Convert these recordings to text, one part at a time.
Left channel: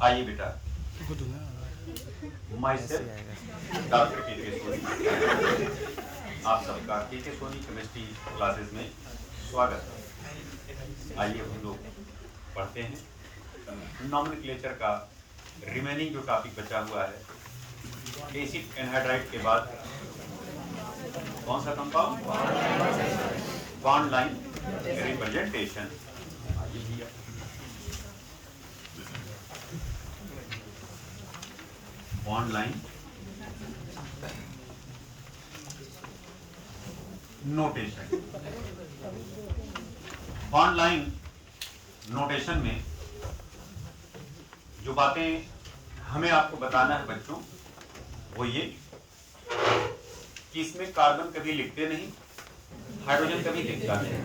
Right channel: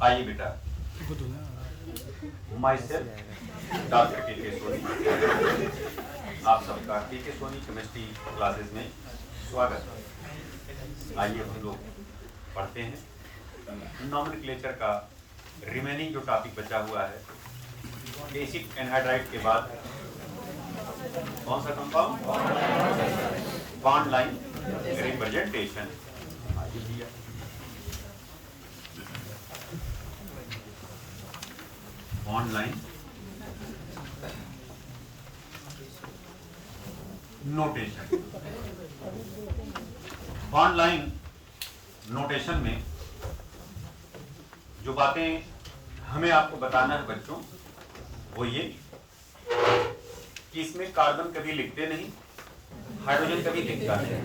आइए बेटा, myself doctor के सोनी, आप सबका के सोनी केमिस्ट्री क्लासेस में स्वागत है। आइए हम लोग पढ़ते हैं नॉमेनक्लेचर का रिमेनिंग जो टॉपिक बचा हुआ है। एसिड एनहाइड्राइड के बाद कौन सा compound? Bond line representation. Bond line notation. Bond line notation में जो बातें हमें आपको बताना है बच्चों, वो ये कि इसमें कार्बन कभी लिखते नहीं, हाइड्रोजन कभी लिखता नहीं।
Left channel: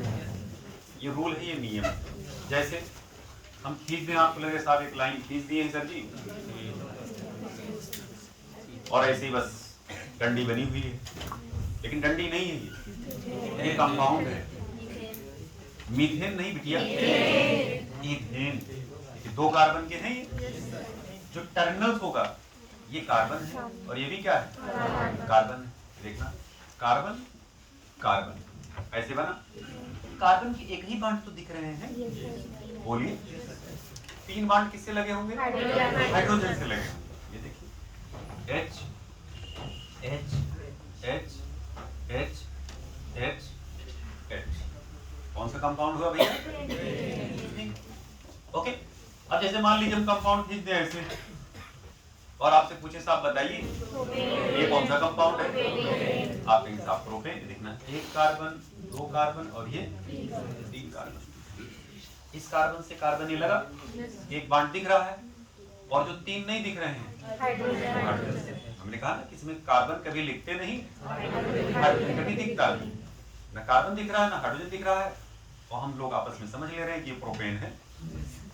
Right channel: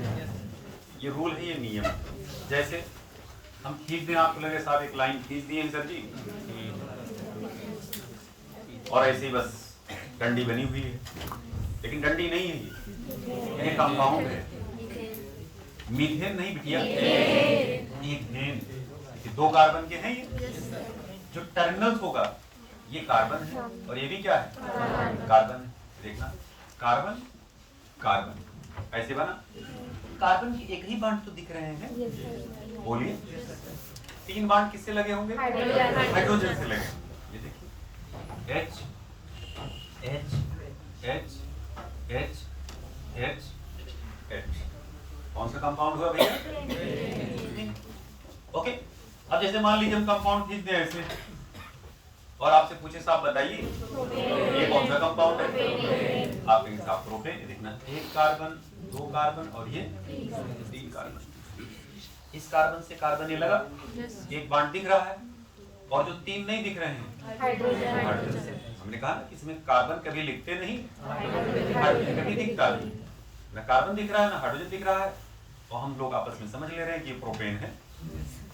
ये रूल है, ये नियम है। जैसे हम खींच दें, आपको लगे साहब एक लाइन खींच दिए सर जी, और ऐसे ही बस डंडी बनी हुई है, लेकिन डंडी नहीं है, ये कंपाउंड है। मीथेन नहीं बिटिया, मीथेन। दो कार्बन के हैं ये। जो टर्मिनल होगा ये कार्बन है, और ये भी क्या है? कार्बन। देखना, कार्बन कार्बन ऐसे बना। कार्बन की एक ही बांड तो दिख रहे हैं, बोलिए। तीन बांड किससे लगे होंगे? हाइड्रोजन से लगे। ये देखिए, H H H H H H। कौन सा कंपाउंड हुआ भैया? ओके। अब जैसे मान लीजिए हम कंपाउंड खींच दें ऐसे, और आपसे पूछे साहब बताइए ये कौन सा कंपाउंड है? आप कहेंगे साहब प्रोपेन। देखना, एक कार्बन, दो कार्बन, और ये तीन कार्बन। इस कार्बन से कार्बन ये लगा, एक बॉन्ड दिख रहा है, और जो तीन नहीं दिख रहे हैं हाइड्रोजन से। हमने कहा ना कि इसमें कार्बन कभी लिखते नहीं, हाइड्रोजन कभी दिखता नहीं। ना कार्बन दिख रहा है ना हाइड्रोजन दिख रहा है, और हम लोग आपस में समझ ले रहे हैं कि ये प्रोपेन है।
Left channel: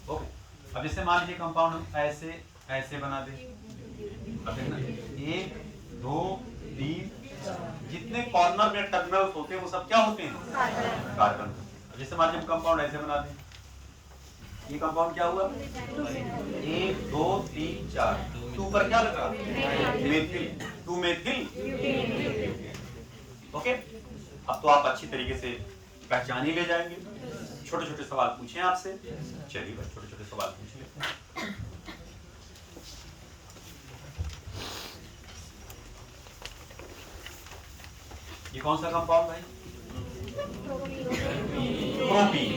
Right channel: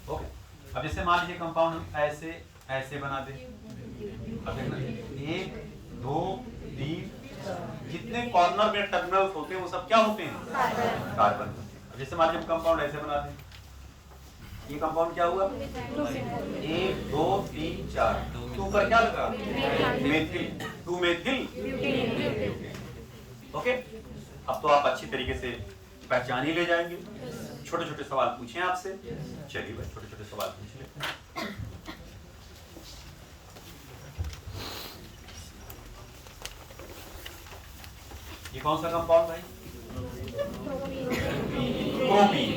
ओके। अब जैसे मान लीजिए कंपाउंड हम ऐसे ऐसे बना दें। अब देखना, एक दो तीन, जितने कॉर्नर में टर्मिनल्स होते हैं वो सब क्या होते हैं? कार्बन। जैसे मान लीजिए कंपाउंड ऐसे बना दें, ये कंपाउंड क्या हुआ? एक दो तीन चार, टू पर क्या लगा? Methyl, to methyl. ओके। अब तो आप अच्छी तरीके से पहचान ही ले जाएंगे। छोटे छोटे सवाल पूछें आपसे। चलिए बस छोटे छोटे सवाल पूछ लेते हैं। ये कौन सा कंपाउंड है? प्रोपीन।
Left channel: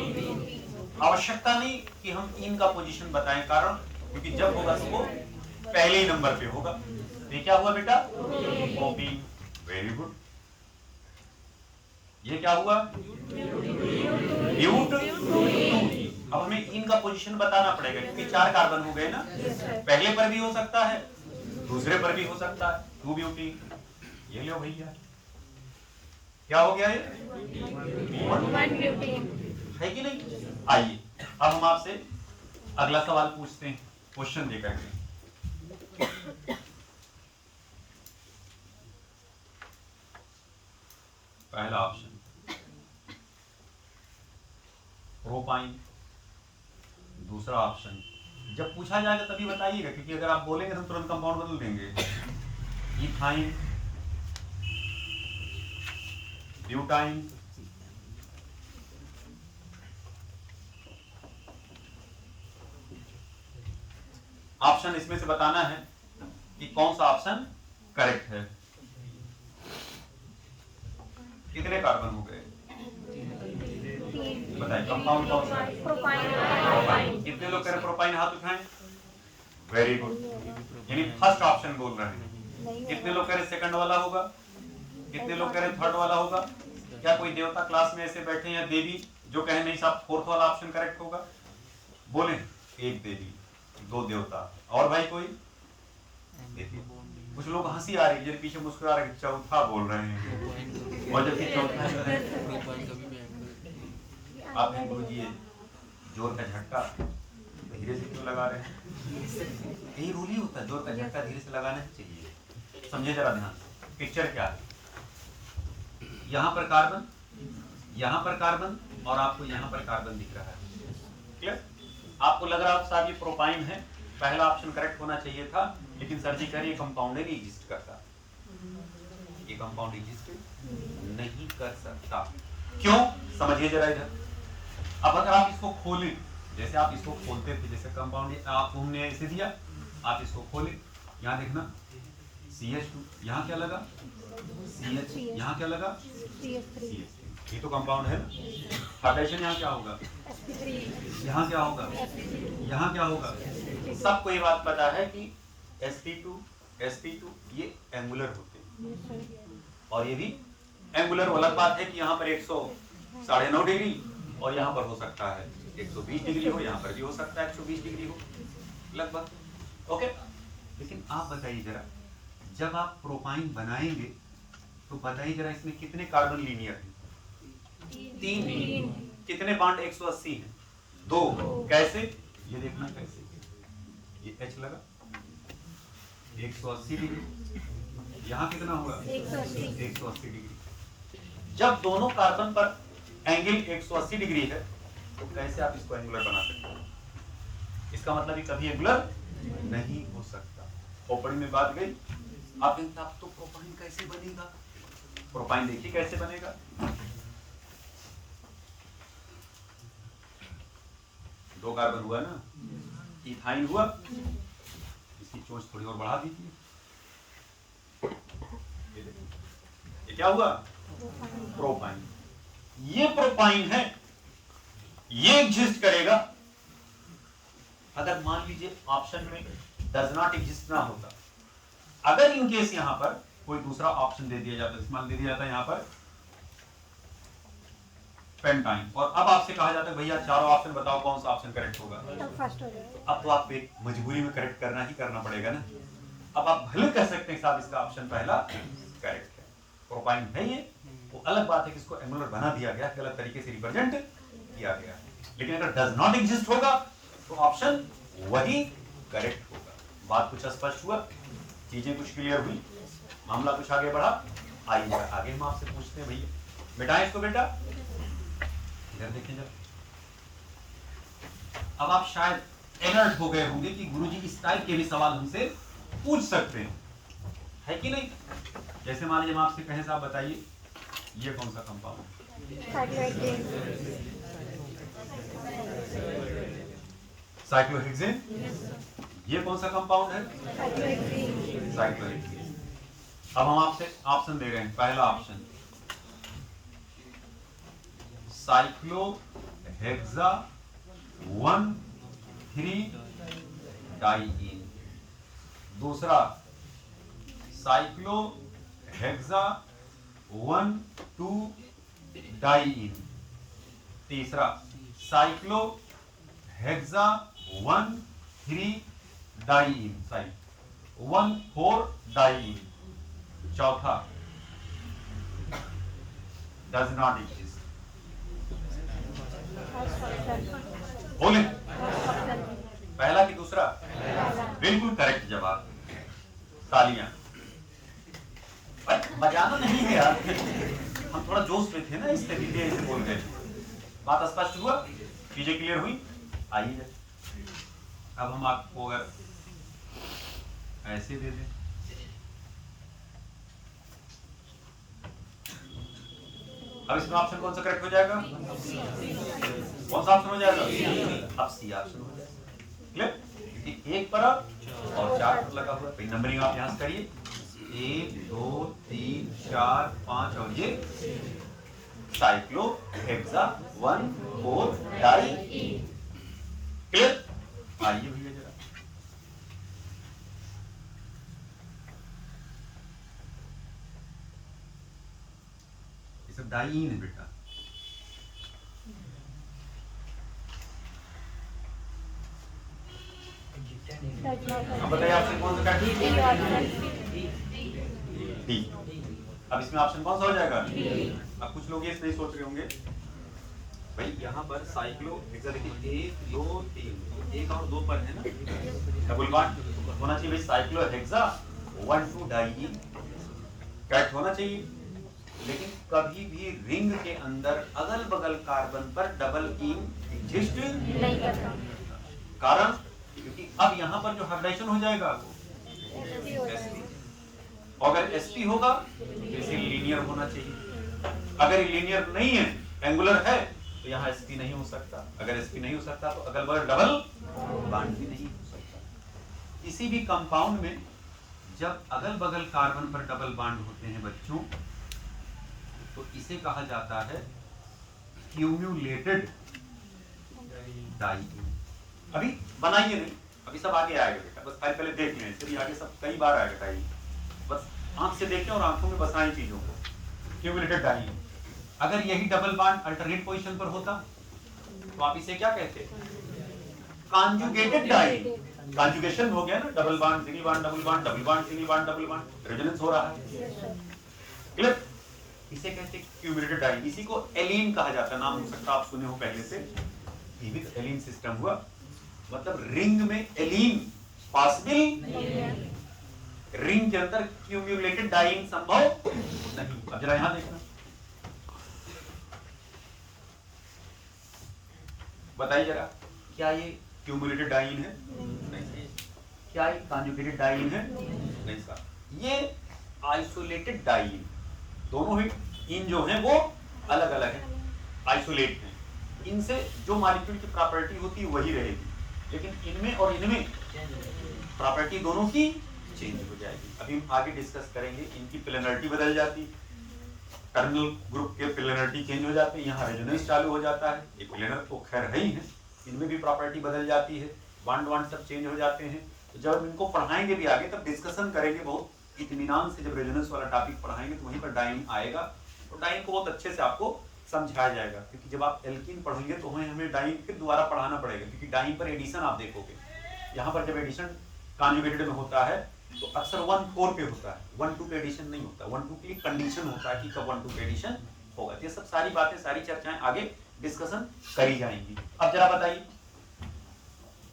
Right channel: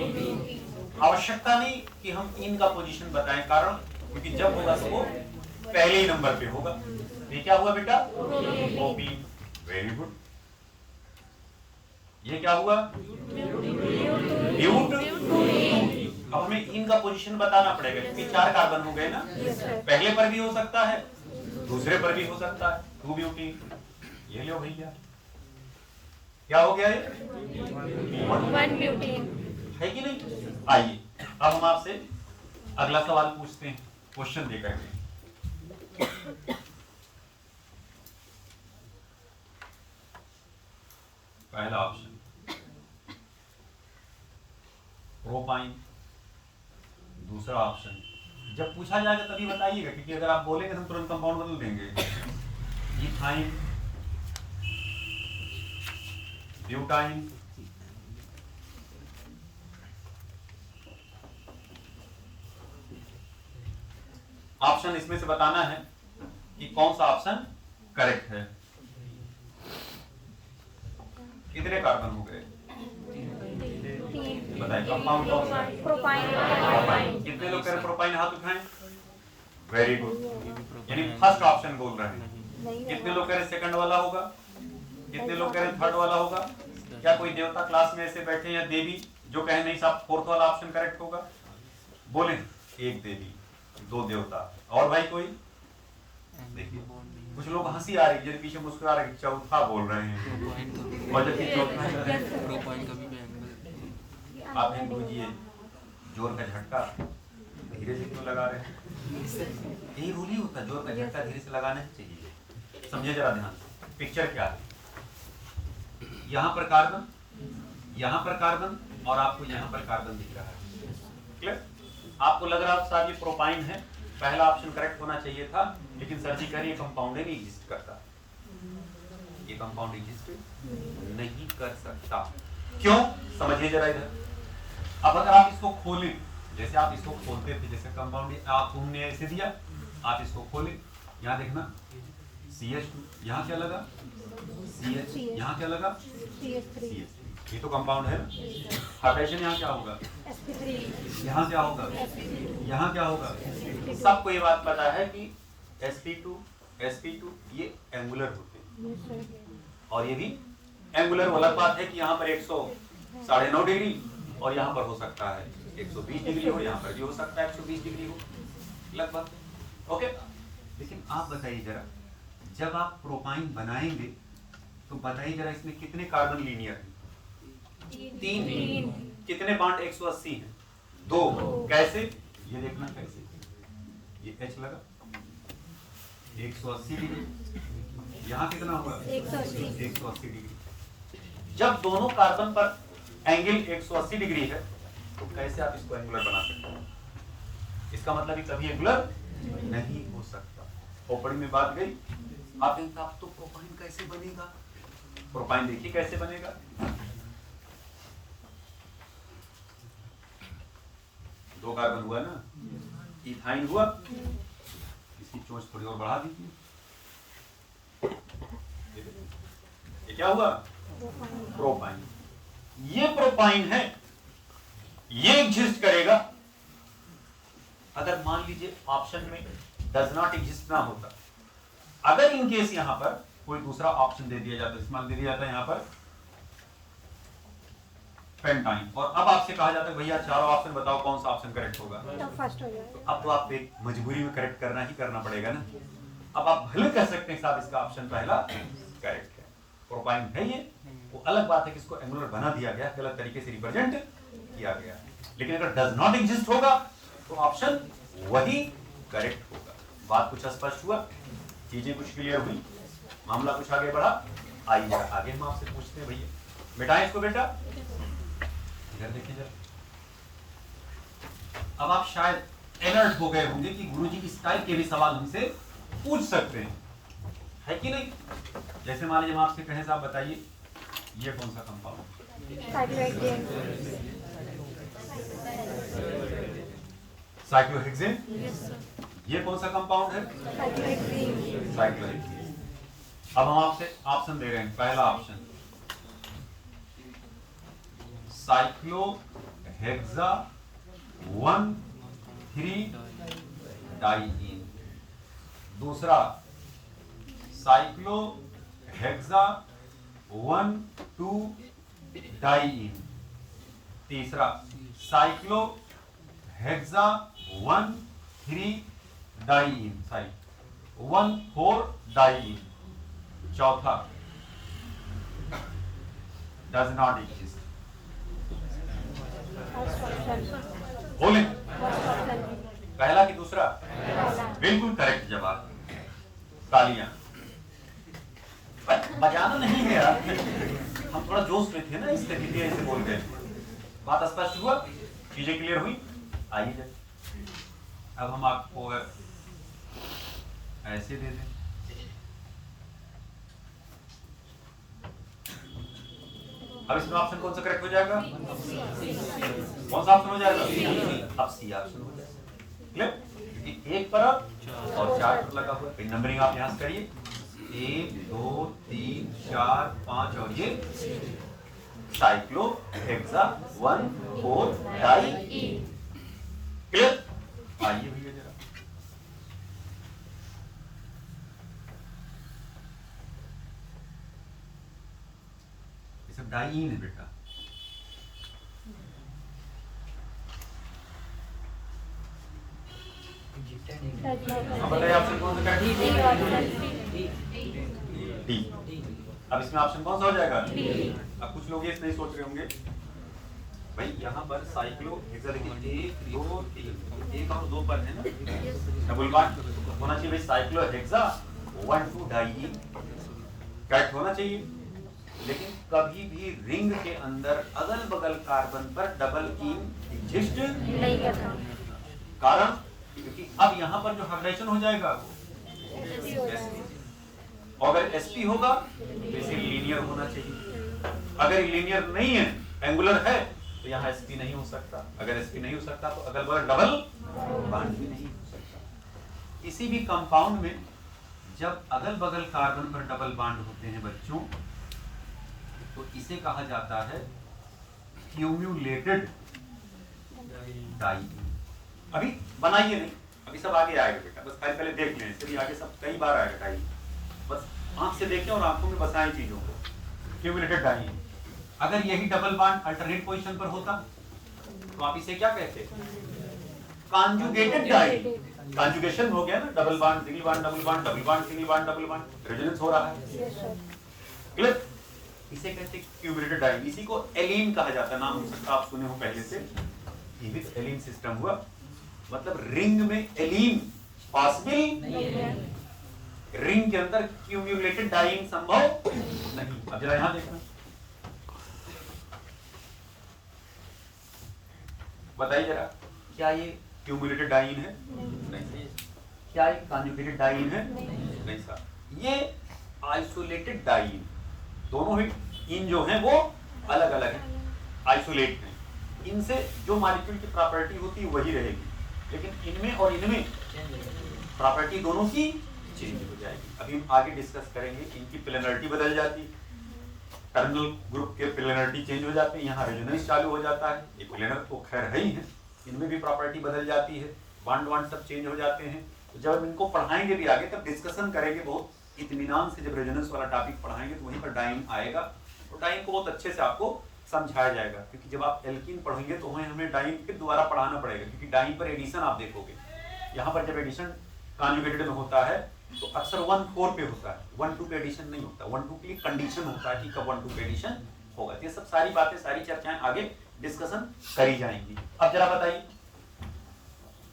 आवश्यकता नहीं कि हम इनका पोजीशन बताएं, कारण क्योंकि जब होगा तो वो पहले ही नंबर पे होगा। ये क्या हुआ बेटा? प्रोपीन। Very good. ये क्या हुआ? ब्यूट। अब हमें इनका पोजीशन बताना पड़ेगा, क्योंकि चार कार्बन हो गए ना। पहले पर भी हो सकता है, दूसरे पर भी हो सकता है। To butene. ये लो भैया, क्या हो गया ये? वन ब्यूटीन है कि नहीं? आइए अब हम आपसे अगला सवाल पूछते हैं, क्वेश्चन देकर के। पहला ऑप्शन प्रोपाइन, दूसरा ऑप्शन, जब पूछा जाएगा तभी बताइएगा, क्योंकि अगर आप बोलेंगे तो तुरंत कंपाउंड बदल देंगे। इथाइन, ब्यूटाइन, ऑप्शन इसमें से बताना है कि कौन सा ऑप्शन करेक्ट है। कितने कार्बन हो गए? बताइए कंपाउंड कौन सा है? प्रोपाइन। कितने लोग कह रहे प्रोपाइन? हाथ उठाएं। वेरी गुड, यानी फर्स्ट ऑप्शन बोल रहे हैं। कितने लोग कह रहे सेकंड वाला होगा? कितने लोग कह रहे थर्ड वाला होगा? क्या कोई देवता क्लास में ऐसे बैठे या देवी जो कहे नहीं साहब फोर्थ वाला ऑप्शन करेक्ट होगा? बोले। एक देवी, दो देवता, और भाई कोई? देखिए कुछ लोग हंसी आ रही है, पीछे मुस्कुरा रहे, चौथा बोल रहे हैं। और जबकि आप ध्यान दीजिए, जोर का झटका धीरे से क्यों लगा रहे हैं? यही रूल ही होता है, जोर का झटका धीरे से लगाना चाहिए। समझे जरा ध्यान। पिक्चर क्या है? यहाँ पर कार्बन, यहाँ पर कार्बन, और आपको यहाँ पर कार्बन दिख रहा है। क्लियर? आपको लग रहा है साहब ये प्रोपाइन है, पहला ऑप्शन करेक्ट होना चाहिए था, लेकिन सर जी कह रही है कंपाउंड नहीं एग्जिस्ट करता, ये कंपाउंड एग्जिस्ट नहीं कर सकता। क्यों? समझिए जरा इधर। अब अगर आप इसको खोलें, जैसे आप इसको खोलते थे, जैसे कंपाउंड आपने ऐसे दिया, आप इसको खोलें, यहाँ देखना CH2, यहाँ क्या लगा CH, यहाँ क्या लगा CH3, ये तो कंपाउंड है। हाइड्रोजन यहाँ क्या होगा, यहाँ क्या होगा, यहाँ क्या होगा। सबको ये बात पता है कि sp2 ये एंगुलर होते हैं, और ये भी एंगुलर। अलग बात है कि यहाँ पर 109.5 डिग्री और यहाँ पर हो सकता है 120 डिग्री हो, यहाँ पर भी हो सकता है 120 डिग्री हो लगभग, ओके। लेकिन आप बताइए जरा, जब आप प्रोपाइन बनाएंगे तो बताइए जरा, इसमें कितने कार्बन लीनियर हैं? 3। कितने बॉन्ड 180 हैं? 2। कैसे? ये देखना कैसे, ये H लगा 180 डिग्री, यहाँ कितना होगा 180 डिग्री। जब दोनों कार्बन पर एंगल 180 डिग्री है तो कैसे आप इसको एंगुलर बना सकते हैं? इसका मतलब ये कभी एंगुलर नहीं हो सकता। प्रोपाइन में बात गई। आप इंसाफ तो प्रोपाइन कैसे बनेगा? प्रोपाइन देखिए कैसे बनेगा। दो कार्बन हुआ ना, इथाइन हुआ, इसकी चोंच थोड़ी और बढ़ा दीजिए, ये क्या हुआ प्रोपाइन। ये प्रोपाइन है, ये एग्जिस्ट करेगा। अगर मान लीजिए ऑप्शन में डज नॉट एग्जिस्ट ना होता, अगर इन केस यहां पर कोई दूसरा ऑप्शन दे दिया जाता, इस्तेमाल दे दिया जाता है यहां पर पेंटाइन, और अब आपसे कहा जाता है भैया चारों ऑप्शन बताओ कौन सा ऑप्शन करेक्ट होगा, तो फर्स्ट हो जाएगा। तो अब तो आपको एक मजबूरी में करेक्ट करना ही करना पड़ेगा ना। अब आप भले कह सकते हैं साहब इसका ऑप्शन पहला करेक्ट है, प्रोपाइन है ये, वो अलग बात है कि इसको एंगुलर बना दिया गया, गलत तरीके से रिप्रेजेंट किया गया। लेकिन अगर डज नॉट एग्जिस्ट होगा तो ऑप्शन वही करेक्ट होगा। बात कुछ स्पष्ट हुआ, चीजें कुछ क्लियर हुई, मामला कुछ आगे बढ़ा। आइए आगे हम आपसे पूछते हैं भैया, बेटा इसको बेटा इधर देखें जरा। अब आप शायद अलर्ट हो गए होंगे कि गुरुजी इस टाइप के भी सवाल हमसे पूछ सकते हैं, है कि नहीं? जैसे मान लीजिए हम आपसे कहें साहब बताइए ये कौन सा कंपाउंड है? साइक्लोहेक्सेन। ये कौन सा कंपाउंड है? साइक्लोहेक्सेन। अब हम आपसे ऑप्शन दे रहे हैं, पहला ऑप्शन साइक्लोहेक्सा 1,3-डाइईन, दूसरा साइक्लोहेक्सा 1,2-डाइईन, तीसरा साइक्लोहेक्सा 1,3-डाइईन 1,4-डाइईन, चौथा डज नॉट एग्जिस्ट। बोले पहला कि दूसरा? बिल्कुल करेक्ट जवाब, तालियां। बजाना नहीं है यार, हम थोड़ा जोश में थे ना, इससे भी ऐसे बोल गए। बात स्पष्ट हुआ, चीजें क्लियर हुई। आइए अब हम आपको अगर ऐसे दे दें, अब इसमें ऑप्शन कौन सा करेक्ट हो जाएगा? कौन सा ऑप्शन हो जाएगा? अब सी ऑप्शन हो जाएगा। क्लियर? एक पर और 4 पर लगा हुआ, नंबरिंग आप यहां से करिए, 1 2 3 4 5, और ये साइक्लोहेक्सा 1,4-डाइईन। क्लियर? आइए भैया जरा, ये सब डाइईन है बेटा। बताइए ऑप्शन कौन सा करेक्ट? डी। अब इसमें ऑप्शन कौन सा हो जाएगा? अब कुछ लोग ये नहीं सोच रहे होंगे भाई यहाँ पर साइक्लोहेक्सा 1 2 3, एक और 2 पर है ना, डबल बॉन्ड होना चाहिए भाई, साइक्लोहेक्सा 1,2-डाइईन करेक्ट होना चाहिए। लेकिन कभी भी रिंग के अंदर अगल बगल कार्बन पर डबल ईन एग्जिस्ट नहीं करता। कारण क्योंकि अब यहाँ पर जो हाइब्रिडाइजेशन हो जाएगा वो SP, और अगर SP होगा तो इसे लीनियर होना चाहिए। अगर ये लीनियर नहीं है, एंगुलर है, तो यहाँ SP नहीं हो सकता। अगर SP नहीं हो सकता तो अगल बगल डबल बॉन्ड भी नहीं हो सकता। किसी भी कंपाउंड में जब अगल बगल कार्बन पर डबल बॉन्ड होते हैं बच्चों, तो इसे कहा जाता है क्यूम्यूलेटेड डाइईन। अभी बनाइए नहीं, अभी सब आगे आएगा बेटा, बस खाली पहले देख लें, फिर आगे सब कई बार आएगा डाइईन। बस आंख से देखें और आंखों में बसाएं चीजों को। क्यूम्यूलेटेड डाइईन, अगर यही डबल बॉन्ड अल्टरनेट पोजीशन पर होता तो आप इसे क्या कहते? Conjugated diene. कॉन्जुगेशन हो गया ना, double bond single bond double bond double bond single bond double bond, resonance हो रहा है। क्लियर? इसे कहते हैं क्यूम्यूलेटेड डाइईन। इसी को एलीन कहा जाता है, नाम हो सकता आप सुने हो पहले से। विद एलीन सिस्टम हुआ, मतलब रिंग में एलीन पॉसिबल नहीं, रिंग के अंदर क्यूम्यूलेटेड डाइईन संभव नहीं। अब जरा यहां देखना, बताइए जरा, क्या ये क्यूम्यूलेटेड डाइईन है? नहीं। क्या ये कॉन्जुगेटेड डाइईन है? नहीं सर। ये आइसोलेटेड डाइईन, दोनों ही इन जो हैं वो अलग अलग हैं, आइसोलेट हैं। इनसे जो मॉलिक्यूल की प्रॉपर्टी होती है वही रहेगी, लेकिन इनमें और इनमें प्रॉपर्टी दोनों की चेंज हो जाएगी। अभी हम आगे डिस्कस करेंगे। इनकी प्लेनरिटी बदल जाती, टर्मिनल ग्रुप के प्लेनरिटी चेंज हो जाते हैं, यहाँ रेजोनेंस चालू हो जाता है। एक प्लेनर तो खैर है ही है, इनमें भी प्रॉपर्टी बदल जाती है, बॉन्ड वॉन्ड सब चेंज हो जाते हैं। तो जब हम इनको पढ़ाएंगे भी आगे, तब डिस्कशन करेंगे बहुत इत्मीनान से। जब रेजोनेंस वाला टॉपिक पढ़ाएंगे तो वहीं पर डाइईन आएगा, और डाइईन को बहुत अच्छे से आपको समझाया जाएगा। क्योंकि जब आप एल्कीन पढ़ेंगे तो वहीं हमें डाइईन फिर दोबारा पढ़ाना पड़ेगा, क्योंकि डाइईन पर एडिशन आप देखोगे। यहाँ पर जब एडिशन कॉन्जुगेटेड में होता है तो अक्सर 1-4 पे होता है, 1-2 पे एडिशन नहीं होता। 1-2 के लिए कंडीशन होता है कि कब 1-2 पे एडिशन होगा। ये सब सारी बातें, सारी चर्चाएं आगे डिस्कशन करी जाएंगी। अब जरा बताइए,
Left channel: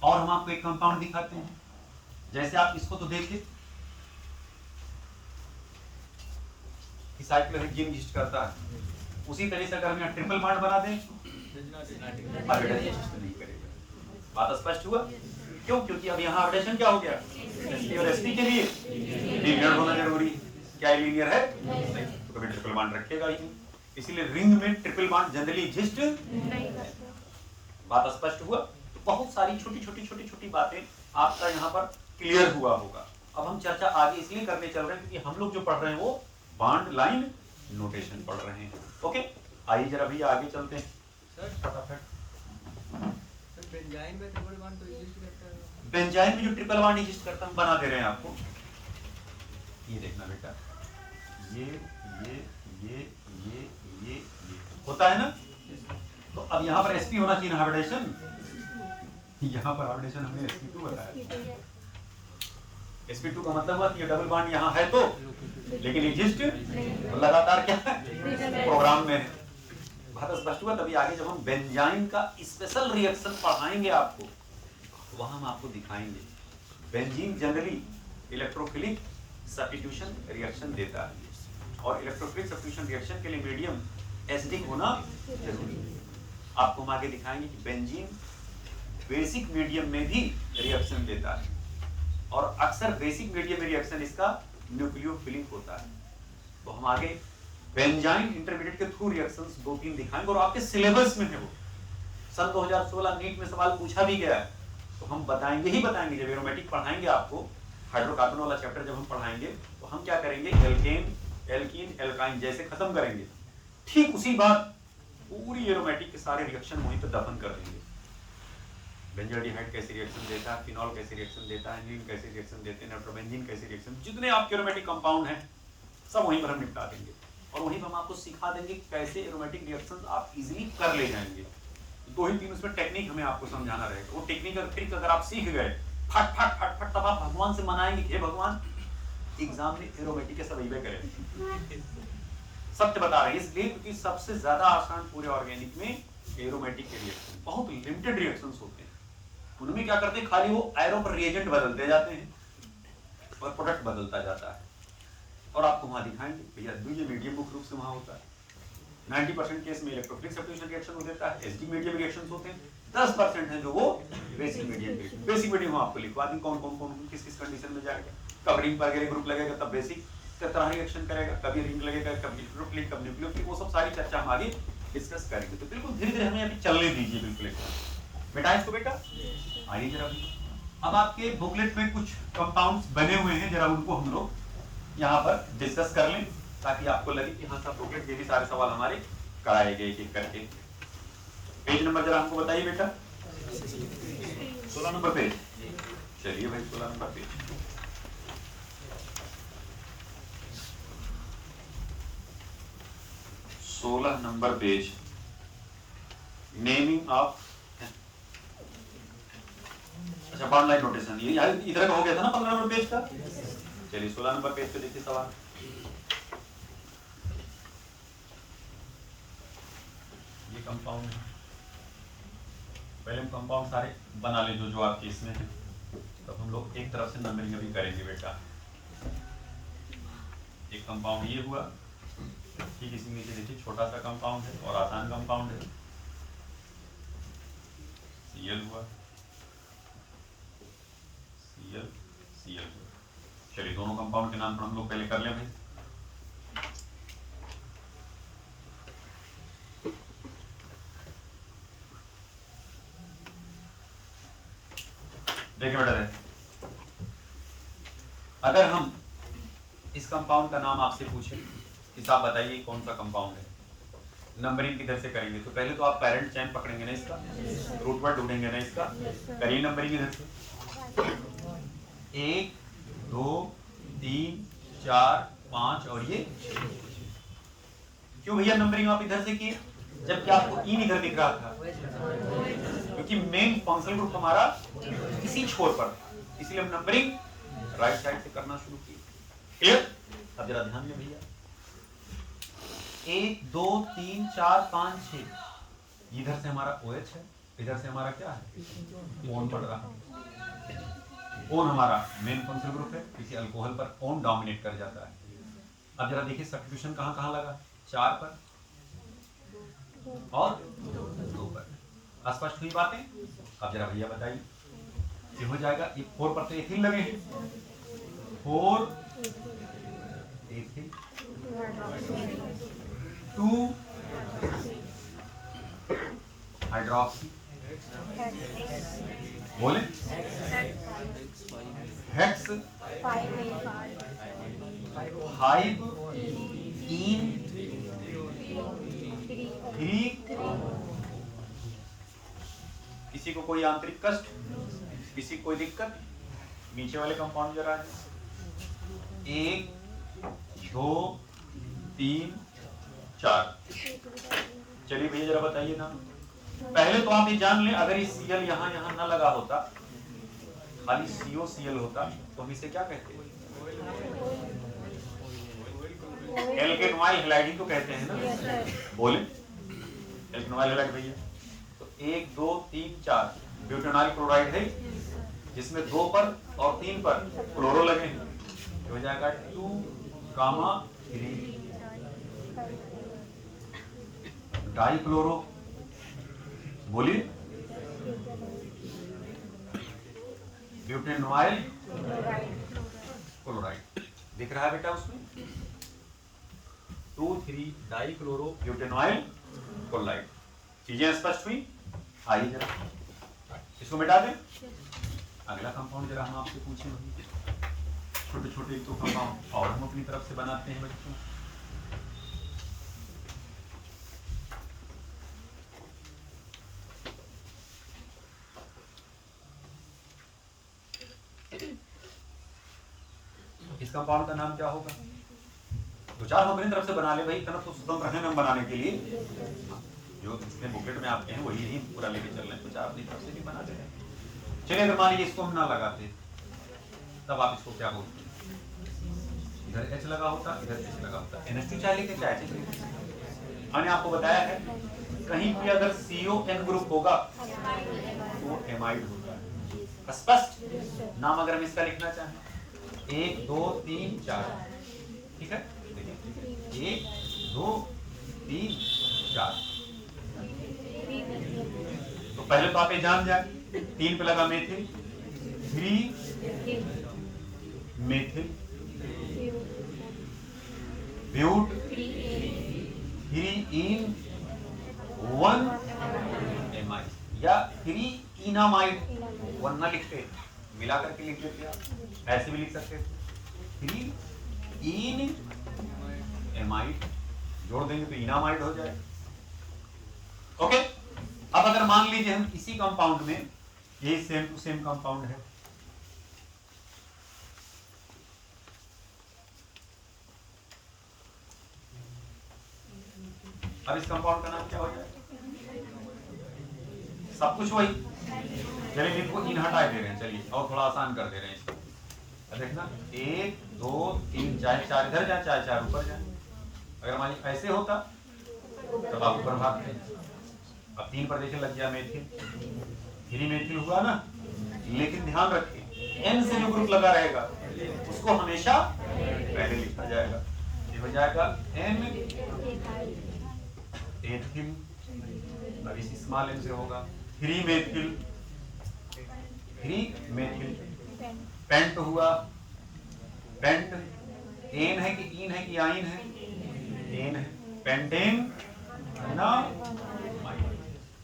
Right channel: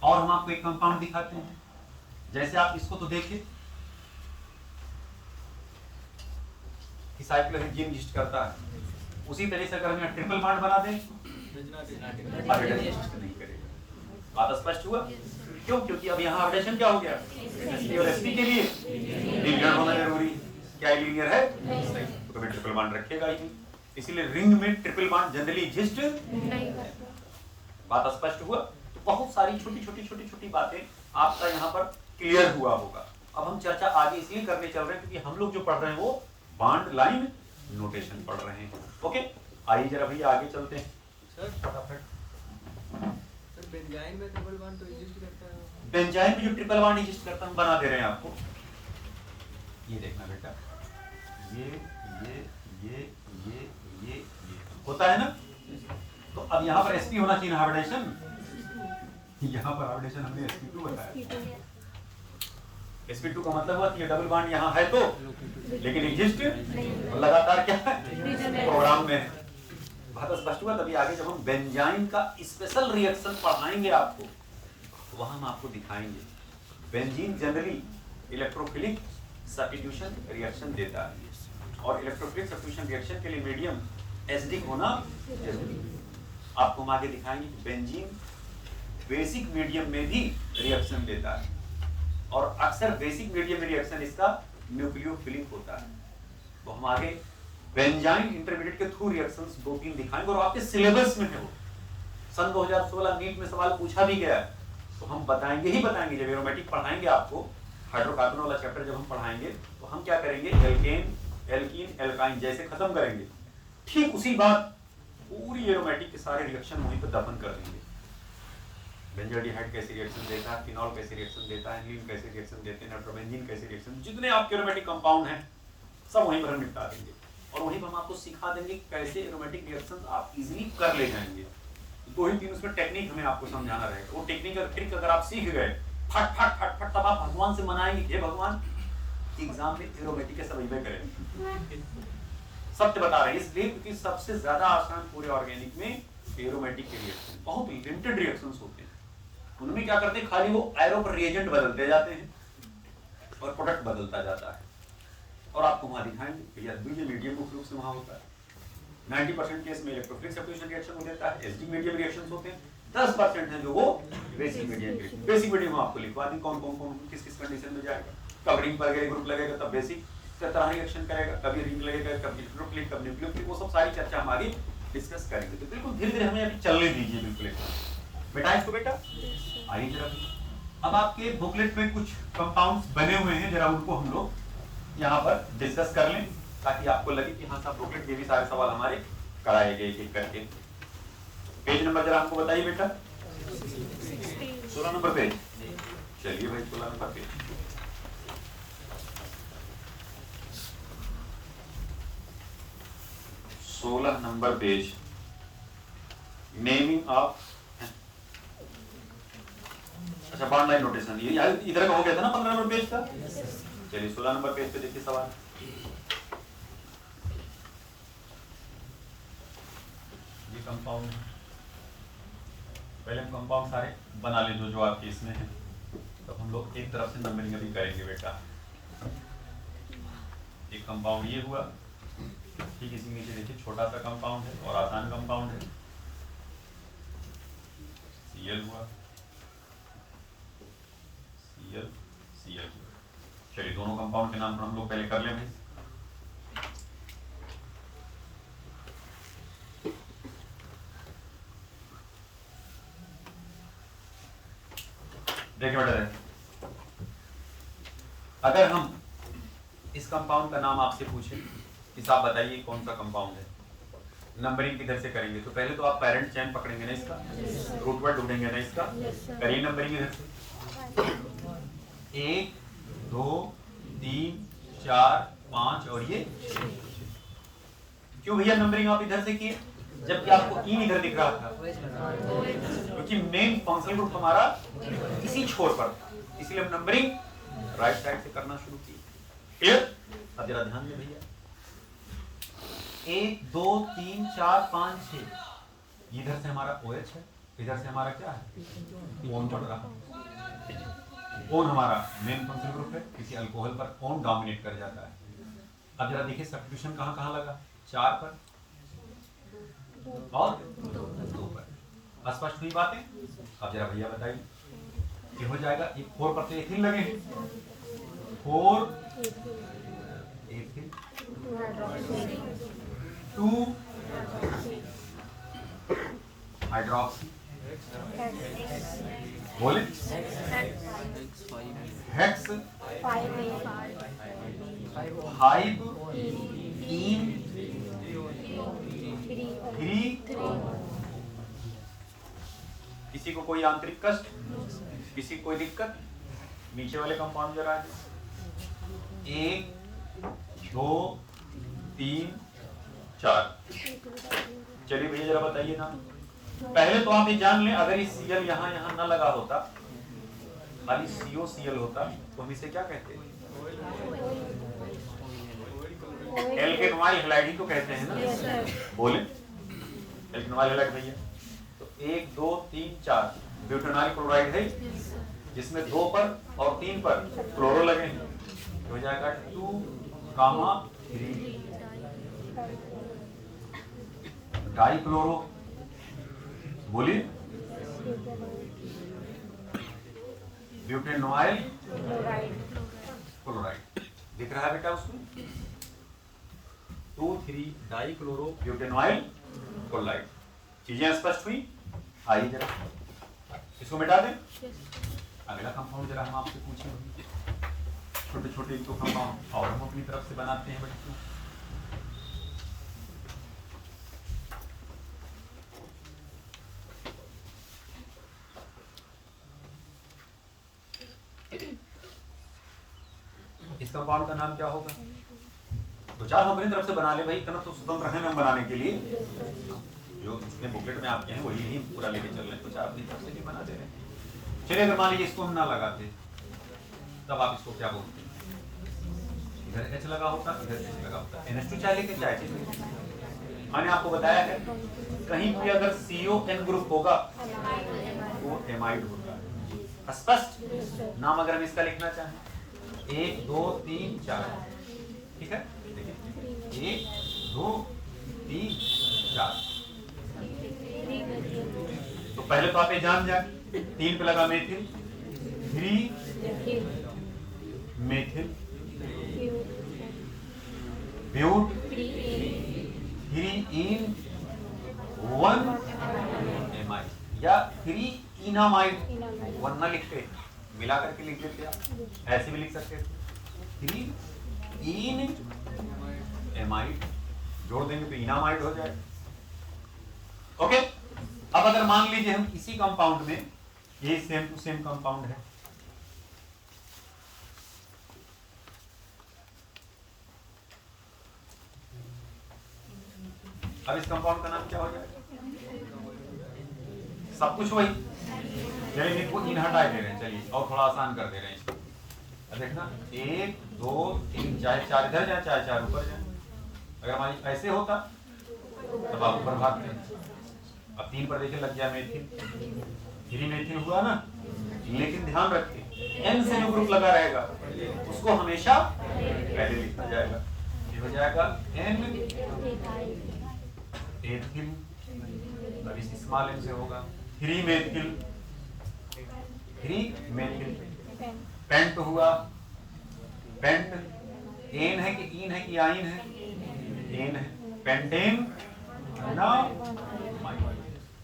और हम आपको एक कंपाउंड दिखाते हैं। जैसे आप इसको तो देखिए कि साइक्लोहेक्सेन एग्जिस्ट करता है, उसी तरह से अगर हम ट्रिपल बॉन्ड बना दें एग्जिस्ट नहीं करेगा। बात स्पष्ट हुआ? क्यों? क्योंकि अब यहाँ अपडेशन क्या हो गया, एसपी के लिए लीनियर होना जरूरी। क्या लीनियर है? तो कभी ट्रिपल बॉन्ड रखेगा ही नहीं। इसीलिए रिंग में ट्रिपल बॉन्ड जनरली एग्जिस्ट नहीं करता। बात स्पष्ट हुआ? तो बहुत सारी छोटी छोटी छोटी छोटी बातें आपका यहाँ पर क्लियर हुआ होगा। अब हम चर्चा आगे इसलिए करने चल रहे हैं क्योंकि हम लोग जो पढ़ रहे हैं वो बॉन्ड लाइन नोटेशन पढ़ रहे हैं। ओके, आइए जरा भैया आगे चलते हैं। सर फटाफट, बेंजाइन में ट्रिपल बॉन्ड तो एग्जिस्ट करता है। बेंजाइन में जो ट्रिपल बॉन्ड एग्जिस्ट करता है हम बना दे रहे हैं आपको। ये देखना बेटा, ये होता है ना। तो अब यहाँ पर sp होना चाहिए हाइब्रिडेशन। यहाँ पर हाइब्रिडेशन हमने sp2 बताया। sp2 का मतलब हुआ कि ये डबल बॉन्ड यहाँ है तो, लेकिन एग्जिस्ट लगातार क्या है, प्रोग्राम में है। बात स्पष्ट हुआ? तभी आगे जब हम बेंजाइन का स्पेशल रिएक्शन पढ़ाएंगे आपको, वहां हम आपको दिखाएंगे। Benzene generally electrophilic substitution reaction देता है, और इलेक्ट्रोफिलिक सब्स्टिट्यूशन रिएक्शन के लिए मीडियम एसिडिक होना जरूरी है। आपको हम आगे दिखाएंगे कि बेंजीन बेसिक मीडियम में भी रिएक्शन देता है, और अक्सर बेसिक मीडियम में रिएक्शन इसका न्यूक्लियोफिलिक होता है। तो हम आगे बेंजाइन इंटरमीडिएट के थ्रू रिएक्शंस 2-3 दिखाएंगे, और आपके सिलेबस में है वो। सन 2016 नीट में सवाल पूछा भी गया है, तो हम बताएंगे ही बताएंगे। जब एरोमेटिक पढ़ाएंगे आपको, हाइड्रोकार्बन वाला चैप्टर जब हम पढ़ाएंगे, तो हम क्या करेंगे, एल्केन, एल्कीन, एल्काइन जैसे खत्म करेंगे, ठीक उसी बात पूरी एरोमेटिक के सारे रिएक्शन वहीं पर दफन कर देंगे। बेंजोल्डिहाइड कैसे रिएक्शन देता है, फिनॉल कैसे रिएक्शन देता है, लीन कैसे रिएक्शन देते हैं, नाइट्रोबेंजीन कैसे रिएक्शन, जितने आपके एरोमेटिक कंपाउंड हैं सब वहीं पर हम निपटा देंगे। और वहीं पर हम आपको सिखा देंगे कैसे एरोमेटिक रिएक्शंस आप इजीली कर ले जाएंगे। 2-3 उसमें टेक्निक हमें आपको समझाना रहेगा। वो टेक्निक और ट्रिक अगर आप सीख गए फट फट फट फट, तब आप भगवान से मनाएंगे कि हे भगवान एग्जाम में एरोमेटिक के सब इबे करें। सत्य बता रहे हैं इसलिए क्योंकि सबसे ज्यादा आसान पूरे ऑर्गेनिक में एरोमेटिक के रिएक्शन, बहुत लिमिटेड रिएक्शंस होते हैं। उनमें क्या करते हैं, खाली वो एरो पर रिएजेंट बदलते जाते हैं और प्रोडक्ट बदलता जाता है। और आपको वहां दिखाएंगे भैया द्वितीय मीडियम मुख्य रूप से वहां होता है। 90% केस में इलेक्ट्रोफिलिक सब्स्टिट्यूशन रिएक्शन हो जाता है, एसिडिक मीडियम रिएक्शंस होते हैं, 10% है जो वो basic medium grade. Basic medium आपको लिखवा दी कौन कौन कौन किस किस कंडीशन में जाएगा। कब रिंग वगैरह ग्रुप लगेगा तब बेसिक तरह रिएक्शन करेगा, कभी रिंग लगेगा, कभी न्यूक्लिक, कब न्यूक्लियोफिलिक, वो सब सारी चर्चा हमारी डिस्कस करेंगे। तो बिल्कुल धीरे धीरे हमें अभी चलने दीजिए बिल्कुल बेटा। इसको बेटा आइए जरा। अब आपके बुकलेट में कुछ कंपाउंड्स बने हुए हैं, जरा उनको हम लोग यहाँ पर डिस्कस कर लें ताकि आपको लगे कि हाँ सब बुकलेट के भी सारे सवाल हमारे कराए गए एक करके। पेज नंबर जरा हमको बताइए बेटा। 16 नंबर पेज। चलिए भाई 16 number page. Number page, naming of, अच्छा बॉन्ड लाइन नोटेशन, ये इधर का हो गया था ना 15 नंबर पेज का। चलिए 16 नंबर पेज पे देखिए सवाल। ये कंपाउंड है, पहले हम कंपाउंड सारे बना ले जो आपके इसमें है, तब हम लोग एक तरफ से नंबरिंग भी करेंगे बेटा। एक कंपाउंड ये हुआ, ठीक इसी नीचे देखिए छोटा सा कंपाउंड है और आसान कंपाउंड है, Cl हुआ, Cl। चलिए दोनों कंपाउंड के नाम पर हम लोग पहले कर ले भाई। देखिए बेटा, अगर हम इस कंपाउंड का नाम आपसे पूछें कि साहब बताइए कौन सा कंपाउंड है, नंबरिंग किधर से करेंगे? तो पहले तो आप पेरेंट चेन पकड़ेंगे ना इसका, रूट वर्ड ढूंढेंगे ना इसका, करेंगे नंबरिंग इधर से 1 2 3 4 5 और ये 6। क्यों भैया नंबरिंग आप इधर से किए जबकि आपको इन इधर दिख रहा था? क्योंकि मेन फंक्शनल ग्रुप हमारा इसी छोर पर था, इसलिए हम नंबरिंग राइट साइड से करना शुरू किए। क्लियर? अब जरा ध्यान में भैया, 1 2 3 4 5 6, इधर से हमारा OH है, इधर से हमारा क्या है? ओन पड़ रहा है। ओन हमारा मेन फंक्शनल ग्रुप है, किसी अल्कोहल पर ओन डोमिनेट कर जाता है। अब जरा देखिए सब्स्टिट्यूशन कहाँ कहाँ लगा? 4 पर और 2 पर। स्पष्ट हुई बातें? अब जरा भैया बताइए, ये हो जाएगा 4 पर तो एथिल लगे, 4 एथिल, 2 हाइड्रोक्सी, बोले हेक्स, 5 इन 3। किसी को कोई आंतरिक कष्ट, किसी को कोई दिक्कत? नीचे वाले कंपाउंड जरा 1 2 3 4। चलिए भैया जरा बताइए ना, पहले तो आप ये जान लें, अगर इस Cl यहाँ यहाँ ना लगा होता, खाली COCl होता तो हम इसे क्या कहते हैं? एल्केनॉइल हैलाइड ही तो कहते हैं ना, बोले एल्केनॉइल हैलाइड भैया। तो 1 2 3 4 ब्यूटेनॉइल क्लोराइड है, जिसमें 2 पर और 3 पर क्लोरो लगे हैं, हो जाएगा 2, 3 डाइक्लोरो, बोलिए ब्यूटेनॉइल क्लोराइड दिख रहा है बेटा उसमें, 2 3 डाइक्लोरो ब्यूटेनॉइल क्लोराइड। चीजें स्पष्ट हुई? आइए जरा इसको मिटा दें। अगला कंपाउंड जरा हम आपसे पूछेंगे, छोटे छोटे तो कंपाउंड और हम अपनी तरफ से बनाते हैं बच्चों। इस कंपाउंड का नाम क्या होगा? तो चार हम अपनी तरफ से बना ले भाई, इतना तो स्वतंत्र रहे हम बनाने के लिए, जो इसमें बुकेट में आते हैं वही ही पूरा लेके चल रहे हैं, कुछ आप अपनी तरफ से भी बना दे रहे हैं। चलिए अगर मान लीजिए इसको हम ना लगाते तब आप इसको क्या बोलते? इधर H लगा होता, इधर H लगा होता, NH2 चाहे लेके चाहे। मैंने आपको बताया है कहीं भी अगर CON ग्रुप होगा वो एमाइड होता है। स्पष्ट? नाम अगर हम इसका लिखना चाहें 1 2 3 4, ठीक है, देखिए 1 2 3 4, तो पहले तो आप ये जान जाए, 3 पे लगा methyl, 3 methyl but, 3 en 1 amide या 3 इनामाइड, 1 ना लिखते मिला करके लिख देते आप, ऐसे भी लिख सकते थे 3 इन एमाइड, जोड़ देंगे तो इनामाइड हो जाए। ओके, अब अगर मान लीजिए हम इसी कंपाउंड में, ये सेम टू सेम कंपाउंड है, अब इस कंपाउंड का नाम क्या हो जाएगा? सब कुछ वही, चलिए इनको इन हटा दे रहे हैं, चलिए और थोड़ा आसान कर दे रहे हैं इसको। देखना 1 2 3 चाहे 4 इधर जाए चाहे 4 ऊपर जाए, अगर हमारी ऐसे होता तब आप ऊपर भागते। अब 3 पर देखिए लग गया मेथिल, 3 मेथिल हुआ ना, लेकिन ध्यान रखिए N से जो ग्रुप लगा रहेगा उसको हमेशा पहले लिखा जाएगा, ये हो जाएगा N एथिल, अब इस स्मॉल n से होगा 3 मेथिल, 3 मेथिल, पेंट हुआ, पेंट एन है कि इन है कि आइन है? एन है, पेंटेन ना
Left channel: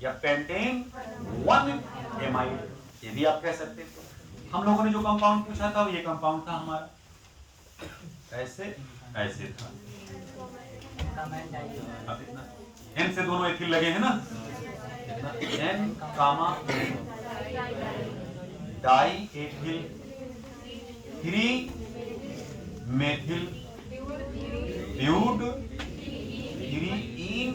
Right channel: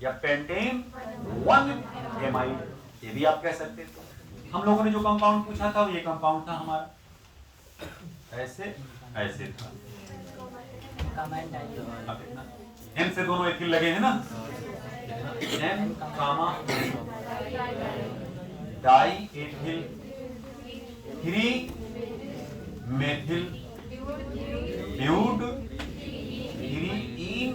या पेंटेन 1 एमाइड, ये भी आप कह सकते थे। हम लोगों ने जो कंपाउंड पूछा था ये कंपाउंड था हमारा, ऐसे ऐसे था। अब इतना एन से दोनों एथिल लगे हैं ना, N comma di ethyl 3 methyl but 3 en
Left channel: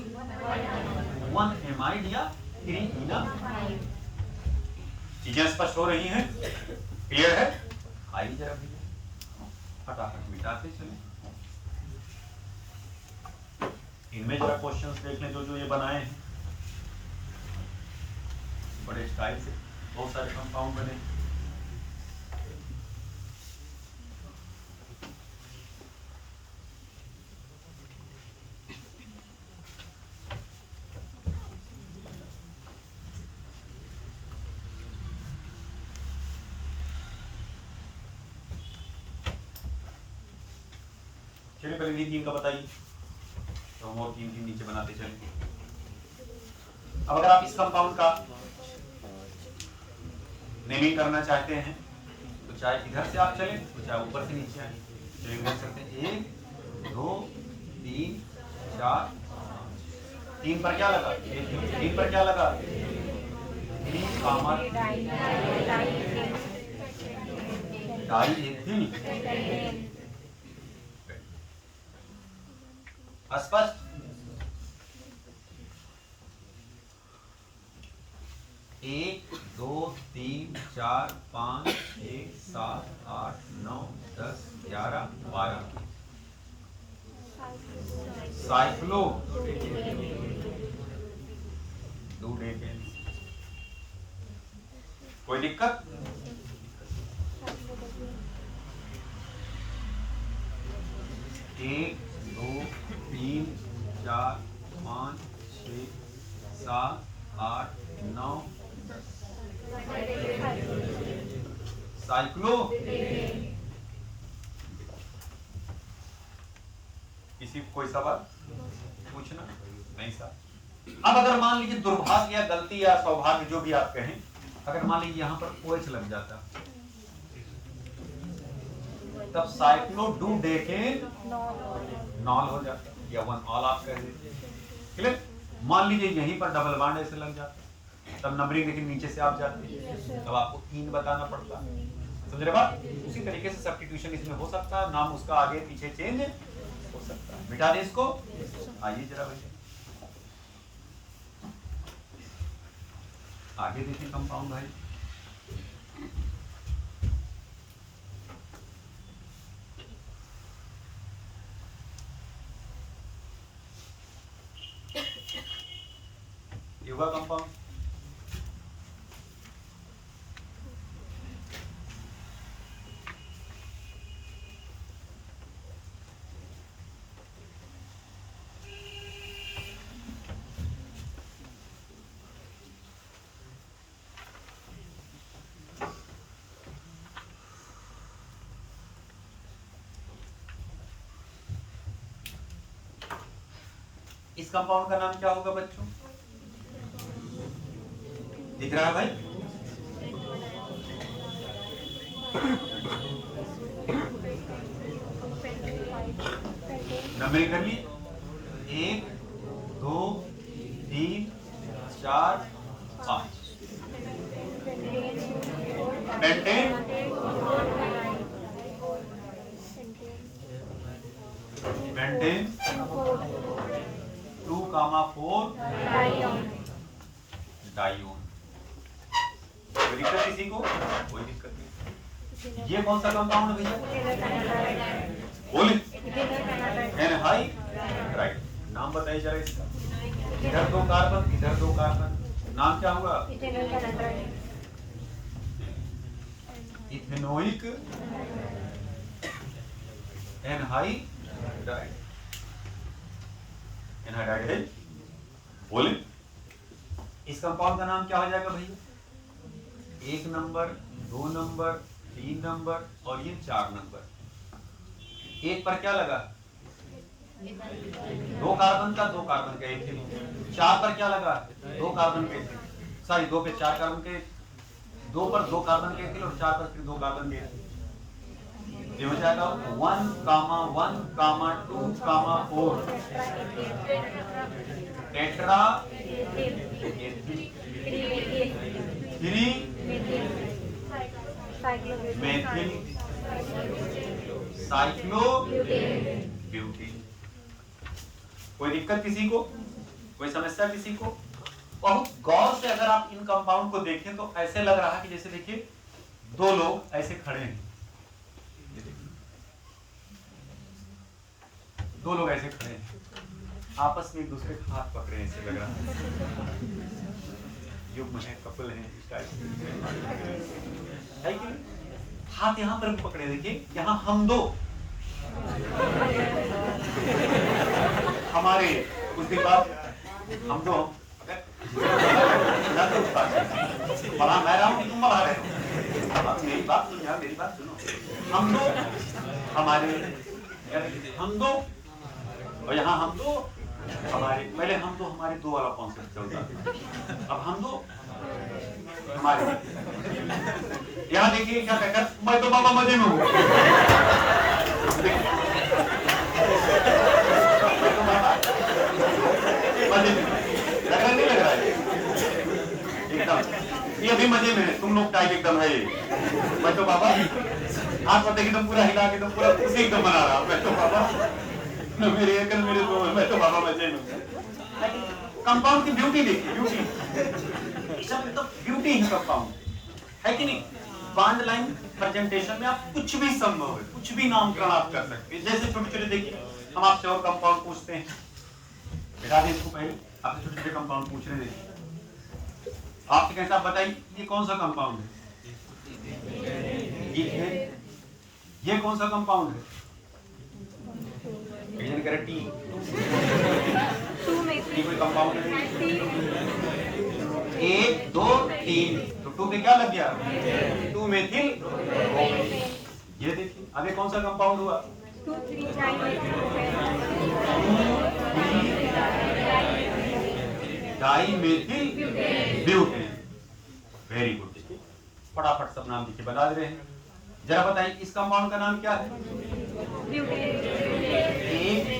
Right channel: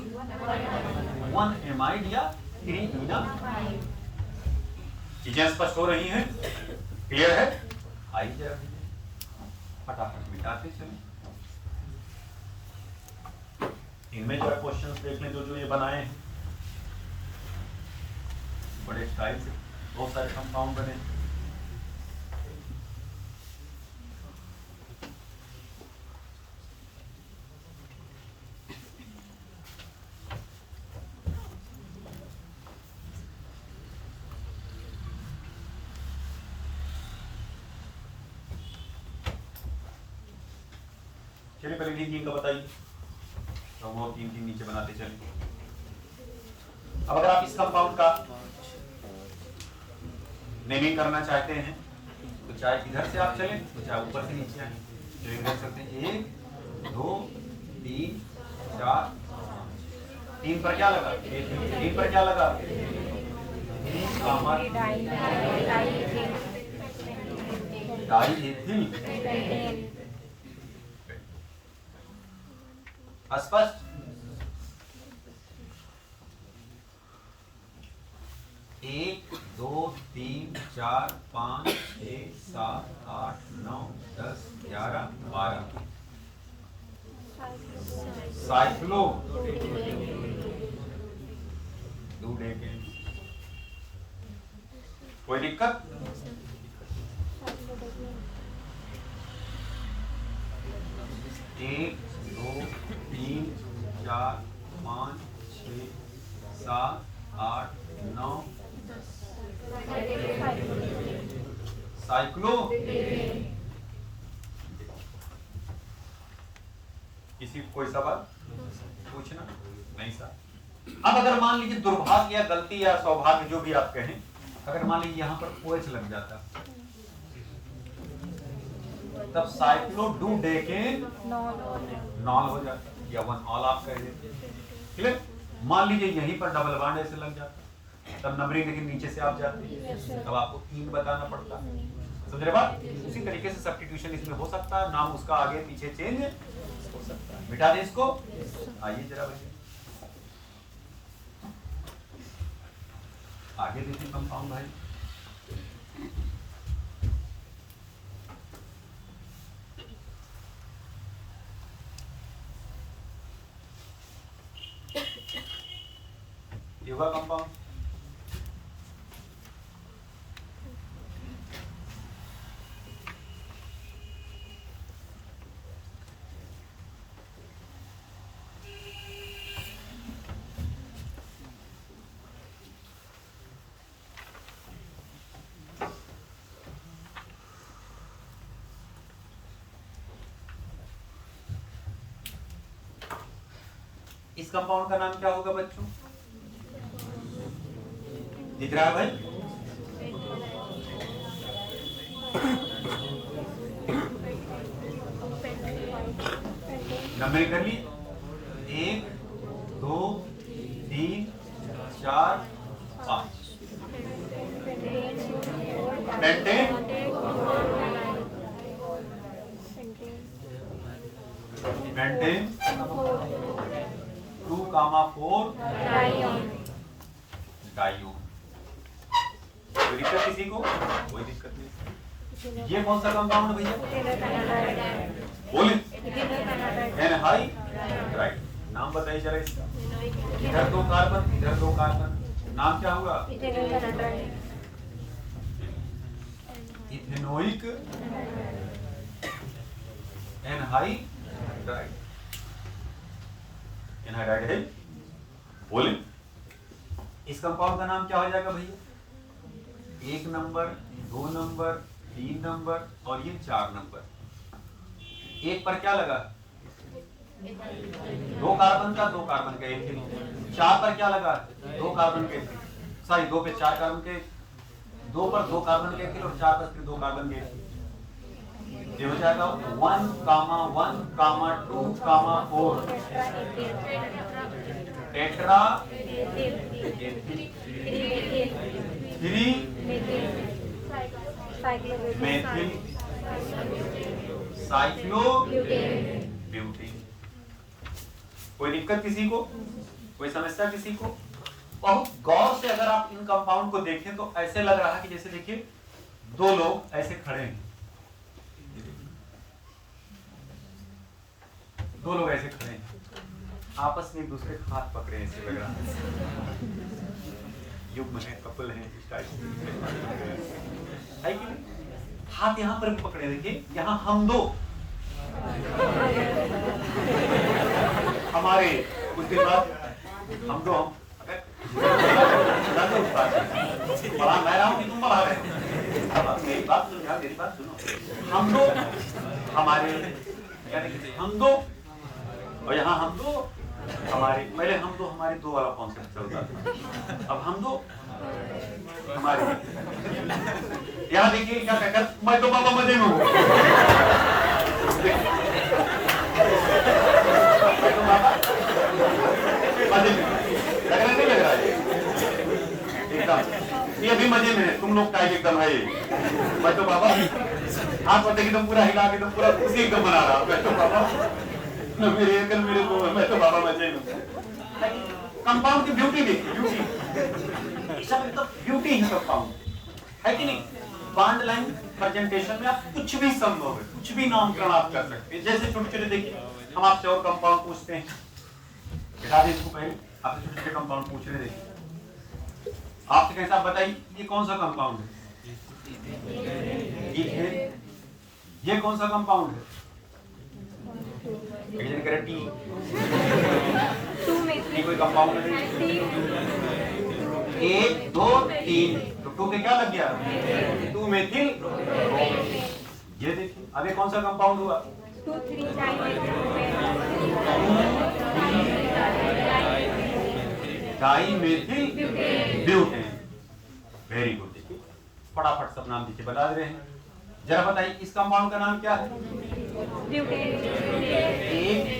1 amide या 3 इना। चीजें स्पष्ट हो रही हैं, क्लियर है? आइए जरा फटाफट मिटाते चलें। इनमें जरा क्वेश्चंस देख लें जो ये बनाए हैं, बड़े स्टाइल से बहुत सारे कंपाउंड बने। चलिए पहले ये 3 का बताइए, तो हम और 3 नीचे बनाते चलें। अब अगर आप इस कंपाउंड का नेमिंग करना चाहते हैं तो चाहे इधर से आप चलें तो चाहे ऊपर से नीचे आए, चलिए देख सकते हैं 1 2 3 4 3 पर क्या लगा? 3 पर क्या लगा? 3 डाई एथिल, स्पष्ट? एक 2 3 4 5 6 7 8 9 10 11 12 साइक्लो कोई दिक्कत? एक 2 3 4 5 6 7 8 9 साइक्लो। किसी कोई सवाल पूछना? नहीं सर। अब अगर मान लीजिए दुर्भाग्य या गलती या सौभाग्य जो भी आप कहें, अगर मान लीजिए यहाँ पर OH लग जाता तब साइक्लो डू डे के नॉल हो जाता या 1 ऑल आप कह देते, क्लियर? मान लीजिए यहीं पर डबल बॉन्ड ऐसे लग जाता तब नंबरिंग लेकिन नीचे से आप जाते, तब आपको 3 बताना पड़ता, समझ रहे बात? उसी तरीके से सब्स्टिट्यूशन इसमें हो सकता है, नाम उसका आगे पीछे चेंज हो सकता है। मिटा दे इसको, आइए जरा आगे देखिए कंपाउंड भाई। ये हुआ कंपाउंड, इस कंपाउंड का नाम क्या होगा बच्चों? दिख रहा है भाई? नंबर कर लिए 1 2 3 4 5 पेंटेन 2,4 डाइओन। कोई दिक्कत किसी को? कोई दिक्कत नहीं। ये कौन सा कंपाउंड है भैया? बोले एनहाइड राइट। नाम बताइए जरा इसका। इधर 2 कार्बन, इधर 2 कार्बन, नाम क्या होगा? Ethanoic anhydride. एनहाइड्राइड बोले इस कंपाउंड का नाम क्या हो जाएगा भैया? 1 नंबर, 2 नंबर, 3 नंबर और ये 4 नंबर। 1 पर क्या लगा? 2 कार्बन का, 2 कार्बन का एथिल। 4 पर क्या लगा? 2 कार्बन के, सॉरी 2 पे 4 कार्बन के, 2 पर 2 कार्बन के एथिल और 4 पर फिर 2 कार्बन के एथिल। ये हो जाएगा 1, 1, 2, 4 टेट्रा एथिल 3 मेथिल साइक्लोब्यूटेन। कोई दिक्कत किसी को? कोई समस्या किसी को? बहुत गौर से अगर आप इन कंपाउंड को देखें तो ऐसे लग रहा है कि जैसे देखिए 2 लोग ऐसे खड़े हैं, 2 लोग ऐसे खड़े हैं, आपस में एक दूसरे का हाथ पकड़े ऐसे लग रहा है। युग्म है, कपल है, है कि हाथ यहाँ पर भी पकड़े। देखिए यहाँ हम 2 हमारे कुछ दिन बाद हम 2 बड़ा मैं रहा हूँ तुम बड़ा रहे। मेरी बात सुनो यार, मेरी बात सुनो। हम 2 हमारे, हम 2 और यहाँ हम 2 हमारे। पहले हम 2 हमारे 2 वाला कॉन्सेप्ट चलता था, अब हम 2 हमारे। यहाँ देखिए क्या कहकर मैं तो बाबा मजे में हूँ। मैं तो बाबा मजे में लग रहा नहीं लग रहा है एकदम? ये भी मजे में है, तुम लोग टाइप एकदम है। मैं तो बाबा हाथ पते एकदम पूरा हिला के एकदम पूरा उसी एकदम बना रहा। मैं तो बाबा मेरे अंकल मेरे दो, मैं तो बाबा मजे में। कंपाउंड की ब्यूटी देखिए, ब्यूटी ब्यूटी है कंपाउंड, है कि नहीं? बॉन्ड लाइन प्रेजेंटेशन में आप कुछ भी संभव है, कुछ भी नामकरण आप कर सकते हैं। जैसे छोटे छोटे देखिए हम आपसे और कंपाउंड पूछते हैं, बता दें इसको पहले आपसे छोटे छोटे कंपाउंड पूछ रहे थे, आपके कैसे आप बताइए ये कौन सा कंपाउंड है? ये कौन सा कंपाउंड है? टी कोई कंपाउंड नहीं। 1 2 3 तो 2 पे क्या लग गया? 2 मेथिल। ये देखिए आगे कौन सा कंपाउंड हुआ? 2 3 डाइमेथिल ब्यूटेन। Very good. देखिए फटाफट सब नाम देखिए बता रहे हैं। जरा बताइए इस कंपाउंड का नाम क्या है? 1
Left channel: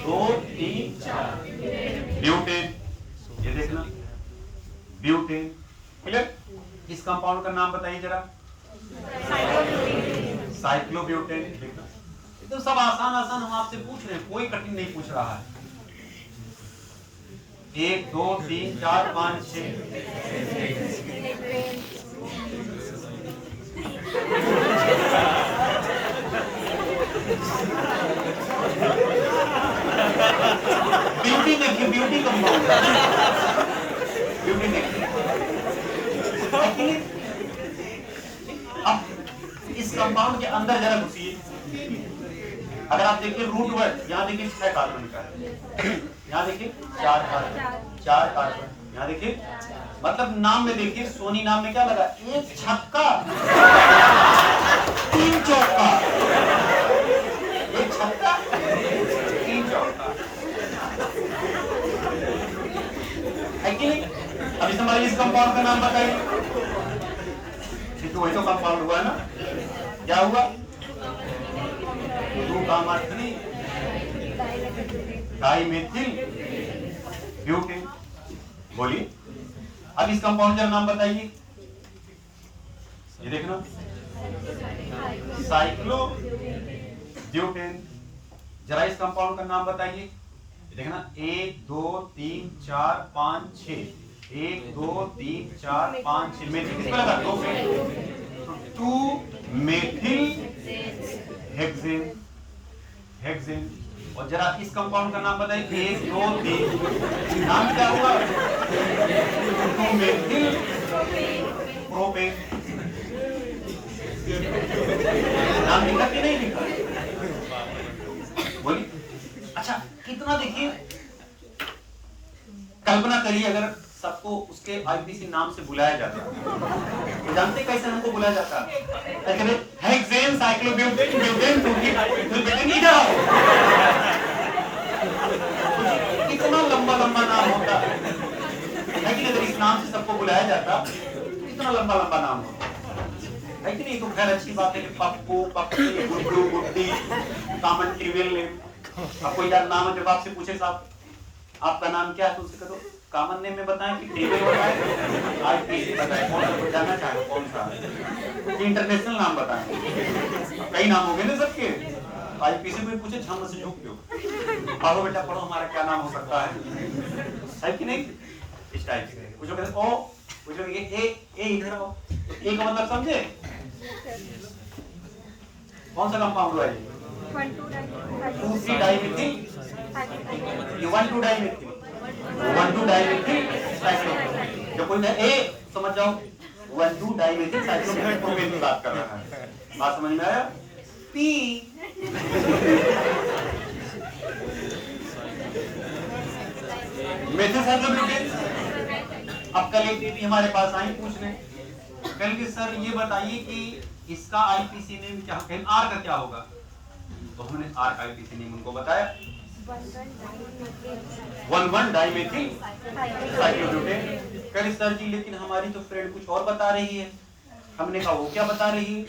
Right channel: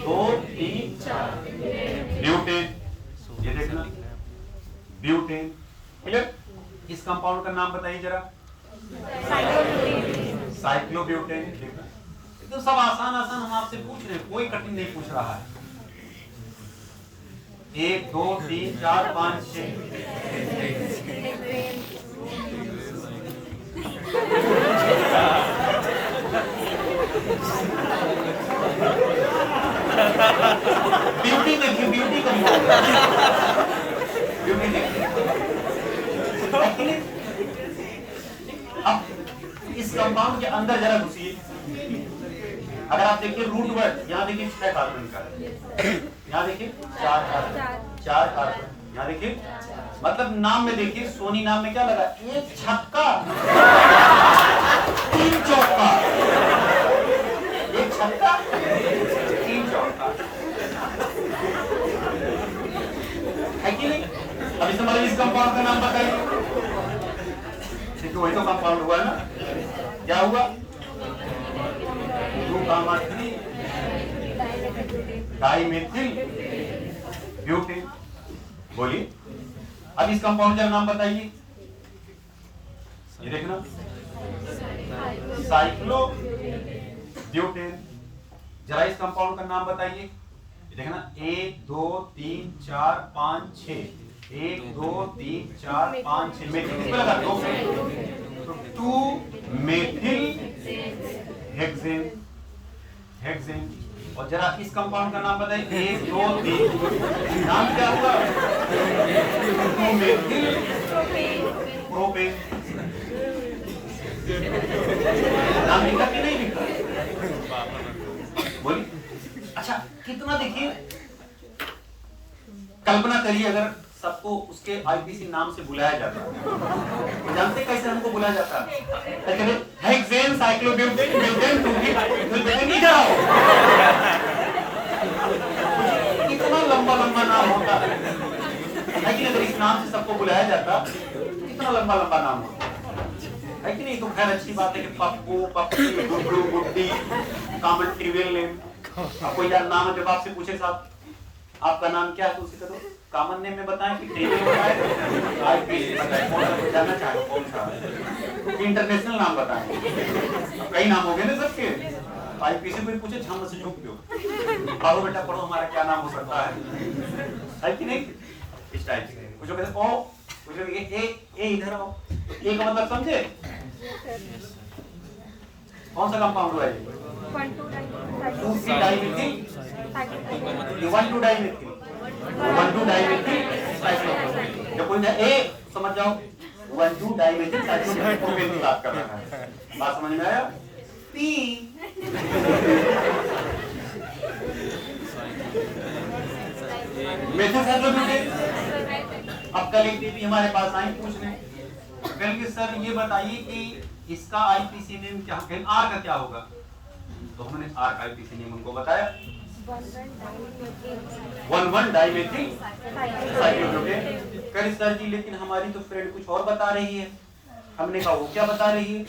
2 3 4 ब्यूटेन। ये देखना ब्यूटेन। क्लियर? इस कंपाउंड का नाम बताइए जरा। साइक्लोब्यूटेन। देखना एकदम सब आसान आसान हम आपसे पूछ रहे हैं, कोई कठिन नहीं पूछ रहा है। 1 2 3 4 5 6 ब्यूटी देखिए, ब्यूटी का ब्यूटी देखिए। अब इस कंपाउंड के अंदर जरा घुसिए। अगर आप देखिए रूट वर्ड, यहाँ देखिए 6 कार्बन का, यहाँ देखिए 4 कार्बन, 4 कार्बन, यहाँ देखिए मतलब नाम में देखिए सोनी नाम में क्या लगा? 1 छक्का 3 चौका, 1 छक्का 3 चौका। अब इस हमारे इस कंपाउंड का नाम बताइए। तो वही तो कंपाउंड हुआ ना, क्या हुआ? 2,3 डाइमेथिल ब्यूटेन। बोलिए अब इस कंपाउंड का नाम बताइए। ये देखना, साइक्लोब्यूटेन। जरा इस कंपाउंड का नाम बताइए। देखना 1 2 3 4 5 6, 1 2 3 4 5 6 मेथिल किसका लगा? 2 2 मेथिल हेक्सेन। हेक्सेन। और जरा इस कंपाउंड का नाम बताइए। 1 2 3 नाम क्या हुआ? 2 मेथिल प्रोपेन। नाम लिखा कि नहीं लिखा? बोलिए। अच्छा कितना देखिए, कल्पना करिए अगर सबको उसके आईपीसी नाम से बुलाया जाता है, तो जानते कैसे हमको बुलाया जाता है? हेक्सेन, साइक्लोब्यूटेन, मेथेन, नहीं जाओ। कितना लंबा लंबा नाम होता है, लेकिन अगर इस नाम से सबको बुलाया जाता कितना लंबा लंबा नाम होता है कि नहीं? तो खैर अच्छी बात है कि पप्पू, पप्पी, गुड्डू, गुड्डी, कॉमन ट्रिवियल नेम। अब कोई यार नाम है, जब आपसे पूछे साहब आपका नाम क्या है, तो उसे कहो कॉमन नेम में बताएं कि ट्रिवियल बताएं, आईपीसी बताएं, कौन सा जानना चाहे, कौन सा इंटरनेशनल नाम बताएं। कई नाम हो गए ना सबके। आईपीसी कोई पूछे छान से झोंक दो, पढ़ो बेटा पढ़ो, हमारा क्या नाम हो सकता है कि नहीं? इस टाइप से कुछ कहते ओ, कुछ ए इधर आओ। ए का मतलब समझे? कौन सा कंपाउंड हुआ ये? 2 डाइमेथिल, 1 2 डाइमेथिल, 1 2 डाइमेथिल साइक्लोप्रोपेन। जब कोई ए समझ जाओ, 1 2 डाइमेथिल साइक्लोप्रोपेन की बात कर रहा है। बात समझ में आया? P methyl cyclobutane. अब कल एक भी हमारे पास आए पूछने, कल के सर ये बताइए कि इसका आईपीसी नेम क्या है, आर का क्या होगा? तो हमने आर का आईपीसी नेम उनको बताया, 1 डाइमेथिल साइक्लोब्यूटेन। कह सर जी लेकिन हमारी तो फ्रेंड कुछ और बता रही है। हमने कहा वो क्या बता रही है?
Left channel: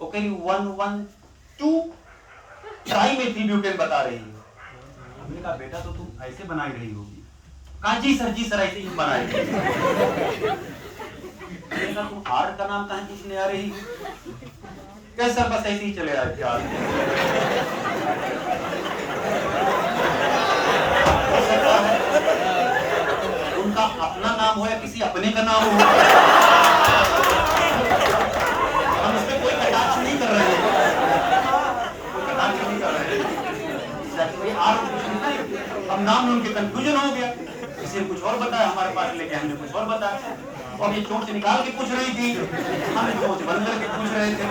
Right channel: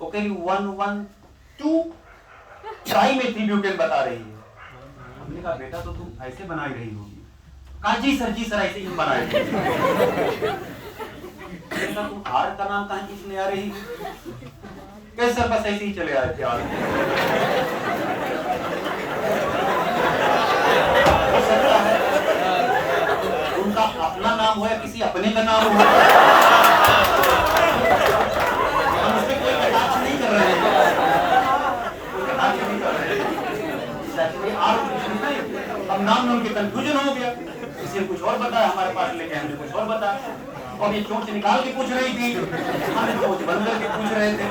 वो कह रही 1 2 डाइमेथिल ब्यूटेन बता रही है। हमने कहा बेटा तो तुम ऐसे बनाई रही होगी। कहा जी सर ऐसे ही हम बनाए। तुम आर का नाम कहां पूछने आ रही? कैसे सर बस ऐसे ही चले आए थे आर। उनका अपना नाम हो या किसी अपने का नाम हो, हम उसमें कोई कटाक्ष नहीं कर रहे हैं, हम नाम उनके कंफ्यूजन हो गया। किसी ने कुछ और बताया, हमारे पास लेके हमने कुछ और बताया, और ये चोट से निकाल के पूछ रही थी, हम चोट बंद करके पूछ रहे थे।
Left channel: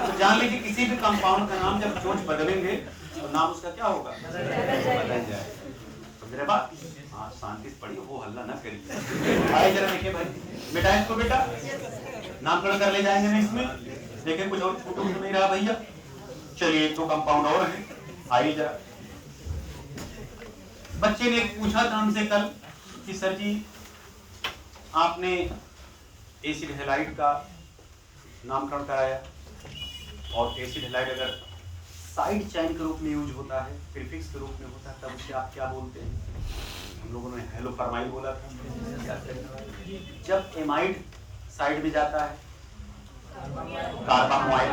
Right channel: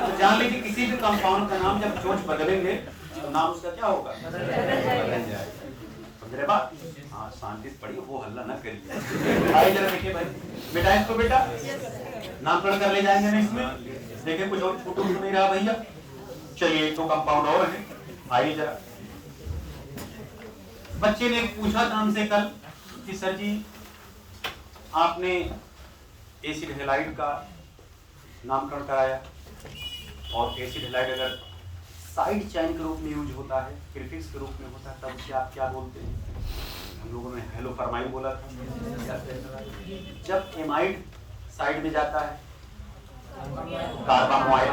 तो जान लीजिए किसी भी कंपाउंड का नाम जब चोट बदलेंगे तो नाम उसका क्या होगा? बदल जाएगा। समझ रहे बात? हाँ शांति से पढ़िए, वो हल्ला ना करिए। आइए जरा देखिए भाई, बेटा इसको बेटा नामकरण कर ले जाएंगे ना इसमें। देखिए कुछ और फोटो नहीं रहा भैया। चलिए एक तो कंपाउंड और है, आइए जरा। बच्चे ने पूछा था हमसे कल कि सर जी आपने एसिड हैलाइड का नामकरण कराया, और एसिड हैलाइड अगर साइड चेन के रूप में यूज होता है, प्रीफिक्स के रूप में होता है, तब उसे आप क्या बोलते हैं? हम लोगों ने हेलोफॉर्माइड बोला था। जब एमाइड साइड में जाता है कार्बामोइड,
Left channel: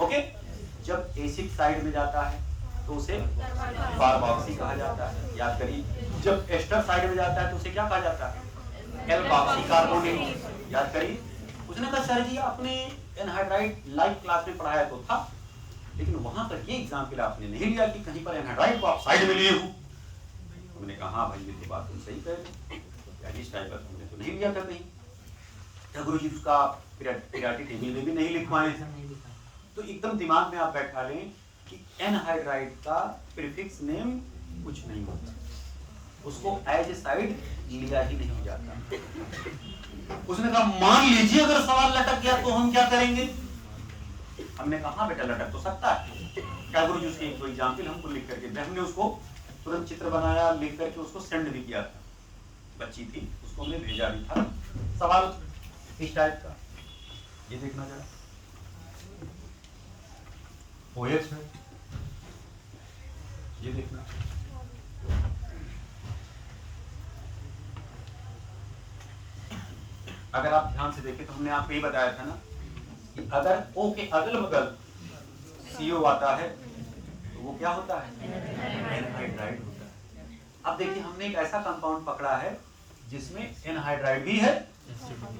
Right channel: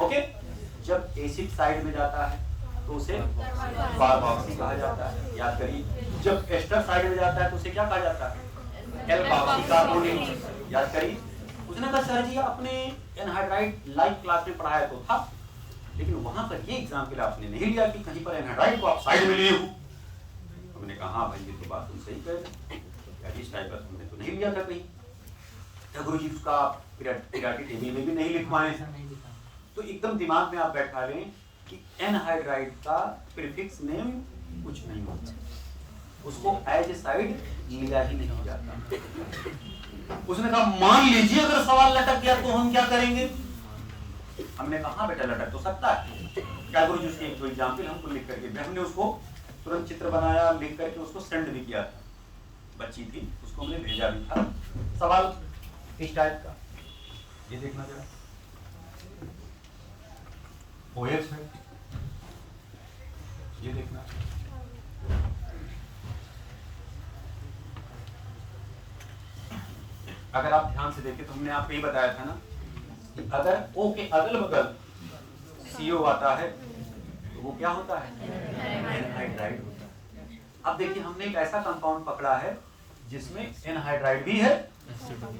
ओके। जब एसिड साइड में जाता है तो उसे कार्बोक्सी कहा जाता है, याद करिए। जब एस्टर साइड में जाता है तो उसे क्या कहा जाता है? एल्कोक्सी कार्बोनेट, याद करिए। उसने कहा सर जी आपने एनहाइड्राइड लाइव क्लास में पढ़ाया तो था, लेकिन वहां पर ये एग्जाम्पल आपने नहीं लिया कि कहीं पर एनहाइड्राइड को आप साइड में लिए हो। हमने कहा हाँ भाई ये तो बात तुम सही कह रहे, इस टाइप का हमने तो नहीं लिया था कहीं। गुरु जी उसका पीरियोडिक टेबल में भी नहीं लिखवाए हैं। तो एकदम दिमाग में आप बैठा लें कि एनहाइड्राइड का प्रीफिक्स नेम कुछ नहीं होता, उसको एज ए साइड लिया ही नहीं जाता। उसने कहा मान लीजिए अगर सवाल लटक गया तो हम क्या करेंगे? हमने कहा हाँ बेटा लटक तो सकता है। क्या गुरु जी उसके एक एग्जाम्पल हमको लिख करके, हमने उसको तुरंत चित्र बनाया, लिख करके उसको सेंड भी किया था। बच्ची थी, उसको हमने भेजा भी था। सवाल इस टाइप का, ये देखना जरा, OH है, ये देखना, अगर आप ध्यान से देखें तो हमने आपको ये बताया था ना कि अगर O के अगल बगल CO आता है तो वो क्या होता है, एनहाइड्राइड होता है। अब देखिए हमने एक ऐसा कंपाउंड पकड़ा है जिसमें एनहाइड्राइड भी है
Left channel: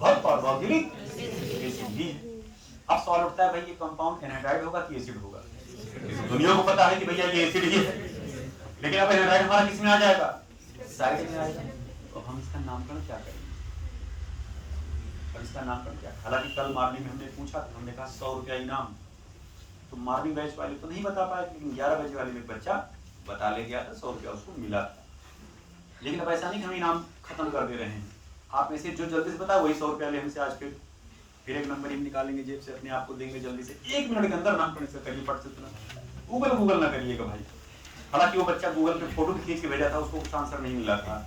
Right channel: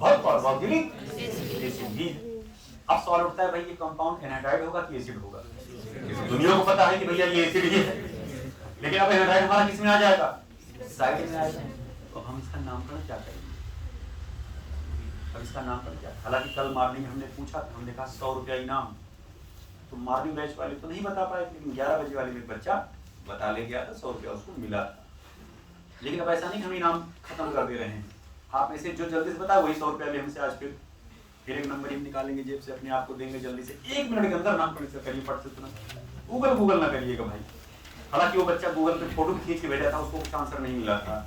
और कार्बोक्सिलिक एसिड भी है। अब सवाल उठता है भाई ये कंपाउंड एनहाइड्राइड होगा कि एसिड होगा? दुनिया को पता है कि भैया ये एसिड ही है, लेकिन अब एनहाइड्राइड हमारा किसमें आ जाएगा, साइड में आएगा। तो हम इसका नामकरण क्या करेंगे? अब इसका नामकरण क्या? हालांकि कल मॉर्निंग में हमने पूछा, हमने कहा 100 रुपया इनाम, तो मॉर्निंग बैच वाले तो नहीं बता पाए, लेकिन 11 बजे वाले में बच्चा बता ले गया था, 100 रुपया उसको मिला था। लेकिन अब ऐसा नहीं कि हम इनाम खत्म कर दे रहे हैं, आप में से जो जल्दी से बता वही 100 रुपया ले हमसे आज। फिर एक नंबर हम निकालेंगे जेब से, अपने आप को देंगे जल्दी से, 1 मिनट के अंदर नामकरण से करिए, फट से तुरंत। गूगल ना करिएगा भाई। हालांकि वो बच्चा गूगल पे फोटो खींच के भेजा था, उसको कुछ आंसर नहीं मिला था,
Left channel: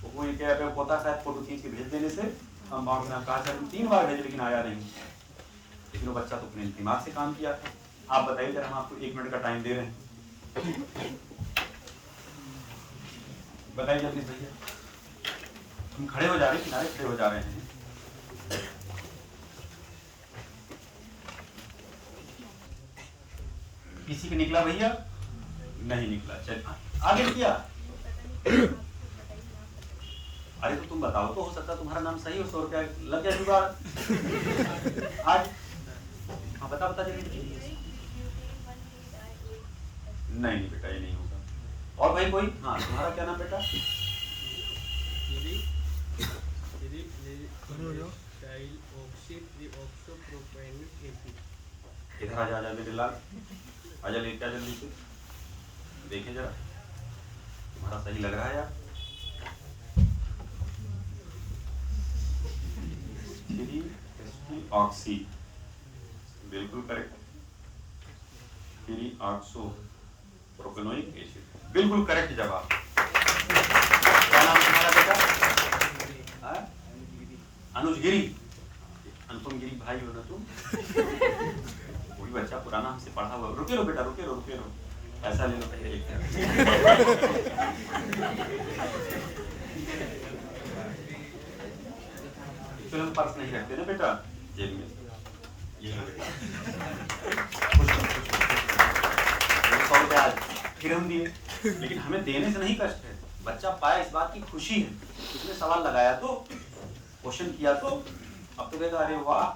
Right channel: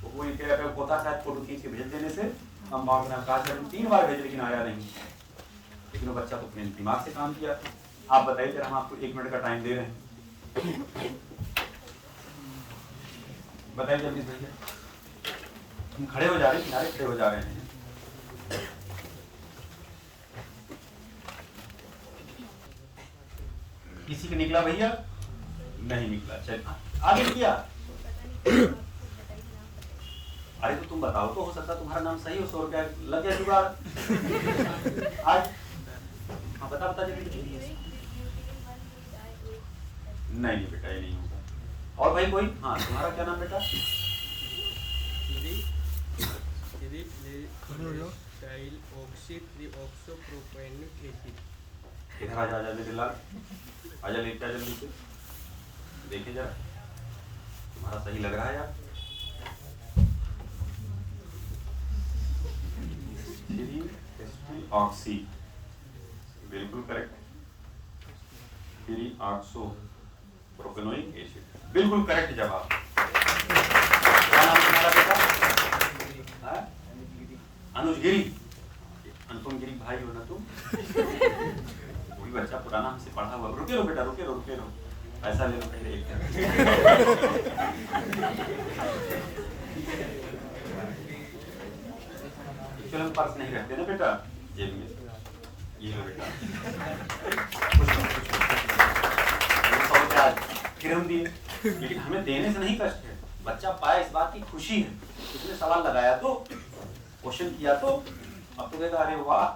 तो वो क्या होता है, फोटो खींच के भेज देने से हम मांगना कहा 3 बार भेजे लेकिन आया नहीं, लेकिन वो बच्चा तो अपने दिमाग से काम किया। आप बताइए जरा, हम आपको 1 मिनट का टाइम दे रहे हैं, बताइए जल्दी भैया। हम खड़े हो जा रहे हैं, किनारे खड़े हो जा रहे हैं। किसी के निकला भैया? नहीं निकला, चल आगे किया। अरे तो तुम बताओ तो, हो सकता तुम्हारा नाम सही हो, 100 रुपया लग गया जुगाड़ आज। हाँ बता दीजिए। नहीं बेटा ये नहीं होगा। और भाई कोई? हाँ तुम्हारा क्या नाम बेटा? इधर आजा लाल, आजा लेट आजा नीचे, देखिए जरा तुम्हारा सही लग रहा है यार। ऑक्सी, बिल्कुल करेक्ट। प्रोपेनोइक एसिड, बिल्कुल करेक्ट जवाब। क्या नाम तुम्हारा बेटा? अनुज गिरी, अनुपम गिरी भाई हो ना तुम? वही बच्चा पुराना हमसे पढ़ा हुआ। रुके रहो बेटा, रुके रहो, पैसा लेना पहले एक। चलो पर्स नहीं रखते ना बेटा जेब में, ये लो बेटा, 100 रुपया आज फिर हम दिए, लेकिन हमें देने से नहीं कष्ट है, बच्चा पाया इस बात की खुशी है। उसने सवाल लगाया तो, क्वेश्चन किया तो, अब तो कहता अरे वाह,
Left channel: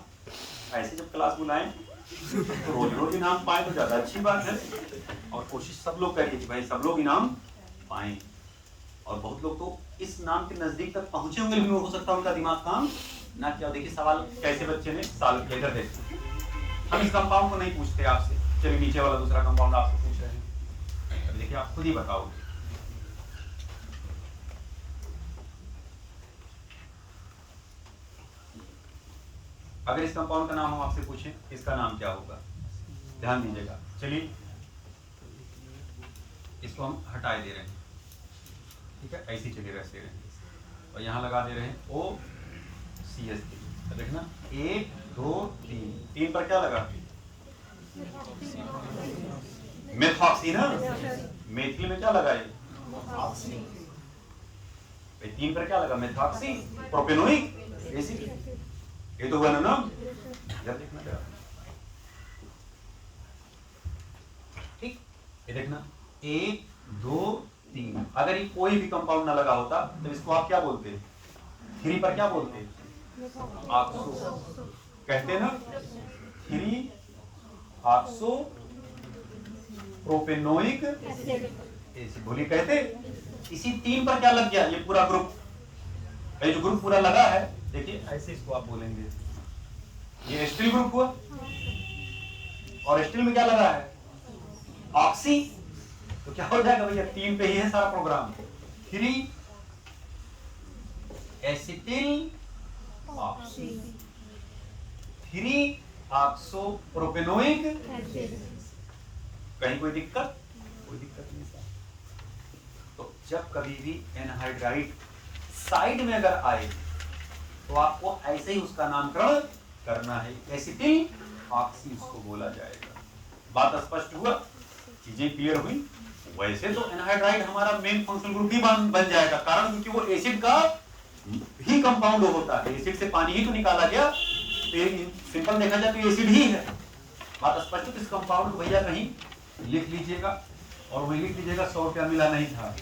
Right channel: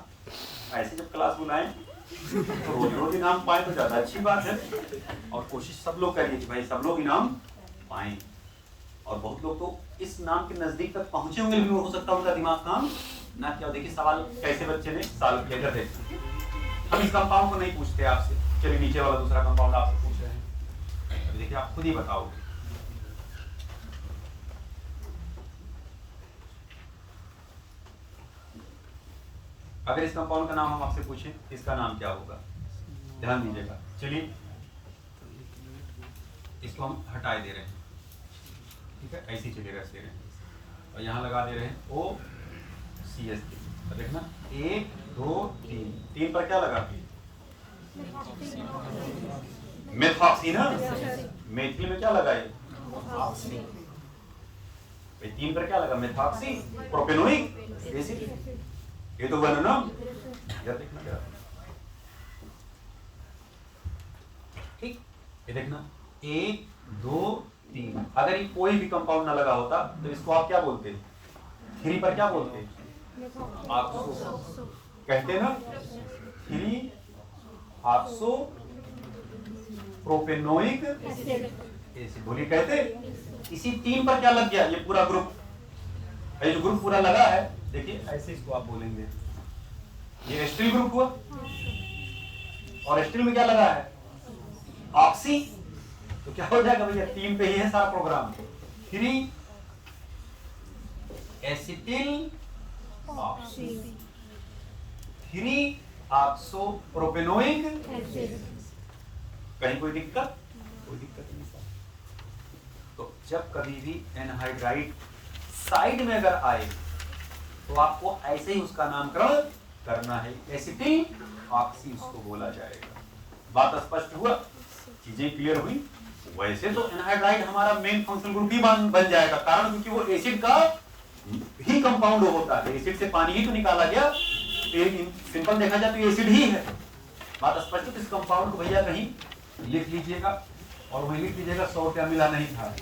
ऐसे जब क्लास बुलाएं तो रोज इनाम पाए तो ज्यादा अच्छी बात है। और कोशिश सब लोग करिए कि भाई सब लोग इनाम पाएं, और बहुत लोग तो इस नाम के नजदीक तक पहुंचे होंगे, लेकिन हो सकता है उनका दिमाग काम ना किया। देखिए सवाल कैसे बच्चे ने सॉल्व किया है। हम इस कंपाउंड को नहीं पूछते आपसे, चलिए नीचे वाला दूसरा कंपाउंड आपसे पूछ रहे हैं, देखिए आप खुद ही बताओ। अगर इस कंपाउंड का नाम हम आपसे पूछें, इसका नाम क्या होगा? ध्यान दीजिएगा। चलिए इसको हम हटा दे रहे हैं, ठीक है, ऐसी चलिए रख दे रहे हैं, और यहाँ लगा दे रहे हैं OCH। देखना 1 2 3 पर क्या लगा? मेथॉक्सी ना, मेथिल में क्या लगा ये? 3 पर क्या लगा? Methoxy propanoic acid. ये तो हुआ ना नाम, यार देखना जरा, ठीक, ये देखना 1 2 3। अगर ये कोई भी कंपाउंड ना लगा होता तो इसको आप क्या बोलते? 3 पर क्या बोलते? ऑक्सो कहते ना, 3 ऑक्सो प्रोपेनोइक एसिड बोली कहते। इसी 3 पर क्या लग गया? ये पूरा ग्रुप, ये जो ग्रुप पूरा लगा है, देखिए ऐसे इसको आप बोलेंगे, ये एस्टिल ग्रुप हुआ, और एस्टिल में क्या लगा है? ऑक्सी। तो क्या हो जाएगा भैया? 3 पे ही है सारा program. 3 acetyl oxy, 3 oxo propanoic. कहीं कोई दिक्कत? कोई दिक्कत नहीं। तो जब कभी भी एनहाइड्राइड साइड में अगर आए तो आपको ऐसे ही उसका नामकरण करना है, एसिटिल ऑक्सी उसको बोला जाएगा। बात स्पष्ट हुआ, चीजें क्लियर हुई। वैसे तो एनहाइड्राइड हमारा मेन फंक्शनल ग्रुप ही बन जाएगा, कारण क्योंकि वो एसिड का ही कंपाउंड होता है, एसिड से पानी ही तो निकाला गया, सिंपल देखा जाए तो एसिड ही है। बात स्पष्ट। इस कंपाउंड को भैया कहीं लिख लीजिएगा, और वही लिख लीजिएगा 100 रुपया मिला नहीं था।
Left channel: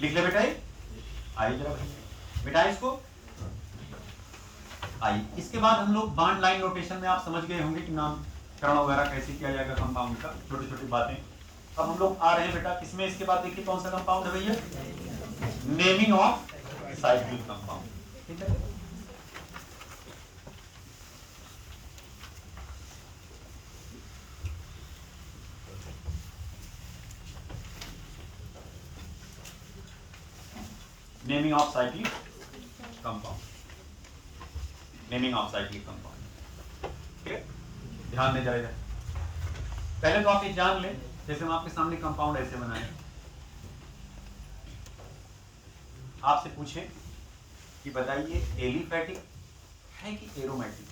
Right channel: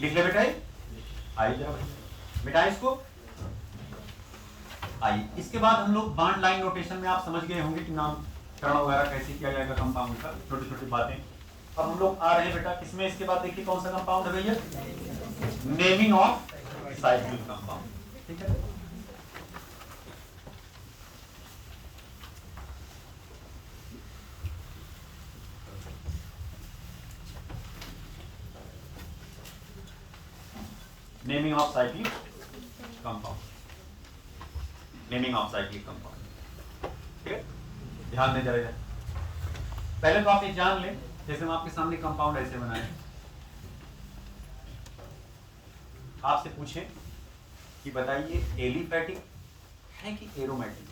लिख ले बेटा, आइए जरा बेटा इसको। आइए, इसके बाद हम लोग बॉन्ड लाइन नोटेशन में आप समझ गए होंगे कि नामकरण वगैरह कैसे किया जाएगा कंपाउंड का, छोटी छोटी बातें। अब हम लोग आ रहे हैं बेटा किसमें, इसके बाद देखिए कौन सा कंपाउंड है भैया, नेमिंग ऑफ साइक्लिक कंपाउंड। ठीक है, naming of cyclic compound, naming of cyclic compound. ठीक है, ध्यान दें जरा। पहले तो आप एक जान लें, जैसे हम आपके सामने कंपाउंड ऐसे बनाए, आपसे पूछे कि बताइए एलिफैटिक है कि एरोमेटिक?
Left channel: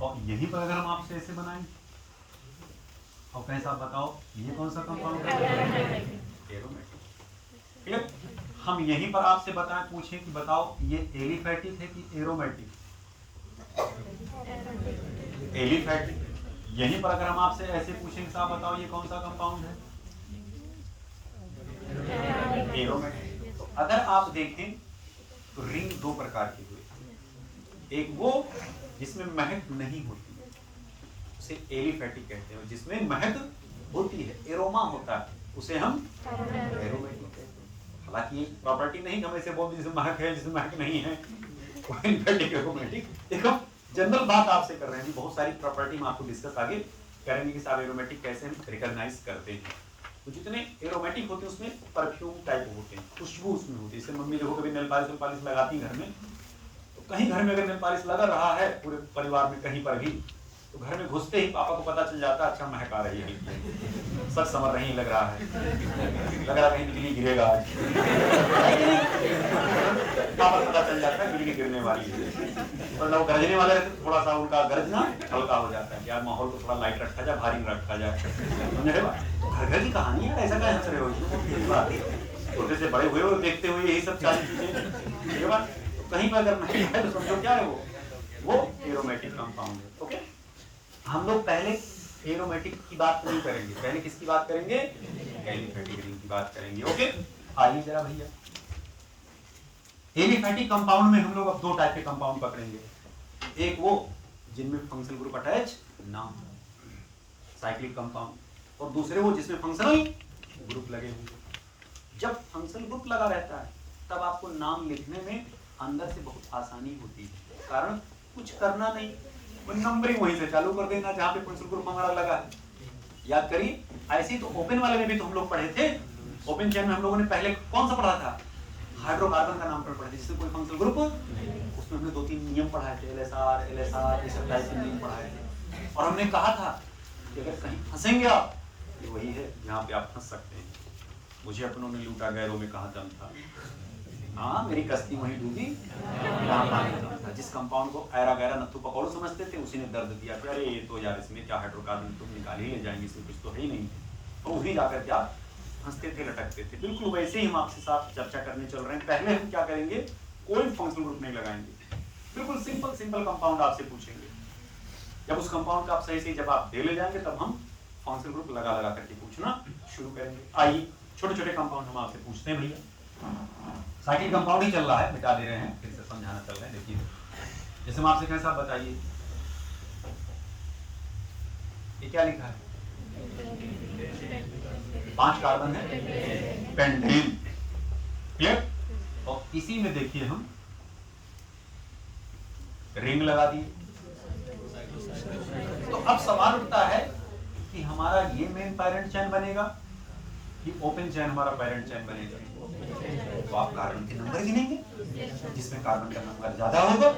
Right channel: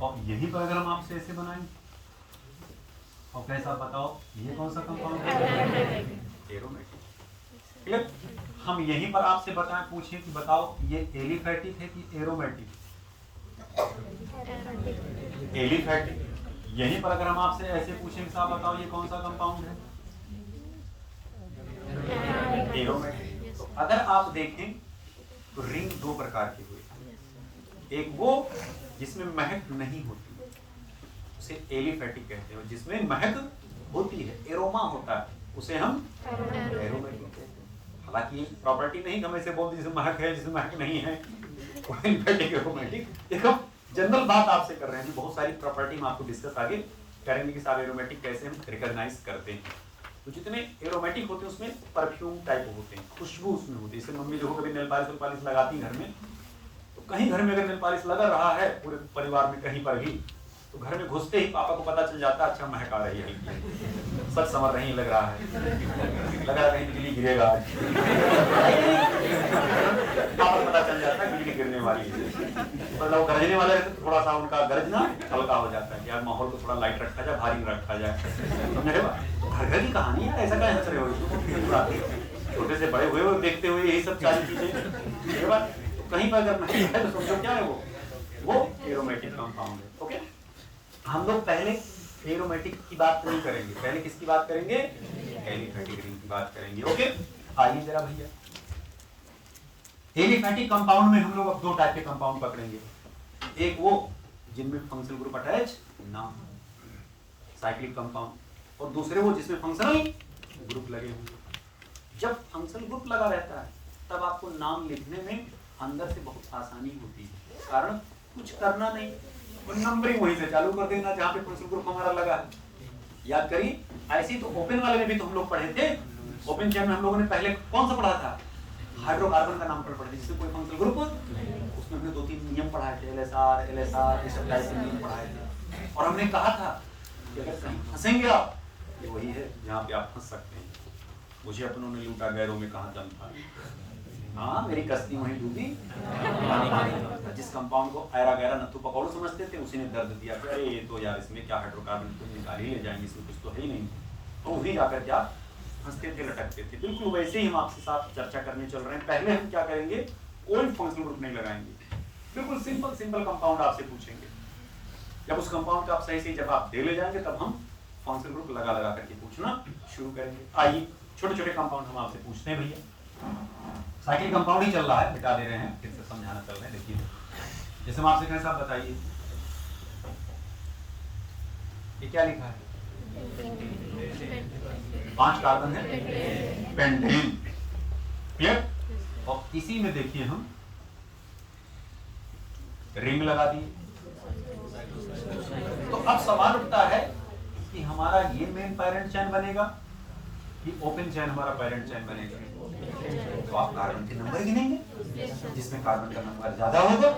और यही पर अगर हम आपसे ऐसे बनाएं और कैसा बताओ ये कौन सा कंपाउंड है? एरोमेटिक। क्लियर? हम यहीं पर आपसे बताएं, पूछें कि बताओ ये एलिफैटिक है कि एरोमेटिक? एलिफैटिक। यहीं पर अगर हम आपसे ऐसे पूछें साहब बताओ ये कौन सा कंपाउंड है? एरोमेटिक। तो अगर आप देखें तो रिंग दो प्रकार के हुए, एक वो जिसमें महक नहीं होती उसे एलिफैटिक कहते हैं, जिसमें महक होती है, एरोमा होता है, उसे हम एरोमेटिक कहते हैं। हालांकि एक प्रॉपर्टी नहीं हम ऐसे बोलते जिसमें महक है जिसमें महक नहीं है, एलिफैटिक एरोमेटिक। देखो जनरल बात आपसे कर रहे हैं जी, बहुत सारी प्रॉपर्टी हम आपको डिस्कस आगे करेंगे कि साहब एरोमेटिक कैसे हम रिकॉग्नाइज करते हैं। तो जितने एरोमेटिक होते हैं उसमें परफ्यूम टाइप होते हैं, खुशबू उसमें होती है। जैसे मम्मी देखो कभी नेल पॉलिश लगाती घर में, तो कहीं घर में अगर नेल पॉलिश लगा रहा है पूरे परिवार में कहीं पर भी, तो घर में घुसते ही पापा को पता चल जाता है अच्छा महक आ रही है, सच समझ रही लग रहा है, लगा कहीं बिजली गिरेगा आज, पापा को पता चल जाता है बिजली गिरने वाली है। मतलब गरजने वाले थोड़ा सा उनका गरजना हल्का हो जाता है कि यार माहौल को थोड़ा लाइट रखा जाए, भारी न रखा जाए। तो मेरे घर घर की कहानी है, ऐसा क्या हंस रहे हो? छोटे से बड़े हुए और देखते हुए यही सब सारी चीजें। तो कहीं पर अगर नहीं है तो समझो क्या है वो एरोमेटिक कंपाउंड है। ओके, हम लोग पहले एरोमेटिक की बात नहीं करेंगे, पहले किसकी बात करेंगे? एलिफैटिक रिंग की बात करेंगे। ओके, आइए जरा भैया, एलिफैटिक कंपाउंड में हम लोग अब दो टाइप के कंपाउंड पकड़ेंगे। एक वो जिनमें फंक्शनल ग्रुप अटैच ना हो, साइक्लिक कंपाउंड, और दूसरे वो जिसमें फंक्शनल ग्रुप लगे हुए। जब फंक्शनल ग्रुप लगा रहता है तब आपको नाम लिखने में अंदर से बहुत आसानी होती है, कारण कुछ करना नहीं, नंबरिंग वहीं से चालू कर देना जहाँ पे फंक्शनल ग्रुप हमारा लगा है। याद करिए, ऐसे तो ओपन वाले में भी तो हम लोग पढ़े थे। ओपन चेन में हम लोगों ने पहले कौन सा पढ़ा था? हाइड्रोकार्बन का नाम पढ़े थे, जिससे कोई फंक्शनल ग्रुप, उसमें हमने 2-3 नियम पढ़ाए थे, LSR ये सब टाइप के नियम पढ़ाए थे। और हमने कहा था कि अगर कहीं फंसेंगे आप, ये वही है जहाँ पे आप फंस सकते हैं। मुझे अपनों में लूटा गैरों में कहाँ दम था, हाँ मेरी कश्ती वहीं डूबी। जिस कंपाउंड को ऐरा गैरा नत्थु पकौड़ समझते थे उसी ने दर्द दिया कि अरे ये तो यार इसमें क्या हाइड्रोकार्बन तुम निकाल ही ले जाएंगे, इसमें कुछ तो है ही नहीं। तो वही जाकर क्या हंसते थे, लटकते थे। बिल्कुल वैसे ही हम आपसे साथ चर्चा करने चल रहे हैं। पहले हम क्या करेंगे, कोई फंक्शनल ग्रुप नहीं लगाएंगे, बिल्कुल सिंपल कंपाउंड आपसे पूछेंगे। जब उस कंपाउंड का आप सही जब आप दे ले जाएंगे तब हम फंक्शनल ग्रुप लगा करके पूछना शुरू करेंगे। आइए छोटे छोटे कंपाउंड हम आपसे पूछते हैं भैया। साइक्लिक कंपाउंड ही चल रहा है, मिटा दे रहे हैं, फिर से समझाना चल रहे हैं। देखिए जैसे हम आपसे कहें साहब बताइए ये क्या लिखा है? 5 कार्बन है, पेंटेन। क्लियर? और इसी में देखिए हम रिंग लगा दिए। तो अब सवाल उठता है कि हमारा ये मेन पैरेंट चेन बनेगा कि ओपन चेन हमारा पैरेंट चेन बनेगा? तो आप कार्बन के नंबर गिनेंगे, जिसमें कार्बन का नंबर ज्यादा होगा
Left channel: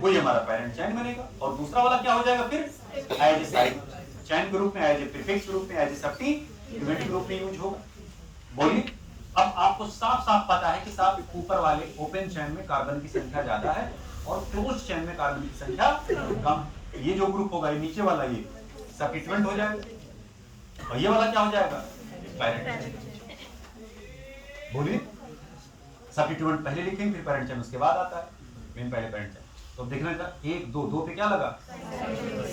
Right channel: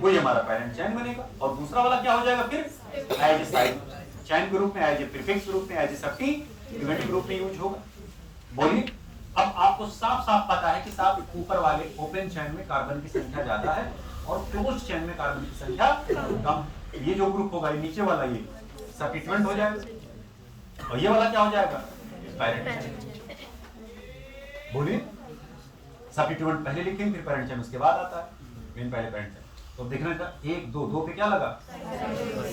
वही हमारा पैरेंट चेन बनेगा। और दूसरा वाला क्या हो जाएगा फिर एज ए साइड चेन के रूप में, एज ए प्रीफिक्स के रूप में, एज ए सब्स्टिट्यूएंट के रूप में यूज होगा। बोलिए, अब आपको साफ साफ पता है कि साफ ऊपर वाले ओपन चेन में कार्बन की संख्या ज्यादा है और क्लोज चेन में कार्बन की संख्या कम। ये जो ग्रुप होगा, नीचे वाला ये सब्स्टिट्यूएंट हो जाएगा और ये वाला क्या हो जाएगा पैरेंट। बोलिए, सब्स्टिट्यूएंट पहले लिखेंगे फिर पैरेंट चेन उसके बाद आता है, मेन पहले पैरेंट चेन। तो देखने का 1 2 2 पे क्या लगा,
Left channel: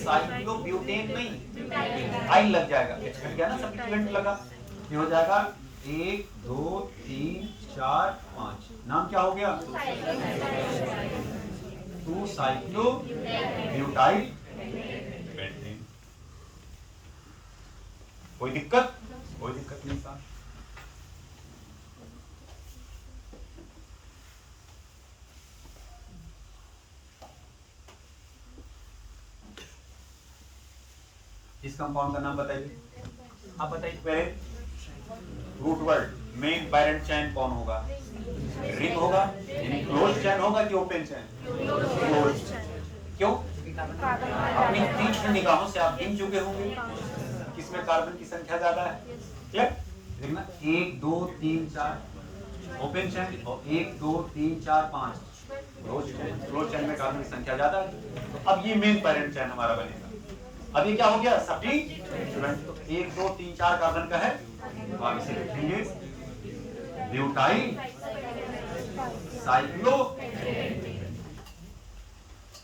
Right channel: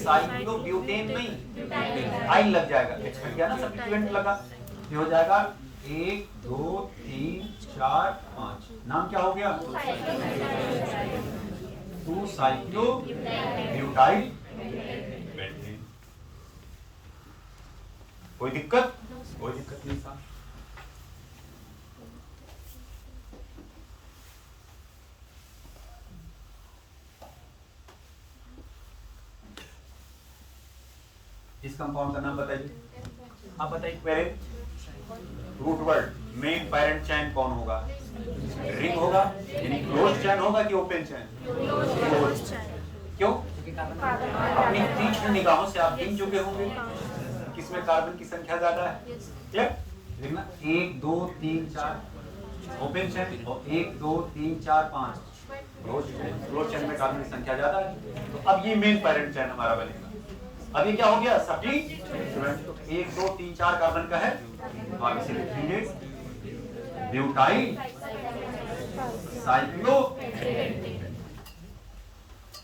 साइक्लोब्यूटेन नहीं आई लग जाएगा, एक्सपेक्ट किया ना सब्स्टिट्यूएंट लगा, ये हो जाएगा 1 2 3 4 5। नाम क्या हो गया, 2 साइक्लोब्यूटाइल पेंटेन। कोई दिक्कत, कोई दिक्कत नहीं साहब। इस कंपाउंड का नाम बताइए, आप बताइए पहले। Root word main parent chain कौन होगा, रिंग होगा, यानी क्लोज चेन होगा कि ओपन चेन, क्लोज। क्यों, अपनी तीक्ष्ण निगाहों से आप गिन चुके होंगे किसमें कार्बन की संख्या ज्यादा है। ठीक, 1 2 3 4 ओपन चेन और 1 2 3 4 5 क्लोज चेन में कार्बन की संख्या ज्यादा है। तो अब ये मेन पैरेंट चेन हमारा बनेगा। अभी क्या हो गया, सब्स्टिट्यूएंट 1 2 3 4 कार्बन का है, आप इसे लिखेंगे ब्यूटाइल साइक्लो।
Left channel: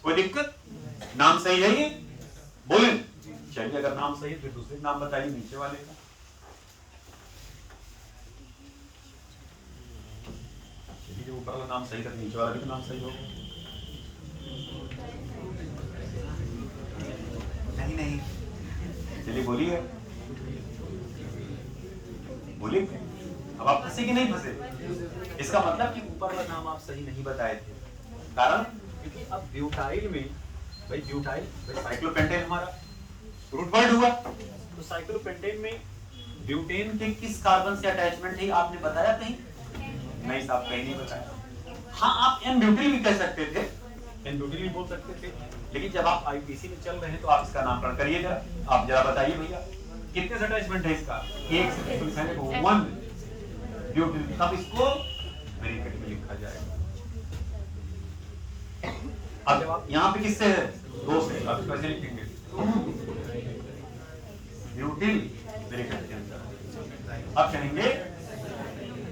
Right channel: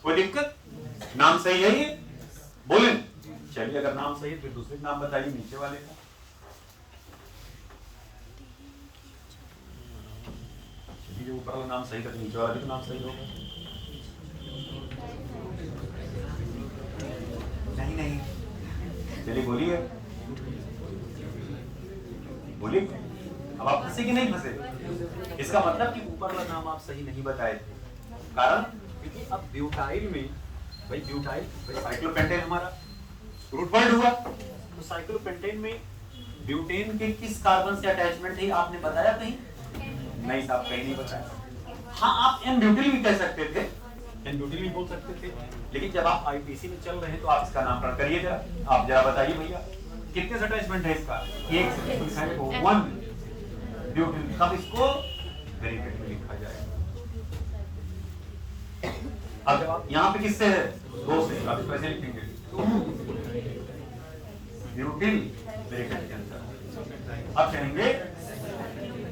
कोई दिक्कत, नाम सही है ये, बोले। चलिए, अगर नाम सही है फिर दूसरे नाम बताइए नीचे वाले का। चलिए, जो ऊपर वाला नाम सही था नीचे वाला भी तो नाम सही होगा। नहीं नहीं, चलिए बोलिए बोलिए, अब आप फंसे कि नहीं फंसे। इसका मतलब कि ऊपर वाला नाम आप सही नहीं बताए थे, कारण क्योंकि अब ब्यूटाइल में भाई साइक्लोपेंटेन हमारा रूट वर्ड हुआ, तो साइक्लोपेंटेन में ब्यूटेन के किस कार्बन से अटैचमेंट है आपने बताया कहीं? नहीं साहब, कहीं नहीं बताया। हाँ, आप एन ब्यूटिल भी कह सकते थे, एन ब्यूटिल भी बोल सकते थे, लेकिन जब आप आईपीसी में चल रहे हैं तो आप इसका नामकरण करिए जरा। आप जरा बताइए भैया कितने से अटैचमेंट है इसका, 1 से 1 ब्यूटिल, तब इसको ब्रैकेट में लिखा जाएगा। अब जब आप यहाँ पे किससे है, 2 से, आप कैसे लिखेंगे, ब्यूटिल ब्रैकेट के अंदर। अब चलेंगे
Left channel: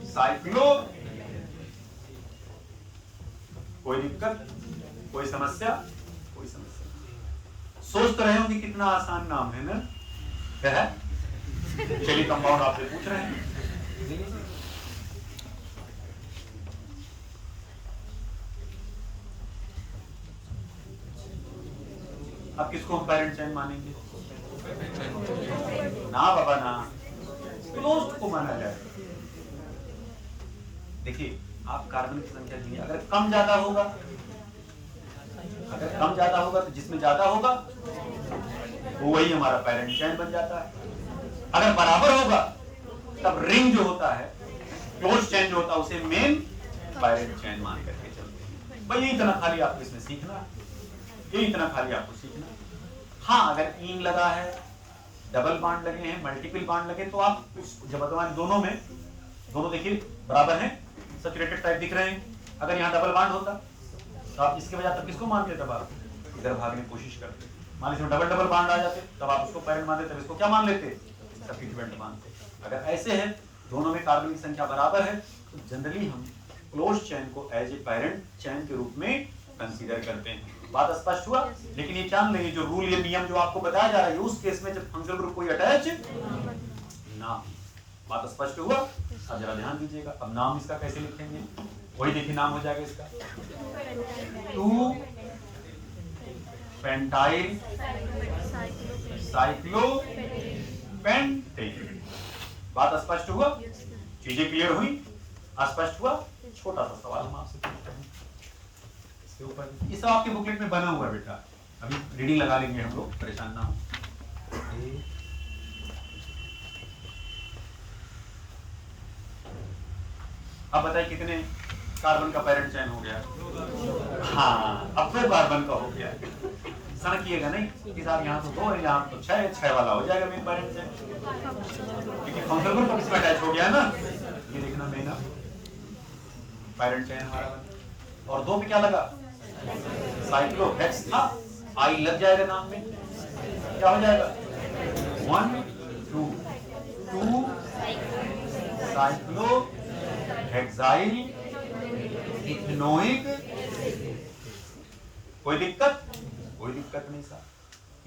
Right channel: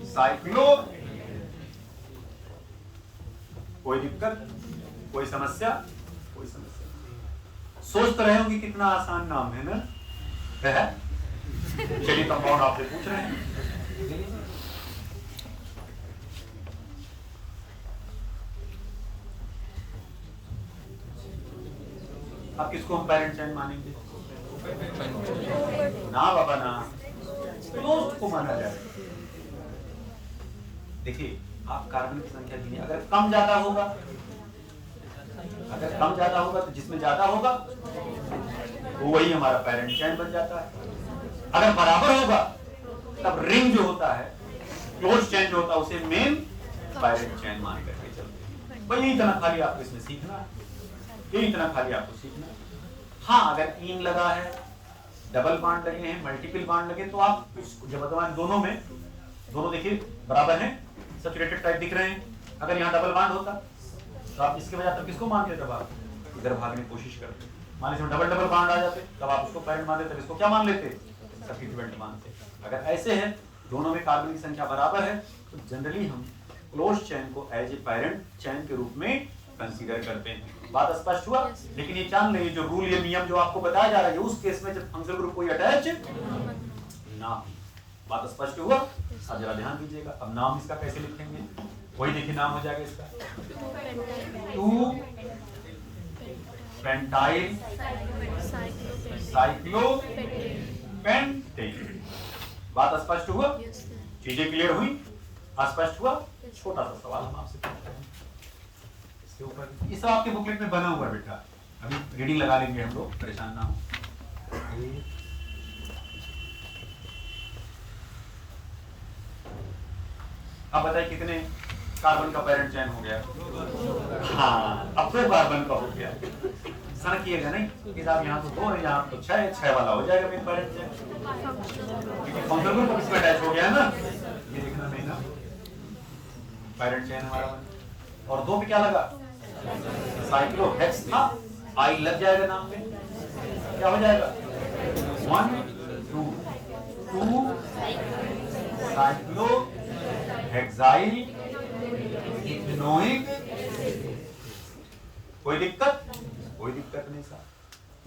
साइक्लो। कोई दिक्कत, कोई समस्या, कोई समस्या। सोच तो रहे होंगे कितना आसान नाम है ना, है? चलिए, कंपाउंड आपसे पूछ रहे हैं। अब किसको हम पैरेंट चेन मानेंगे? ना बाबा ना, क्लोज्ड को माना जाए। देखिए, आप कार्बन की संख्या गिनिए, अगर कम ज्यादा होगा, अगर कम ज्यादा होगा तो जिसमें ज्यादा होगा तो वही हमारा पैरेंट चेन बन जाता है। अगर बराबर होगा तब रिंग जो होता है, क्लोज चेन जो होता है, उसे मेन पैरेंट चेन मान करके चलते हैं। बस इतना खाली आपको इसमें सीखना, ये इतना खाली आपको सीखना। हाँ, अगर इन लगा है, डबल बॉन्ड लगे हैं, मल्टीपल बॉन्ड लगे, तो आप जब वर्तमान दोनों देखिए बराबर हैं, सैचुरेटेड टाइप दिख रहे हैं। अगर यहाँ डबल बॉन्ड होता तो आप इसके वजह तब किसको मानते, तब आप इधर भागने की कोशिश करते। मान लीजिए डबल बॉन्ड आ जाते, तब आप उसको पैरेंट मान लेते, इसको क्या मान लेते, सब्स्टिट्यूएंट मानते। अगर ऐसे है, दोनों में कार्बन की संख्या बराबर है, तो जनरली हम क्लोज चेन को एज ए पैरेंट चेन के रूप में कंसीडर करते हैं। बात स्पष्ट हुआ। लेकिन ये जान लेंगे, जो रूल, ये नियम जो आपको बताया जा रहा है, उस केस में जब फंक्शनल ग्रुप कोई अटैच ना। बात स्पष्ट हुआ, अब जरा ध्यान दीजिएगा। अब नाम इसका कैसे लिखेंगे, वही देखिए नाम हो जाएगा इसका 2 पेंटाइल साइक्लोपेंटेन। बात स्पष्ट हुआ, चीजें क्लियर हुई, अस्पष्ट हुआ। छोटा सा सवाल हम आपसे पूछते हैं इसके ऊपर, ये सब आपके बुकलेट में बना हुआ है बेटा, अभी रीडिंग लगा लेंगे हम लोग, परेशान ना हो। अब बताइए कितने कार्बन का पैरेंट चेन हो गया? हाँ, अब 2 कार्बन का हो गया। समझिएगा नहीं कि साहब यहाँ तो 2 है, यहाँ तो 6 वाला हो जाएगा मेन पैरेंट चेन, क्योंकि फंक्शनल ग्रुप इसमें अटैच हो गया ना। ये देखना मेरा पैरेंट चेन हमारा। और 2 पे क्या लगा? साइक्लोहेक्स था, आई लग जाएगा नाम में, क्या हो जाएगा? 1 2 2 साइक्लोहेक्साइल इथेनोइक। कोई दिक्कत? कोई दिक्कत नहीं सर,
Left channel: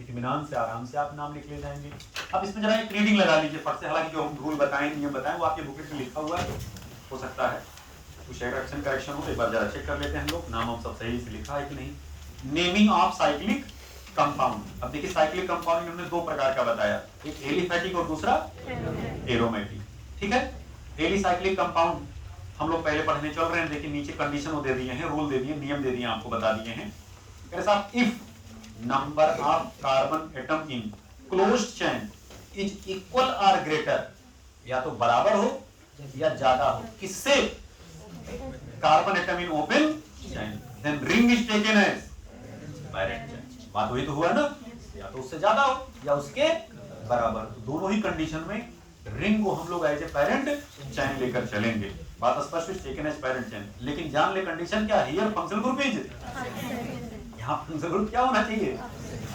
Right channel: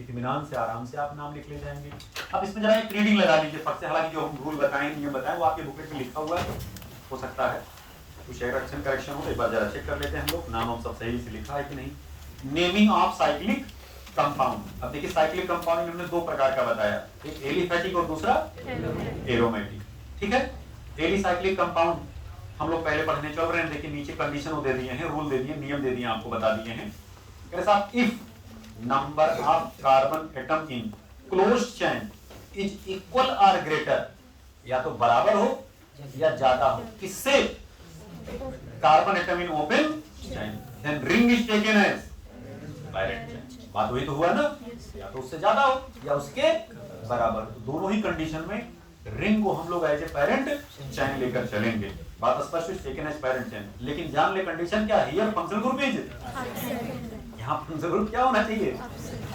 इत्मीनान से आराम से आप नाम लिख ले जाएंगे। अब इसमें जरा एक रीडिंग लगा लीजिए फट से, हालांकि जो रूल बताएं नहीं बताएं वो आपके बुकलेट में लिखा हुआ है, हो सकता है कुछ करेक्शन करेक्शन हो, एक बार जरा चेक कर लेते हैं हम लोग, नाम हम सब सही से लिखा है कि नहीं। Naming of cyclic compound. अब देखिए साइक्लिक कंपाउंड हमने 2 प्रकार का बताया, एक एलिफैटिक और दूसरा एरोमेटिक, ठीक है। एलिसाइक्लिक कंपाउंड हम लोग पहले पढ़ने चल रहे हैं, देखिए नीचे कंडीशन दे दिए हैं, रूल दे दिए, नियम दे दिए, आपको बता दिए हैं। If number of carbon atom in closed chain is equal और ग्रेटर, या तो बराबर हो या ज्यादा हो, किससे? Carbon atom in open chain, then ring is taken as parent chain. बात वही तो हुआ ना, या तो उससे ज्यादा हो या उसके बराबर, दोनों ही कंडीशन में रिंग को हम लोग एज ए पैरेंट चेन लेकर चलेंगे। बात स्पष्ट, टेकन एज पैरेंट चेन। लेकिन जान ले कंडीशन क्या है, हियर फंक्शनल ग्रुप इज, यहाँ फंक्शनल ग्रुप क्या होना चाहिए?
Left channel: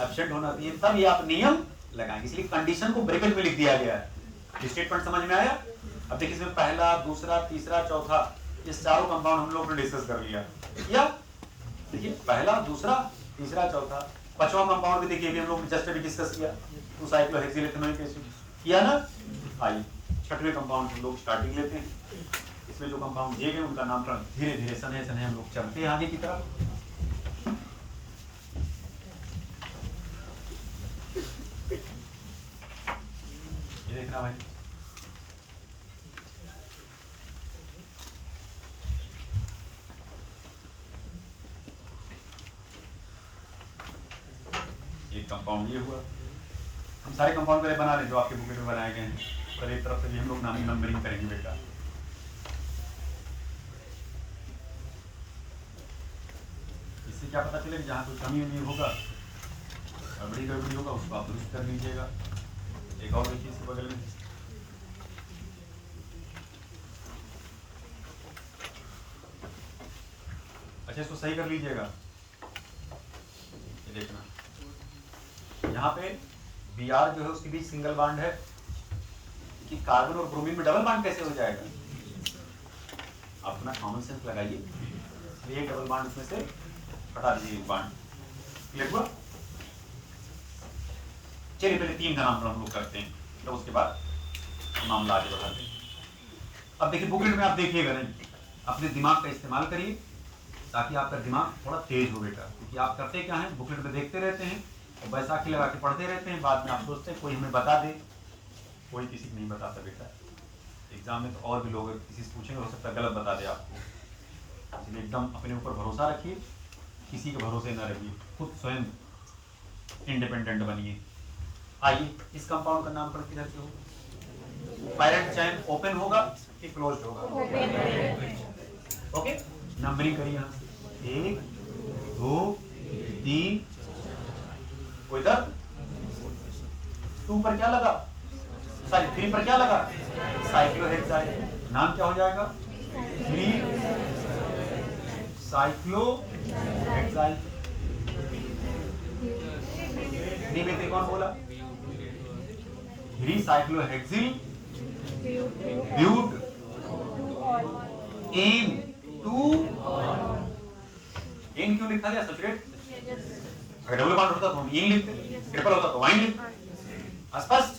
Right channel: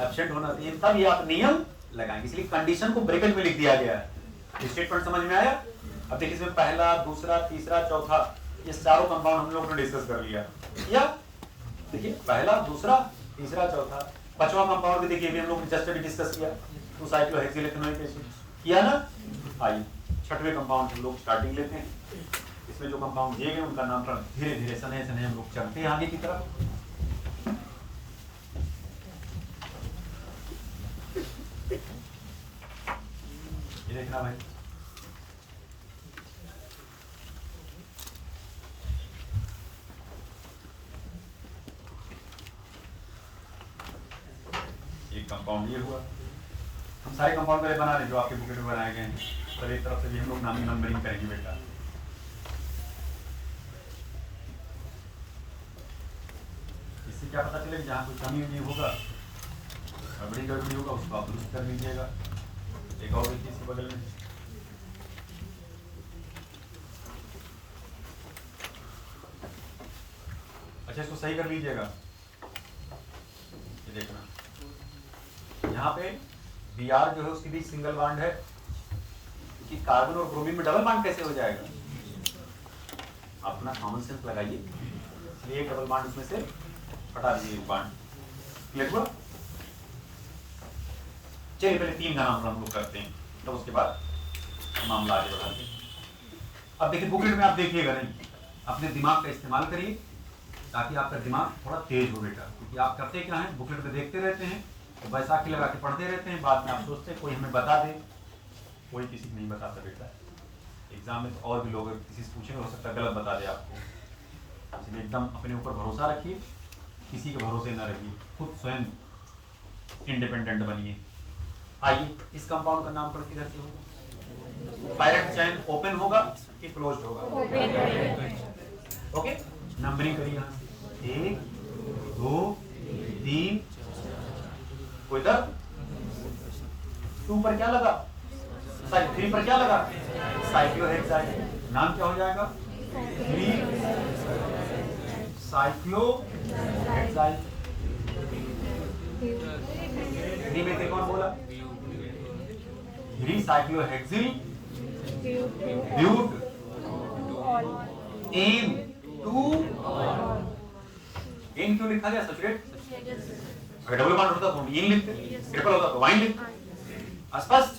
एब्सेंट होना चाहिए, तब ये आप नियम लगाएंगे, इसलिए कंडीशन को ब्रैकेट में लिख दिया गया है। स्टेटमेंट समझ में आया? अब देखिए इसमें पहला, दूसरा, तीसरा, चौथा, ये चारों कंपाउंड हम लोग ने डिस्कस कर लिया, या देखिए पहला, दूसरा, तीसरा, चौथा, 5वां कंपाउंड भी देखिए हम लोग जस्ट डिस्कस किया, 2 साइक्लोहेक्सिल इथेनोइक एसिड किया ना। आइए 6वें कंपाउंड हम लोग स्टार्टिंग लेते हैं। इसमें जो कंपाउंड दिए गए उनका नाम धीरे धीरे सने सने हम लोग चलते हैं आगे की तरफ। ये देखना भाई, एक कंपाउंड ये हुआ। हम सारे कंपाउंड पहले बना रहे हैं जो आपके बुक में बनाए गए हैं, पर एक तरफ से भी हम लोग नाम नंबरिंग करेंगे बेटा। इससे क्या पता चलेगा जहाँ कोई कमी नहीं होगा, गड़बड़ी होगा, उसको आप दुरुस्त कर लीजिएगा। एक और चीज के बगल में अच्छा, इसको सही कर लीजिएगा। ये देखना यहाँ पे Br जो है उसके बीच सिंगल बांड है, कि कार्बन और ब्रोमीन में डबल बांड कैसे हो जाएगा? आप अपना कॉमन सेंस लगाइए, एक डबल बांड इसमें से हटा दीजिए, एक बांड। क्लियर हुआ? चलिए पहले 3 का नाम हम लोग करते हैं, तो उसके बाद मामला आगे बढ़ाते हैं। अब देखिए बुकलेट में आप देखिएगा नहीं, अपने दिमाग का इस्तेमाल करिए ताकि आपका दिमाग थोड़ा तेज हो बेटा, क्योंकि आप करते क्या है, बुकलेट में देखते रहते हैं और बैसाखी लगा के पढ़ते रहते हैं, बाद में आप सोचते हैं कोई हमें बता दे, कोई किसी को नहीं बताता बेटा। एग्जाम में तो और भी लोग किसी से पूछेंगे, हो सकता है गलत बता दे आपको, इसलिए एकदम अपने ऊपर भरोसा रखिए, किसी के भरोसे न रहिए, खुद स्वयं इंडिपेंडेंट बनिए। आइए इस कंपाउंड का नाम किधर से होगा? पैरेंट चेन ओपन होगा कि क्लोज्ड होगा? ओके, नंबरिंग करिए, 1 2 3, इधर 2 पर क्या लगा, सॉरी 3 पर क्या लगा, साइक्लोहेक्साइल। नाम क्या हो जाएगा? 3 साइक्लोहेक्साइल। 3 में से कौन बोला? 3 साइक्लोहेक्सिल ब्यूट एन 2। एन क्यों लिखा गया? सैचुरेट, अगर डबल बॉन्ड होता तो ये लिखते, ट्रिपल होता तो वाइन लिखते। स्पष्ट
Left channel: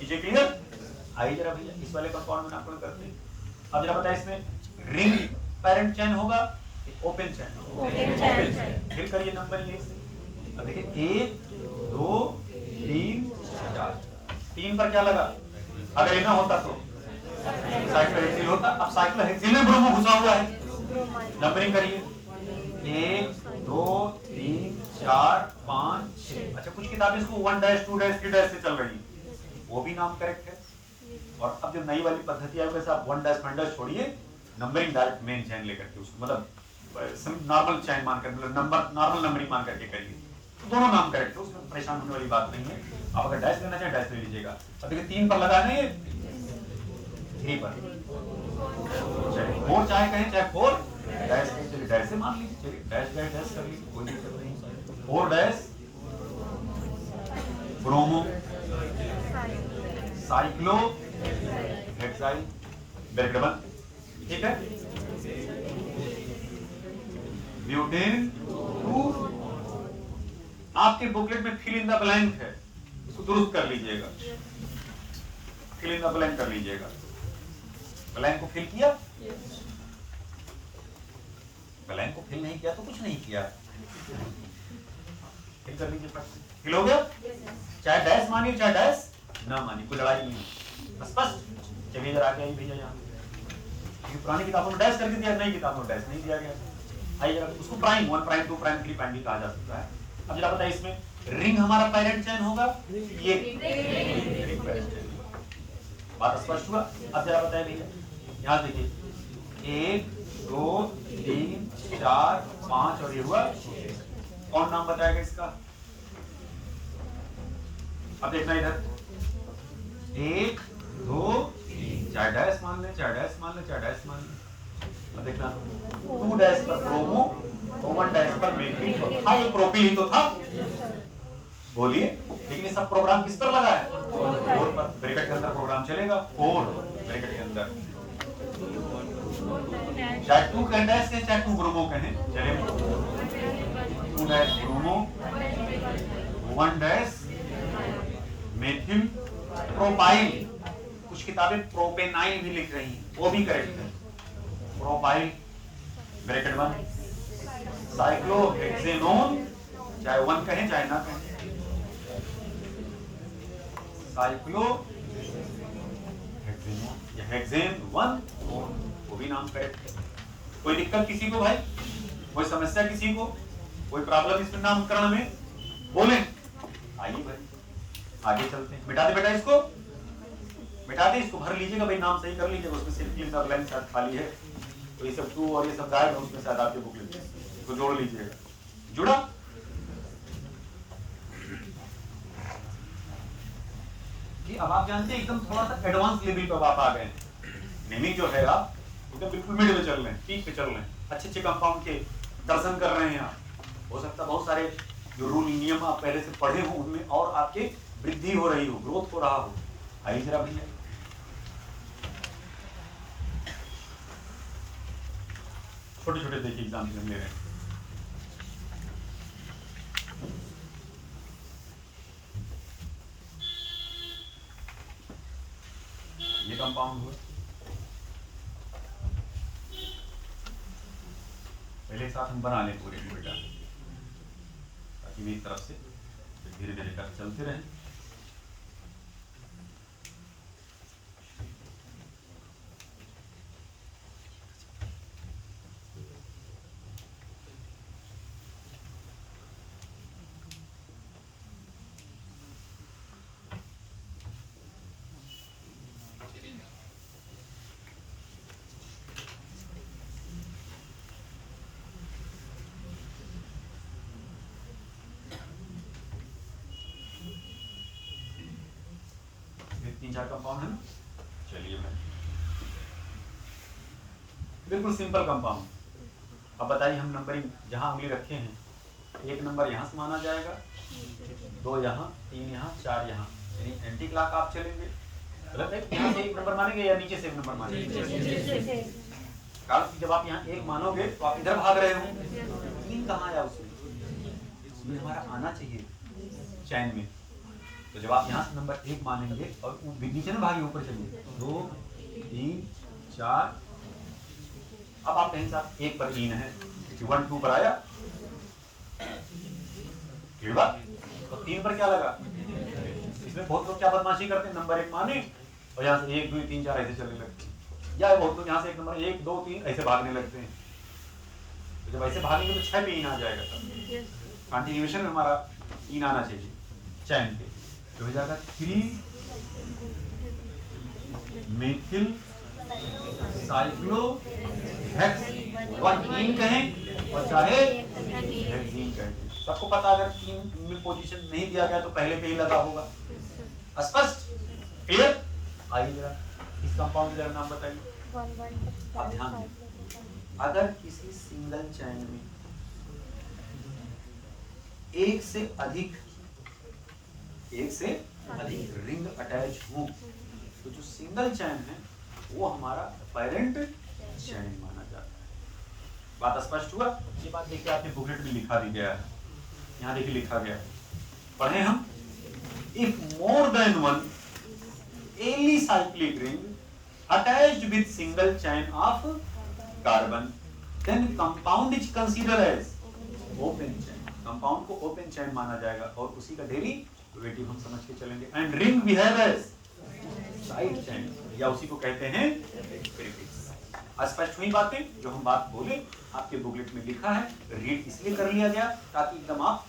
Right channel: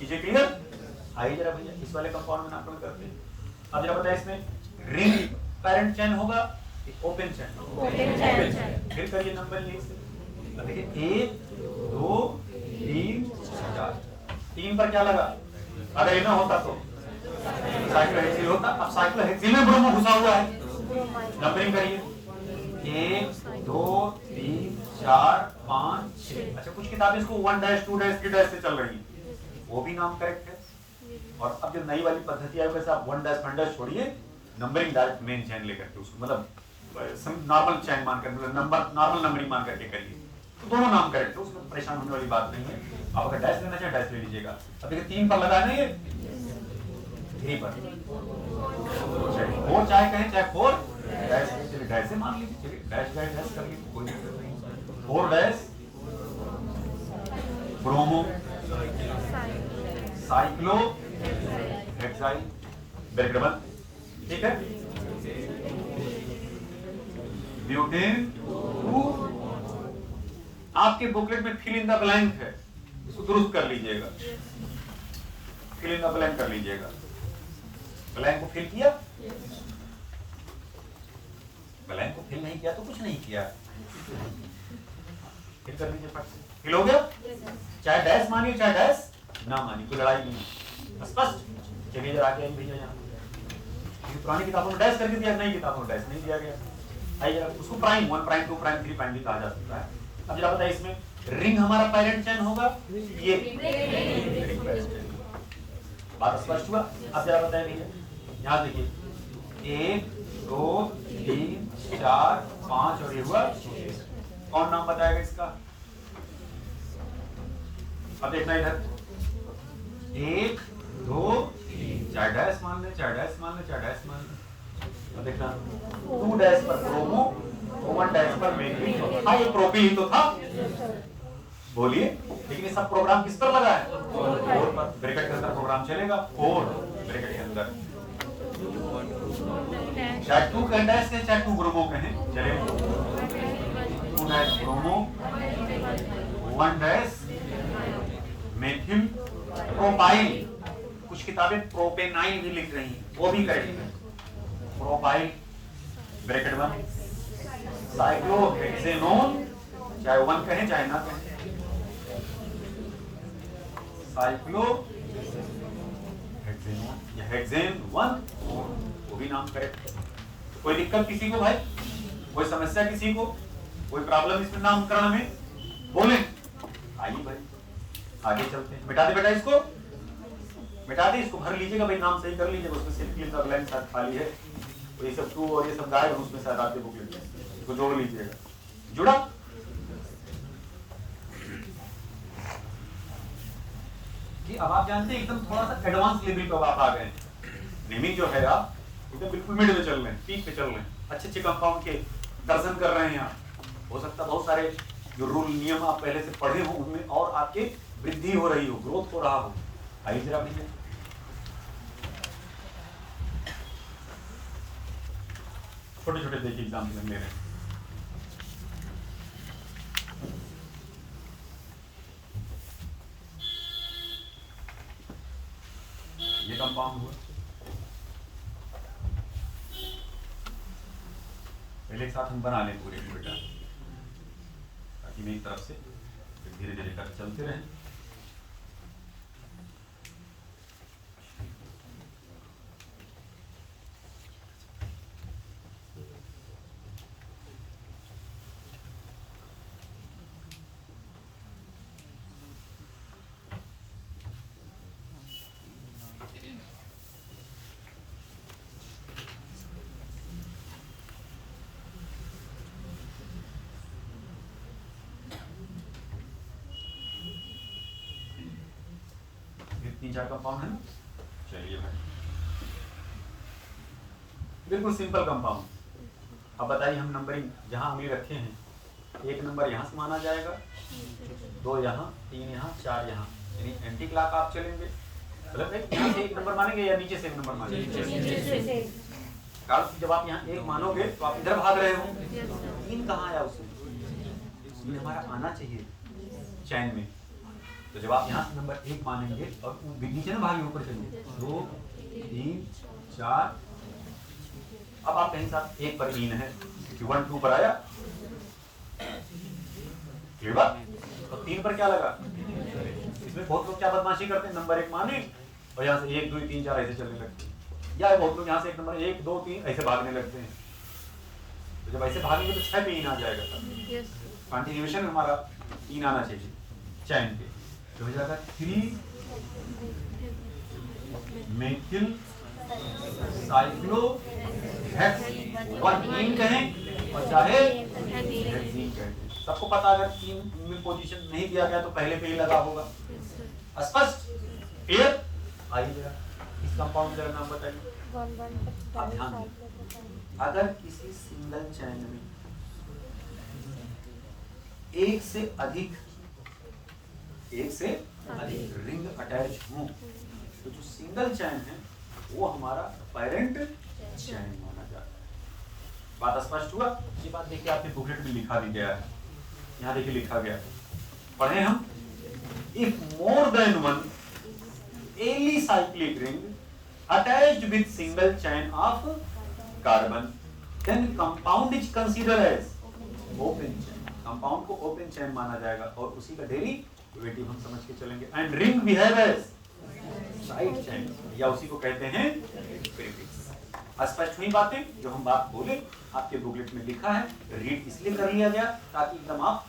चीजें क्लियर? आइए जरा भैया इस वाले कंपाउंड में नामकरण करते हैं। अब जरा बताइए इसमें रिंग पैरेंट चेन होगा, ओपन चेन? Open chain. फिर करिए नंबर ये, अब देखिए 1 2 3 4, 3 पर क्या लगा? अगर ये ना होता तो साइक्लोहेक्सिल होता। अब साइक्लोहेक्सिल में ब्रोमो घुसा हुआ है, नंबरिंग करिए 1 2 3 4 5 6। अच्छा कुछ किताबें इसको 1 डैश 2 डैश 3 डैश से चल रही है, वो भी नाम करेक्ट है। और अब जो नई वाली पद्धति आई वैसे आप 1 डैश 1 डैश छोड़िए, नंबरिंग डायरेक्ट मेन चैन लेकर के उसको मतलब नॉर्मल चैन मान कर मतलब नॉर्मल नंबरिंग मान करके करिए तो दोनों नाम करेक्ट है, उसमें परेशान होने वाली बात नहीं है। आप अगर डैश लेना चाहे डैश ले लीजिएगा। अब देखिए 3 पर लगा देंगे 3 पर 4 चाहे कहें चाहे 4 डैश चलिए डैश से मान लीजिए, चलिए डैश डैश डैश कर लीजिए, कोई दिक्कत नहीं। 4 dash bromo cyclo hexyl bracket, ठीक है। ब्यूटेन 2 आपके बुकलेट में फिल इन द ब्लैंक है, इसको दुरुस्त कर लीजिएगा, फिल इन द ब्लैंक कर लीजिएगा। ब्लैंक को फिल किया, ब्लैंक को फिल नहीं किया तो कुछ नहीं किया, फिल कर लीजिए। फिल हो गया, चाहे डैश मानिए चाहे डैश ना मानिए, कोई लड़ाई नहीं, स्पष्ट। चलिए जरा आगे भैया यहाँ पुरानी किताबों में डैश करके दिया, नई किताबों में डैश नहीं दिया गया है, उसको प्राइम 1 प्राइम 2 प्राइम 3 प्राइम भी कहा जा सकता है। अब जरा बताइए इसमें रिंग हमारा पेरेंट चैन होगा, ये बात स्पष्ट हुआ। अब जरा बताइए भैया यहाँ देखिए 1 2 3 4 5 और ये हुआ, कौन नाम बताएगा इसका? अब देखना इधर 1 2 3 चार डैश मान ले, चार डैश मान ले, चार डैश मान ले। अब देखना 2 डैश पर प्रोमो, 1 डैश पर मेथिल, हाँ ये प्रोपिल ही तो था, बोलिए। लेकिन ये सब प्रोग्राम किस पर लगा है? 4 पर। ब्रैकेट के अंदर प्रोग्राम चलेगा 4 ब्रैकेट के अंदर, चाहे 2 डैश कहें चाहे 2 ब्रोमो कहें चलेगा। 2 dash bromo 1 dash methyl propyl, कुछ किताबें प्रोपेनाइल भी लिख रही हैं, वो भी करेक्ट है। प्रोपाइल ब्रैकेट 1 साइक्लोहेक्सेनोन, चाहे 1 कहें चाहे ना कहें, साइक्लोहेक्सेनोन या हेक्सेन 1 वो भी नाम करेक्ट है। कोई दिक्कत किसी को भाई, कोई समस्या किसी को, कोई प्रॉब्लम इसमें नामकरण में बोले? आइए भाई आगे चलते हैं। मिटा दे बेटा इसको, मिटा दे इसको, भर लीजिएगा भाई, नाम सही कर लीजिएगा, उसमें सिर्फ ये सब लाइन शायद खाली है, तो ये सब 2 और ये सब गायब, उसमें शायद आपके बुक लेते हैं, इसको जोड़ लीजिएगा। जुड़ा? कि अब आप जानते हैं एकदम थोड़ा सा एडवांस लेवल पे आप आ गए। नेमिंग जो है आप एकदम बिल्कुल मिड में चल रहे हैं, पीक पे चल रहे हैं, अच्छे कंपाउंड के दर्शन कर रहे हैं आप। हो सकता है बहुत सारे जो रूल नियम आप पहले से पढ़े हो उनमें और आपके वृद्धि हो रही हो, ग्रोथ हो रहा हो। आइए जरा भैया छोटे छोटे देखिए एग्जाम्पल हम ले रहे हैं। ये कंपाउंड हुआ, पहले साथ हम बना लें पूरे बेटा, ताकि मेरी तरफ से धीरे धीरे कर चलते रहें। चार कंपाउंड है ना, चलिए भाई बिल्कुल सिंपल कंपाउंड। अब बताइए हम नंबरिंग जहां उंगली रखे हैं, 1 नंबर यहां से माना जाएगा, 2 यहाँ, 3 यहाँ, 4 यहाँ, यानी एंटी क्लॉक आप चलेंगे। गलत है? यहाँ से 1 नंबर मानेंगे या नीचे से 1 नंबर मानेंगे? काल जब आप यहाँ 1 मानोगे तो आप इधर भाग रहे हो, 3 कहाँ आया उससे? ये हमारा आना चाहिए चैन में। तो जब आप यहाँ से नंबर 1 मानेंगे और नीचे में भागे ऊपर चलिए, 2 3 4, अब आप कहीं साथ 1 पर 3 है, 1 2 पर आया, ठीक है? तो 3 पर क्या लगा? इसमें बहुत लोग क्या बदमाशी करते हैं, नंबर 1 माने और यहाँ से 1 2 3 4 ऐसे चलने लगते हैं, या बहुत लोग यहाँ से 1 नंबर 1 2 3 ऐसे भागने लगते हैं। तो जब ऐसे भागेंगे तो 6 पे 3 आ जाएगा, कंटिन्यूएशन हमारा 3 आना चाहिए चैन के, तो हो जाएगा 3 मेथिल साइक्लो वन इन कहें और चाहे हेक्सीन कहें। सबको पता अगर 3 में पोजीशन नहीं दिया गया तो पहले पे ही लगा होगा। स्पष्ट? क्लियर? आइए जरा इस कंपाउंड का नाम बताइए। अब ध्यान दें, अगर किसी सिंगल चैन में एक से अधिक रिंग अटैच हो तो जो सिंगल चैन है वो हमारा पेरेंट चैन माना जाता है। बात स्पष्ट हुआ? ये बात देखिए आपके बुकलेट में लिखा भी गया है, यहाँ देखिए लिखा गया है, पढ़े हम। If more than one alicyclic ring attached with single chain of carbon then compound is consider as open chain. Compound को ओपन चैन माना जाएगा और उसी का डेरिवेटिव हम समझ के चलेंगे। And ring behave as side chain या उसी को कहते हैं प्रीफिक्स। स्पष्ट हुई बातें? जो हम बात बोले आपके बुकलेट में लिखा है, रीड इसलिए कर लिया गया ताकि एकदम आप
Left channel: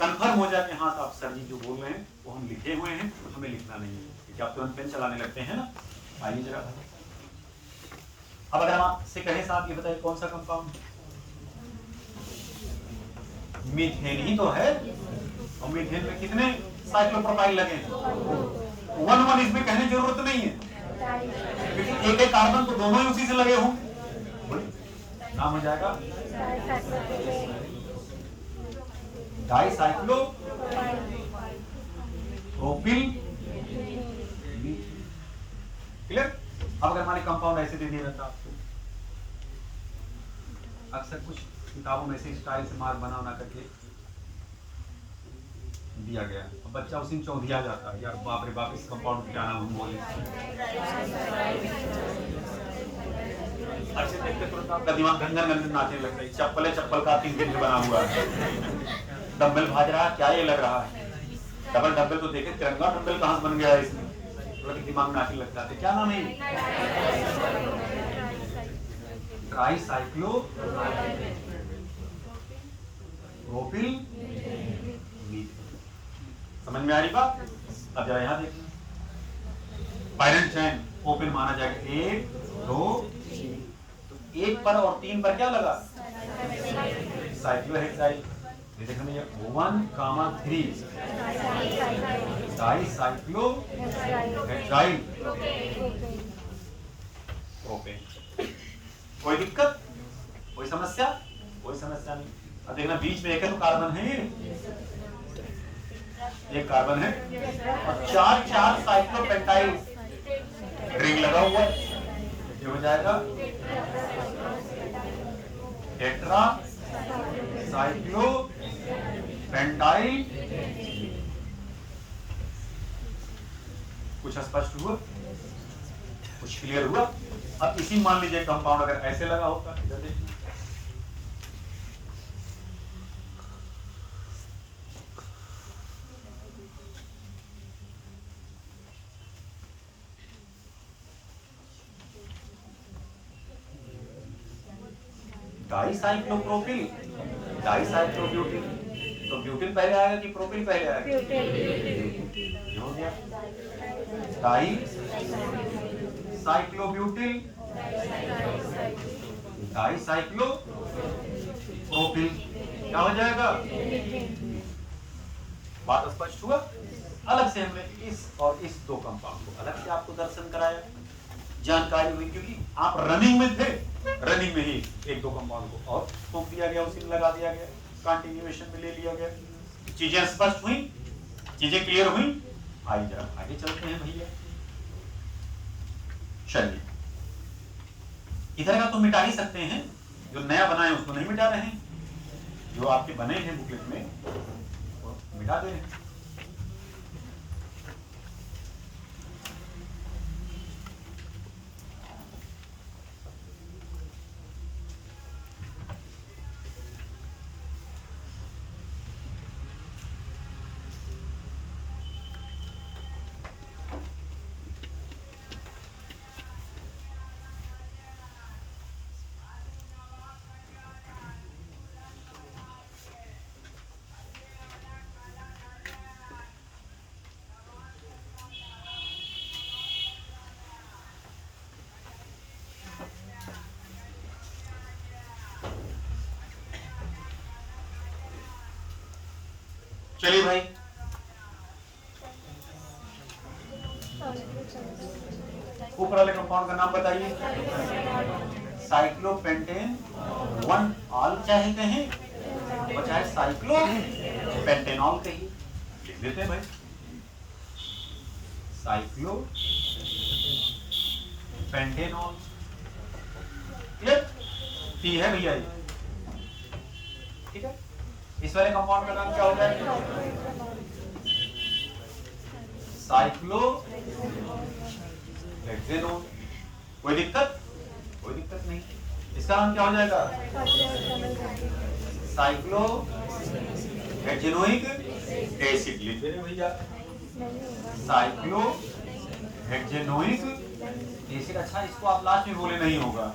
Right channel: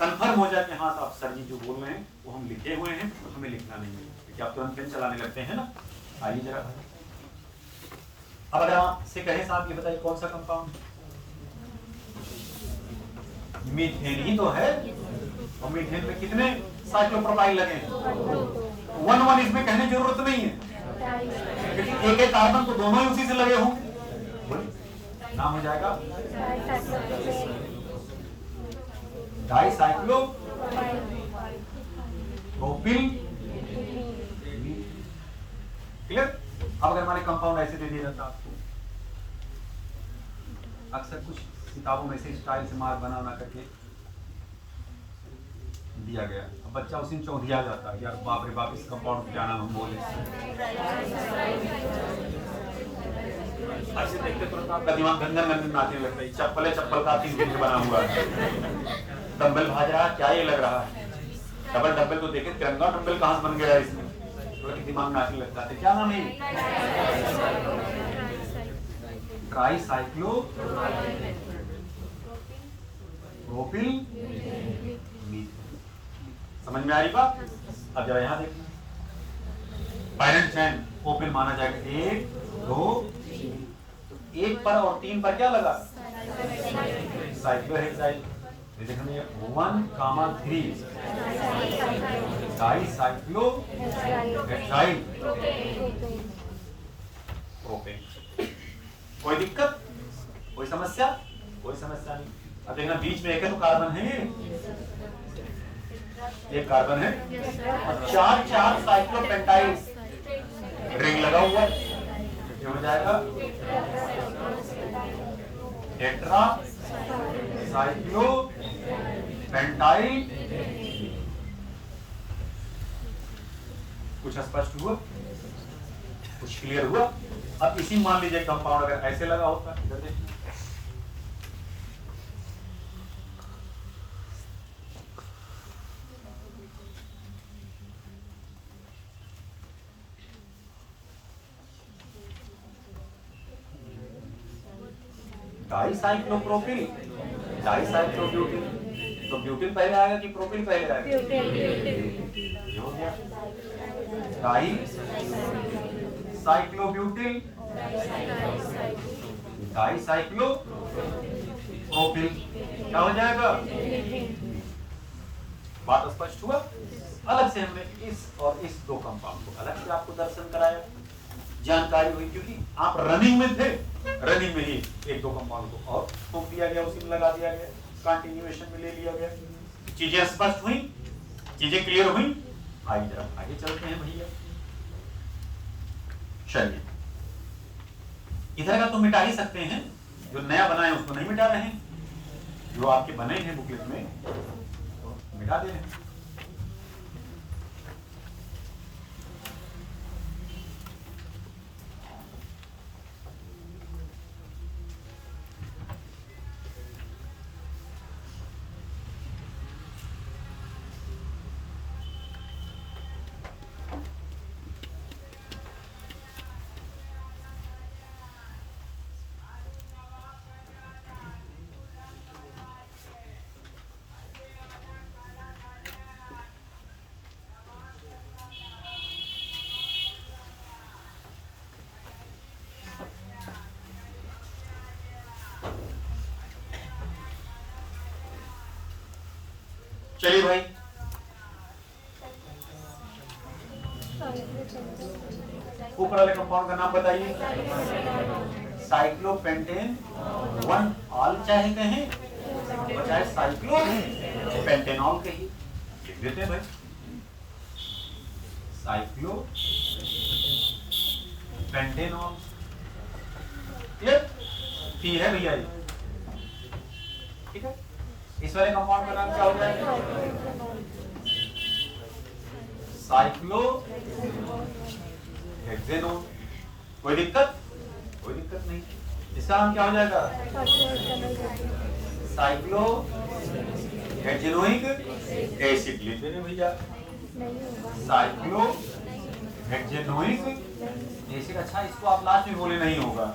कंफर्म हो जाए कि हाँ आप सर जी जो बोल रहे हैं वो हम लिखे हुए हैं, हमें लिखना नहीं है, क्योंकि आप तुरंत पेन चलाने लगते हैं ना। आइए जरा अब अगर आपसे कहें साहब ये बताइए कौन सा कंपाउंड? मीथेन ही तो है। और मीथेन में कितने साइक्लोप्रोपाइल लगे हैं? 1 इसमें कहने की जरूरत नहीं है, क्योंकि एक कार्बन तो दोनों ही उसी से लगे हों। नाम हो जाएगा डाइसाइक्लो प्रोपिल। क्लियर? अब अगर हमारे कंपाउंड ऐसे दे दिया जाता आपको, अक्सर कुछ किताबों में से स्टाइल से मार्क बना करके दिया गया, अब बच्चा उसी में चौंधिया जाता है, यार बाप रे बाप इस कंपाउंड क्या नाम हम बोले। ऐसे देखते तुरंत आपका दिमाग गंदन गंदन नाचने लगता है। चप्पल का 3 दिन से बना हुआ है, डंबल भाज रहा, क्या ये लग रहा है? डबल डंबल तो देखे, तिरंगा डंबल कहाँ से बन गया है इसमें? तुरंत दिमाग नाचने लगता है। क्या नाम है? ट्राइसाइक्लो प्रोपिल मीथेन। समझ में आ रही बात? अब जरा यहाँ देखना, पेरेंट चैन ओपन माना जाएगा 1 2 3, तो 1 पर और 3 पर क्या लगा? साइक्लोहेक्साइल। ये देखना 1, 3 डाइसाइक्लो हेक्साइल प्रोपेन। कोई दिक्कत? कोई समस्या? कोई समस्या नहीं। अब देखना बीच में एक तो कार्बन है, एक कार्बन है और 4 साइक्लोपेंटाइल रिंग लगा हुआ है। ये हो जाएगा टेट्रा साइक्लोपेंटाइल। कुछ स्पष्ट हुआ? कुछ क्लियर हुआ? अब इसी मान लीजिए कंपाउंड अगर ऐसे लगा होता है, डाइसाइक्लोप्रोपिल, डाइसाइक्लोब्यूटिल। तो ब्यूटिल पहले आएगा कि प्रोपिल पहले आएगा? ये हो गया डाइसाइक्लोब्यूटिल, डाइसाइक्लोप्रोपिल। क्या हो जाएगा? बात स्पष्ट हुआ? अलग से हमने इस और इस 2 कंपाउंड को अलग से आपको दर्शन कराया, जानकारी हुई, क्योंकि आप रनिंग में थे, रनिंग में ही 1-2 कंपाउंड को और ठोक दिया गया, उसी में लगा दिया गया, कंटिन्यूएशन में ले लिया गया। चीजें स्पष्ट हुई, चीजें क्लियर हुई। आइए जरा आगे चलते हैं भैया। चलिए इधर का तो मिटा ही सकते हैं, जो नया बना है उसको नहीं मिटा रहे हैं, जो आपके बने हैं बुकलेट में तो मिटा दे रहे हैं। चलिए भाई, ऊपर वाले कंपाउंड का नाम बताइए। साइक्लोपेंटेन 1 ऑल चाहते हैं और चाहे साइक्लोपेंटेनॉल कहिए, लिख देते हैं भाई। साइक्लोपेंटेनॉल क्लियर, पी है भैया ये, ठीक है। इस वाले कंपाउंड का नाम क्या हो जाएगा? साइक्लोहेक्सेनोन। कोई दिक्कत? कोई दिक्कत नहीं। इसका नाम क्या हो जाएगा? साइक्लोहेक्सेनोइक एसिड। लिख दे रहे भैया, साइक्लोहेक्सेनोइक एसिड। अच्छा, इसको आप लास्ट में बोले, नहीं होगा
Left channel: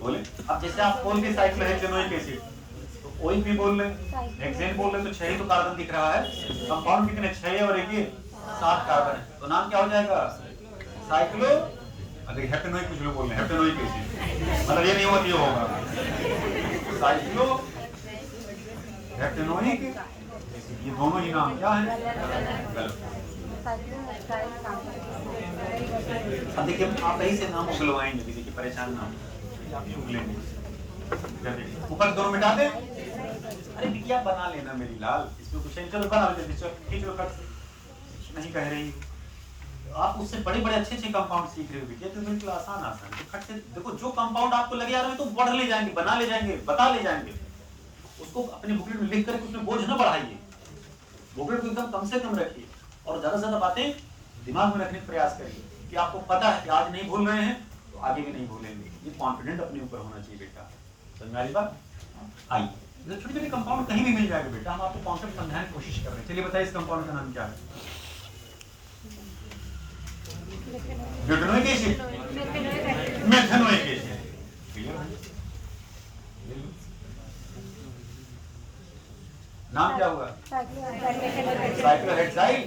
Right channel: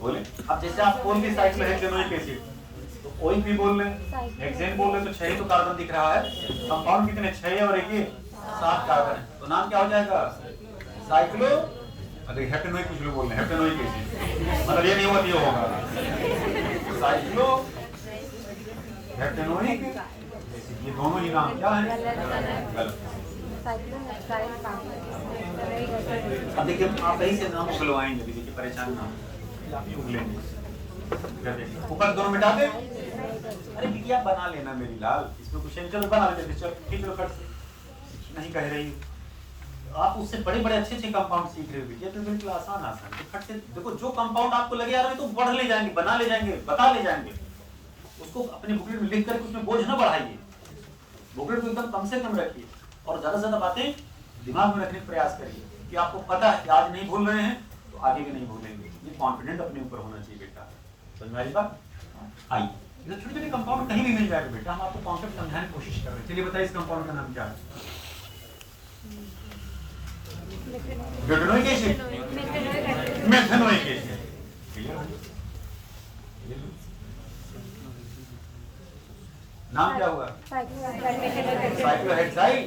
बोले। अब जैसे आप बोल के साइक्लोहेक्सेनोइक एसिड, तो ओइक भी बोल रहे हैं, हेक्सेन बोल रहे हैं, तो 6 तो कार्बन दिख रहा है। कंपाउंड कितने? 6 और 1 7 कार्बन। तो नाम क्या हो जाएगा? साइक्लो, अगर हेप्टेनोइक कुछ लोग बोल रहे हैं, हेप्टेनोइक एसिड, मतलब ये नहीं होगा, ये होगा साइक्लो हेप्टेनोइक। ये दोनों ही नाम क्या है? गलत। अब देखिए, आप यही से नाम उगलवाएंगे, देखिए परेशान ना आप ही उगलेंगे। ऊपर दोनों मिटा दे। अरे बिटिया बना लेना मेरी लाल, इसमें कुछ है, चलो बना लेते, चलो ठीक है, कट नहीं कह रही। आप उससे बड़े बड़े अच्छे अच्छे कंपाउंड सीख रहे हो बेटे, तो बिल्कुल आसान आसान तो खट से देखो, जो कंपाउंड आपको लगे आ रहे हैं तो बढ़ ले जाएंगे, बना ले जाएंगे, बता ले जाएंगे। उसको अपनी बुकलेट में लिख करके उसमें बोझ न बढ़ाइए, बुकलेट को एकदम कम से कम रखिए और ज्यादा से ज्यादा बातें दिमाग में रखने का प्रयास करिए कि आपको पता है कि आज नहीं भूल रहे हैं तो आगे भी नहीं भूलेंगे। ये कॉन्फिडेंट अपने ऊपर होना चाहिए बेटा। समझ में आ रही बात? आइए, छोटे छोटे कंपाउंड कहीं भी मिल जाएगा बेटा, हम आपको कॉन्सेप्ट समझाने की कोशिश कर रहे हैं। चलिए बताइए, इस कंपाउंड का नाम क्या है? Butanoic acid, methanoic acid. नाम क्या हुआ? साइक्लोहेक्साइल।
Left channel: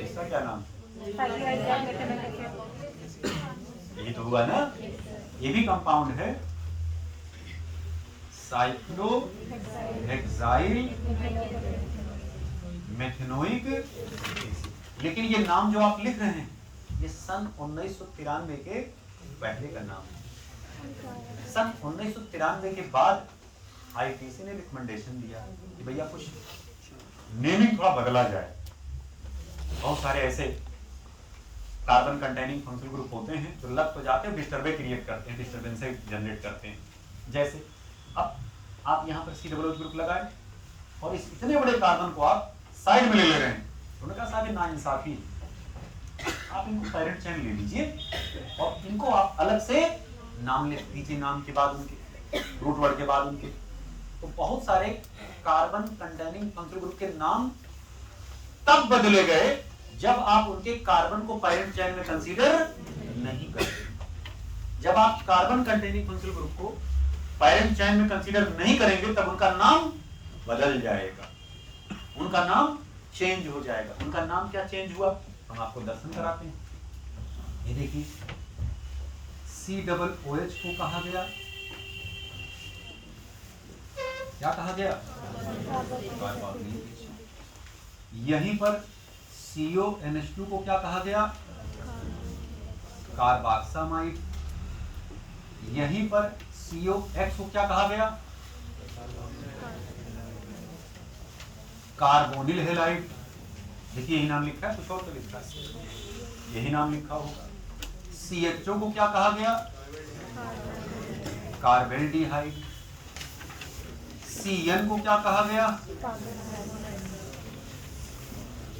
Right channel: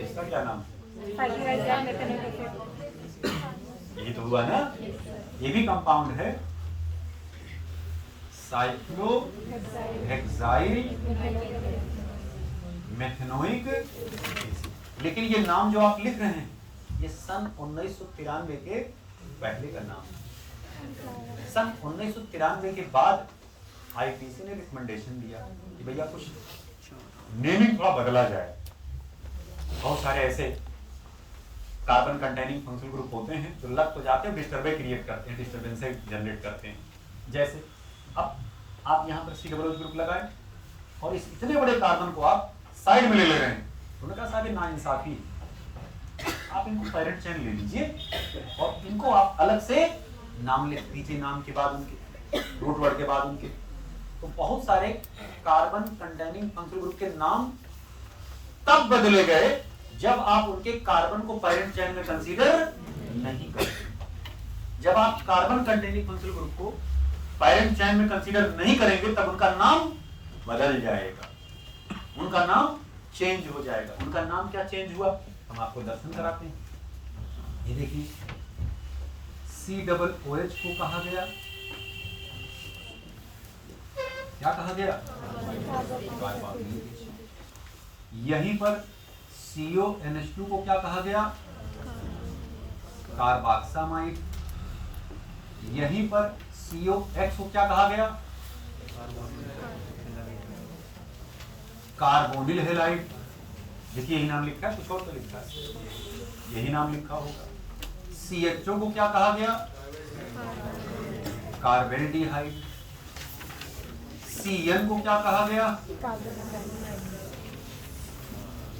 इसका क्या नाम? ये तो हुआ ना, ये भी कंपाउंड है, साइक्लोहेक्साइल मेथेनोइक एसिड। लेकिन ये नाम जो आप लिख रहे हैं, ये सन 1993 के पहले का नाम है। सन 1993 के बाद आईपीसी ने रिकमेंडेशन दिया कि भैया कुछ नेमिंग थोड़ा बदला जाए। बहुत सारे ऐसे कार्बन कंटेनिंग फंक्शनल ग्रुप होते हैं जो लग तो जाते हैं, डिस्टर्बेंस क्रिएट करते हैं, डिस्टर्बेंस जनरेट करते हैं। जैसे अब आप यहाँ पर COO ग्रुप लगाए और इस इतने बड़े कार्बन को आप साइड में ले रहे हैं, तो उन्होंने कहा कि नाइंसाफी, आप इनको पैरेंट चेन ले लीजिए और इनको आप अलग से नाम लिख दीजिए, नाम के बाद उनके रूट वर्ड के बाद उनके। तो बहुत सारे कार्बन कंटेनिंग फंक्शनल ग्रुप के नाम तब बदले गए जब आप उनके कार्बन को पैरेंट चेन में कंसीडर नहीं करते। जब आप कार्बन कंटेनिंग फंक्शनल ग्रुप को पैरेंट चेन में कंसीडर नहीं करेंगे तब उनका नाम बदल जाएगा, उनका नाम चेंज हो जाएगा। उनका नाम क्या चेंज हुआ, हम आपको दर्शन कराते हैं। ये देखिए, COOH को कहा गया, क्या कहा गया? यहीं पर CONH2 को क्या कहा गया? कार्बोक्सामाइड। यहीं पर COX को क्या कहा गया? Carbonyl halide. देखिए यही नाम लिखा है, कुछ और तो लिखा है, यही नाम लिखा होगा। CHO को क्या कहा गया? कार्बेल्डिहाइड। CN को क्या कहा गया?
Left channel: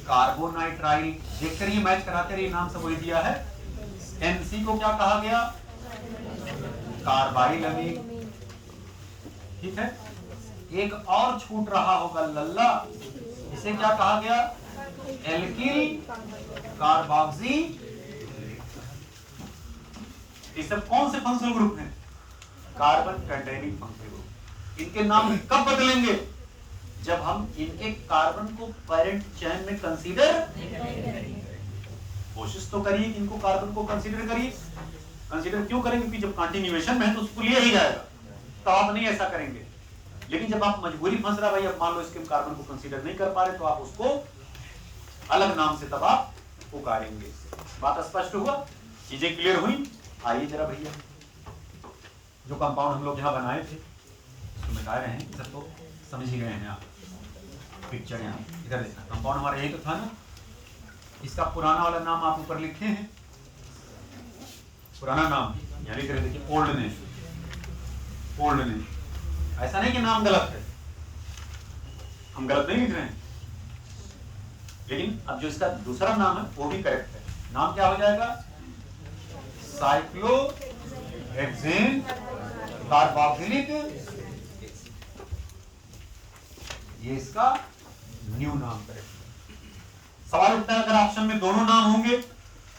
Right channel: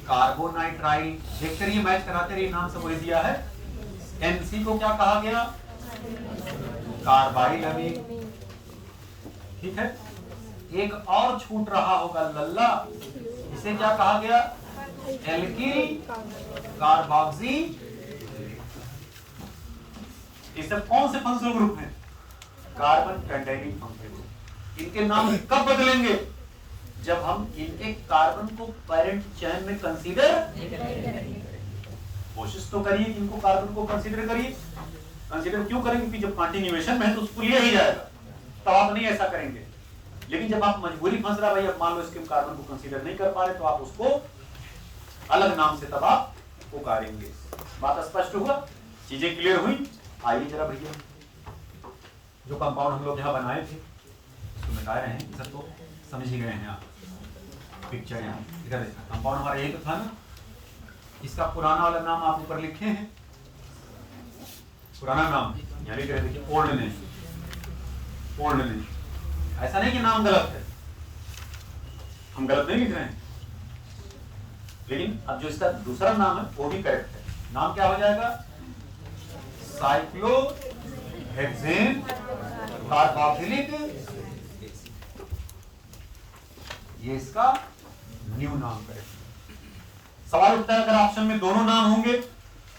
कार्बोनाइट्राइल। देखते रहिए, मैच कराते रहिए, नाम से वही दिया है। MC को क्या कहा गया? कार्बाइल अमीन। ठीक है, एक और छूट रहा होगा लल्ला, इसे क्या कहा गया? Alkyl carboxy. ये सब कौन से फंक्शनल ग्रुप हैं? Carbon containing functional group. इनके नाम कब बदलेंगे? जब हम इनके कार्बन को पैरेंट चेन में कंसीडर, कोशिश तो करिए कि इनको कार्बन को कंसीडर करिए। कंसीडर क्यों करेंगे? क्योंकि जब कंटिन्यूएशन में है तो उसको लिया ही जाएगा, तो आप नहीं ऐसा करेंगे। लेकिन जब आप मजबूरी फंस रहा भाई, अब मान लो इसके कार्बन को कंसीडर नहीं कर पा रहे, तो आप उसको अलग नाम से तब आप पुकारेंगे। बात स्पष्ट हुआ, चीजें क्लियर हुई? आइए जरा भैया, जो कंपाउंड हम लोग यहाँ बनाए थे उसको मिटा रहे हैं, इधर तो समझ ही गए हैं आप। पिक्चर यहाँ इधर कंपाउंड हमारा यही तो था ना, इसका पुराना वाला नाम आप ऊपर लिखे हैं, पुराना नाम यहाँ लिख रहे, देखिए ओल्डनेस। ओल्डनेस, ऐसा नहीं कि नाम गलत है, हम गलत नहीं लिख रहे हैं, लेकिन अब जो इसका दूसरा नाम है वो भी करेक्ट है। नाम क्या हो जाएगा? साइक्लोहेक्सेन कार्बोक्सिलिक एसिड, ये इसका न्यू नाम करेक्ट। सवाल उठता है अगर ऑप्शन में दोनों नाम होंगे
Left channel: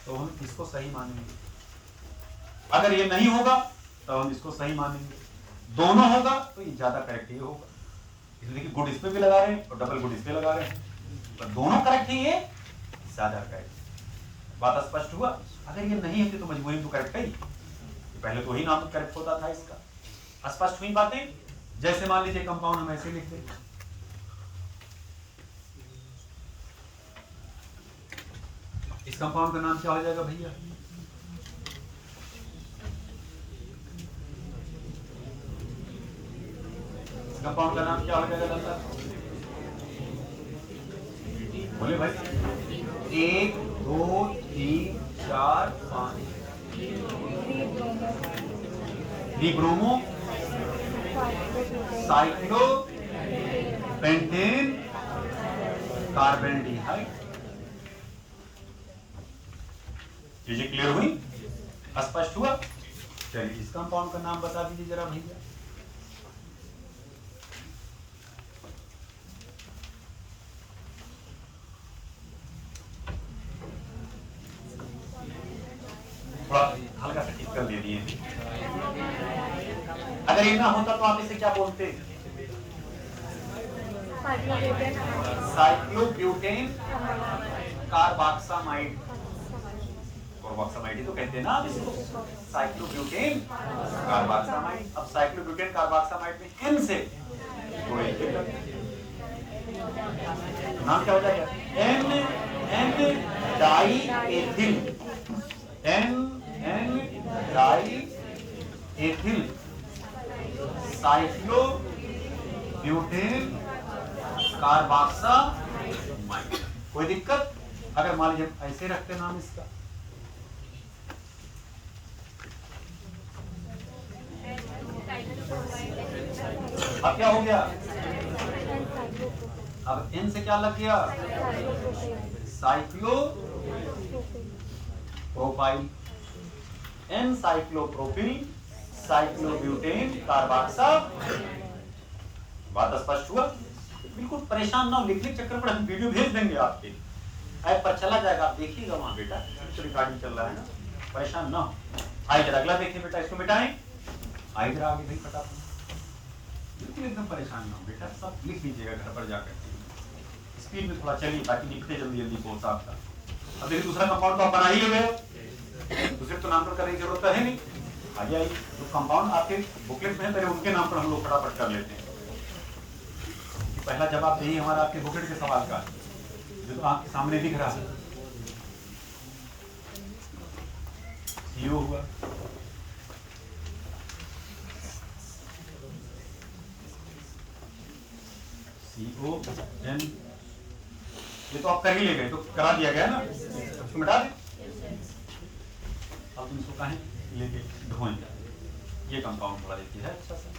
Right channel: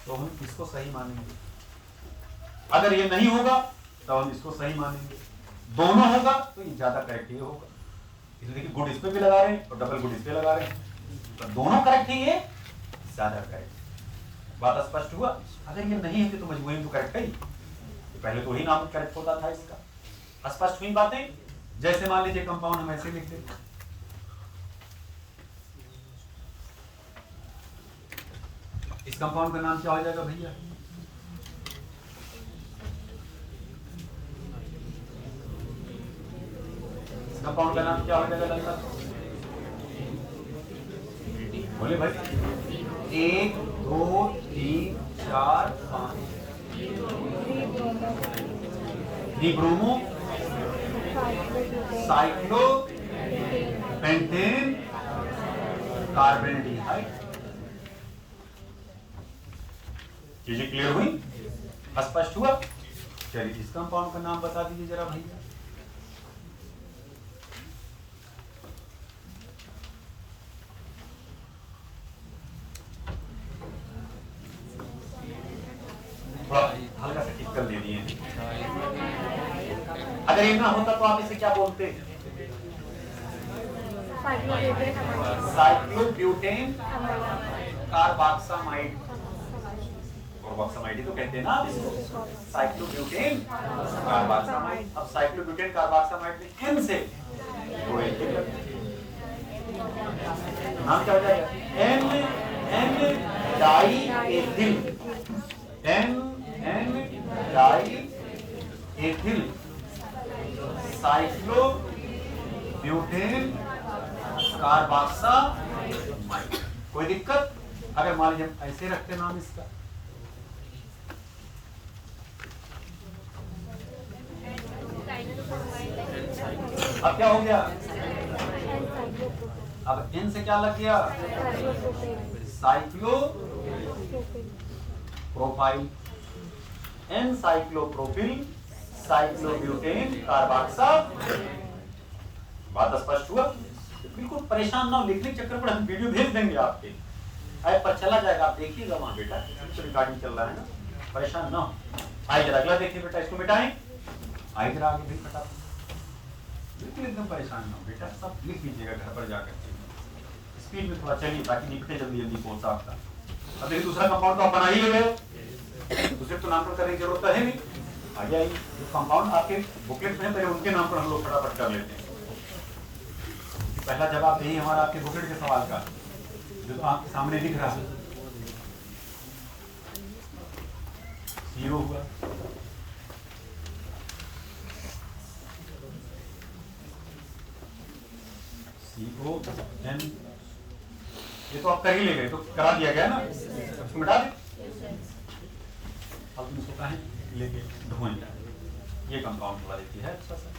तो हम इसको सही मानेंगे, अगर ये नहीं होगा तो हम इसको सही मानेंगे, दोनों होगा तो ये ज्यादा करेक्ट ये होगा, इसलिए कि गुड इस पे भी लगा रहे हैं और डबल गुड इस पे लगा रहे हैं, तो दोनों करेक्ट है, ये ज्यादा करेक्ट। बात स्पष्ट हुआ? अगर ये नहीं होती तो मजबूरी तो करेक्ट है, पहले तो ही नाम करेक्ट होता था इसका। स्पष्ट हुई बातें? जैसे मान लीजिए कंपाउंड हम ऐसे लिख दें, इस कंपाउंड का नाम क्या हो जाएगा भैया? कंपाउंड का नाम क्या हो जाएगा लंका? बोलिए भाई। 1 2 3 4 5 डिब्रोमो साइक्लो पेंटेन कार्बोनडाइऑक्साइड। चीजें क्लियर हुई? स्पष्ट हुआ? चलिए इस कंपाउंड का नाम बता दीजिए जरा भैया। हल्का सा टिक कर ले दिए। अगर ये ना होता तो आप इसे क्या बोलते? Cyclobutane carboxamide. कार्बोक्सामाइड ही तो कहते हैं ना आप इसको, साइक्लोब्यूटेन कार्बोक्सामाइड। अब साइक्लोब्यूटेन कार्बोक्सामाइड में एन से नाम क्या हो जाएगा? N di ethyl, N di ethyl cyclobutane carboxamide. कोई दिक्कत? अगर मान लीजिए ऐसे रखते नाम इसका, अब क्या हो गया? अब इन से क्या लग गया? Cyclopropyl, N cyclopropyl cyclobutane carboxamide. बात स्पष्ट हुआ? बिल्कुल परेशान ना हो, लिखने के चक्कर पर हम वीडियो भेज देंगे आपके ऐप पर, चला जाएगा, आप देखिएगा वहां बेटा, तो रिकॉर्डिंग चल रहा है ना, परेशान ना हो। आइए अगला देखिए बेटा, इसको मिटाएं। आइए जरा आगे भी फटाफट, बिल्कुल एकदम परेशान ना हो बेटा, सब लिख लीजिएगा घर पर जाकर, स्पीड में थोड़ा चलिए ताकि लिखते जल्दी जल्दी पहुंच आपका। अब ये दूसरा कंपाउंड तो आप बना ही गए, दूसरे तो नाम पर करने की जरूरत है नहीं। आ जाइए, कंपाउंड आपके बुकलेट में है, पहले उनके नाम पर हम लोग फटाफट कर लेते हैं। पहला जवाब यही हमारा आपके बुकलेट के सवाल का जो तो आपके सामने दिख रहा है, CO हुआ। CON, ये तो आप कर ही ले गए, तो करा दिया गया ना, इसको मिटा दे। अब तुम इसको कहें ये धोएं, ये कंपाउंड थोड़ा देती है अच्छा सा।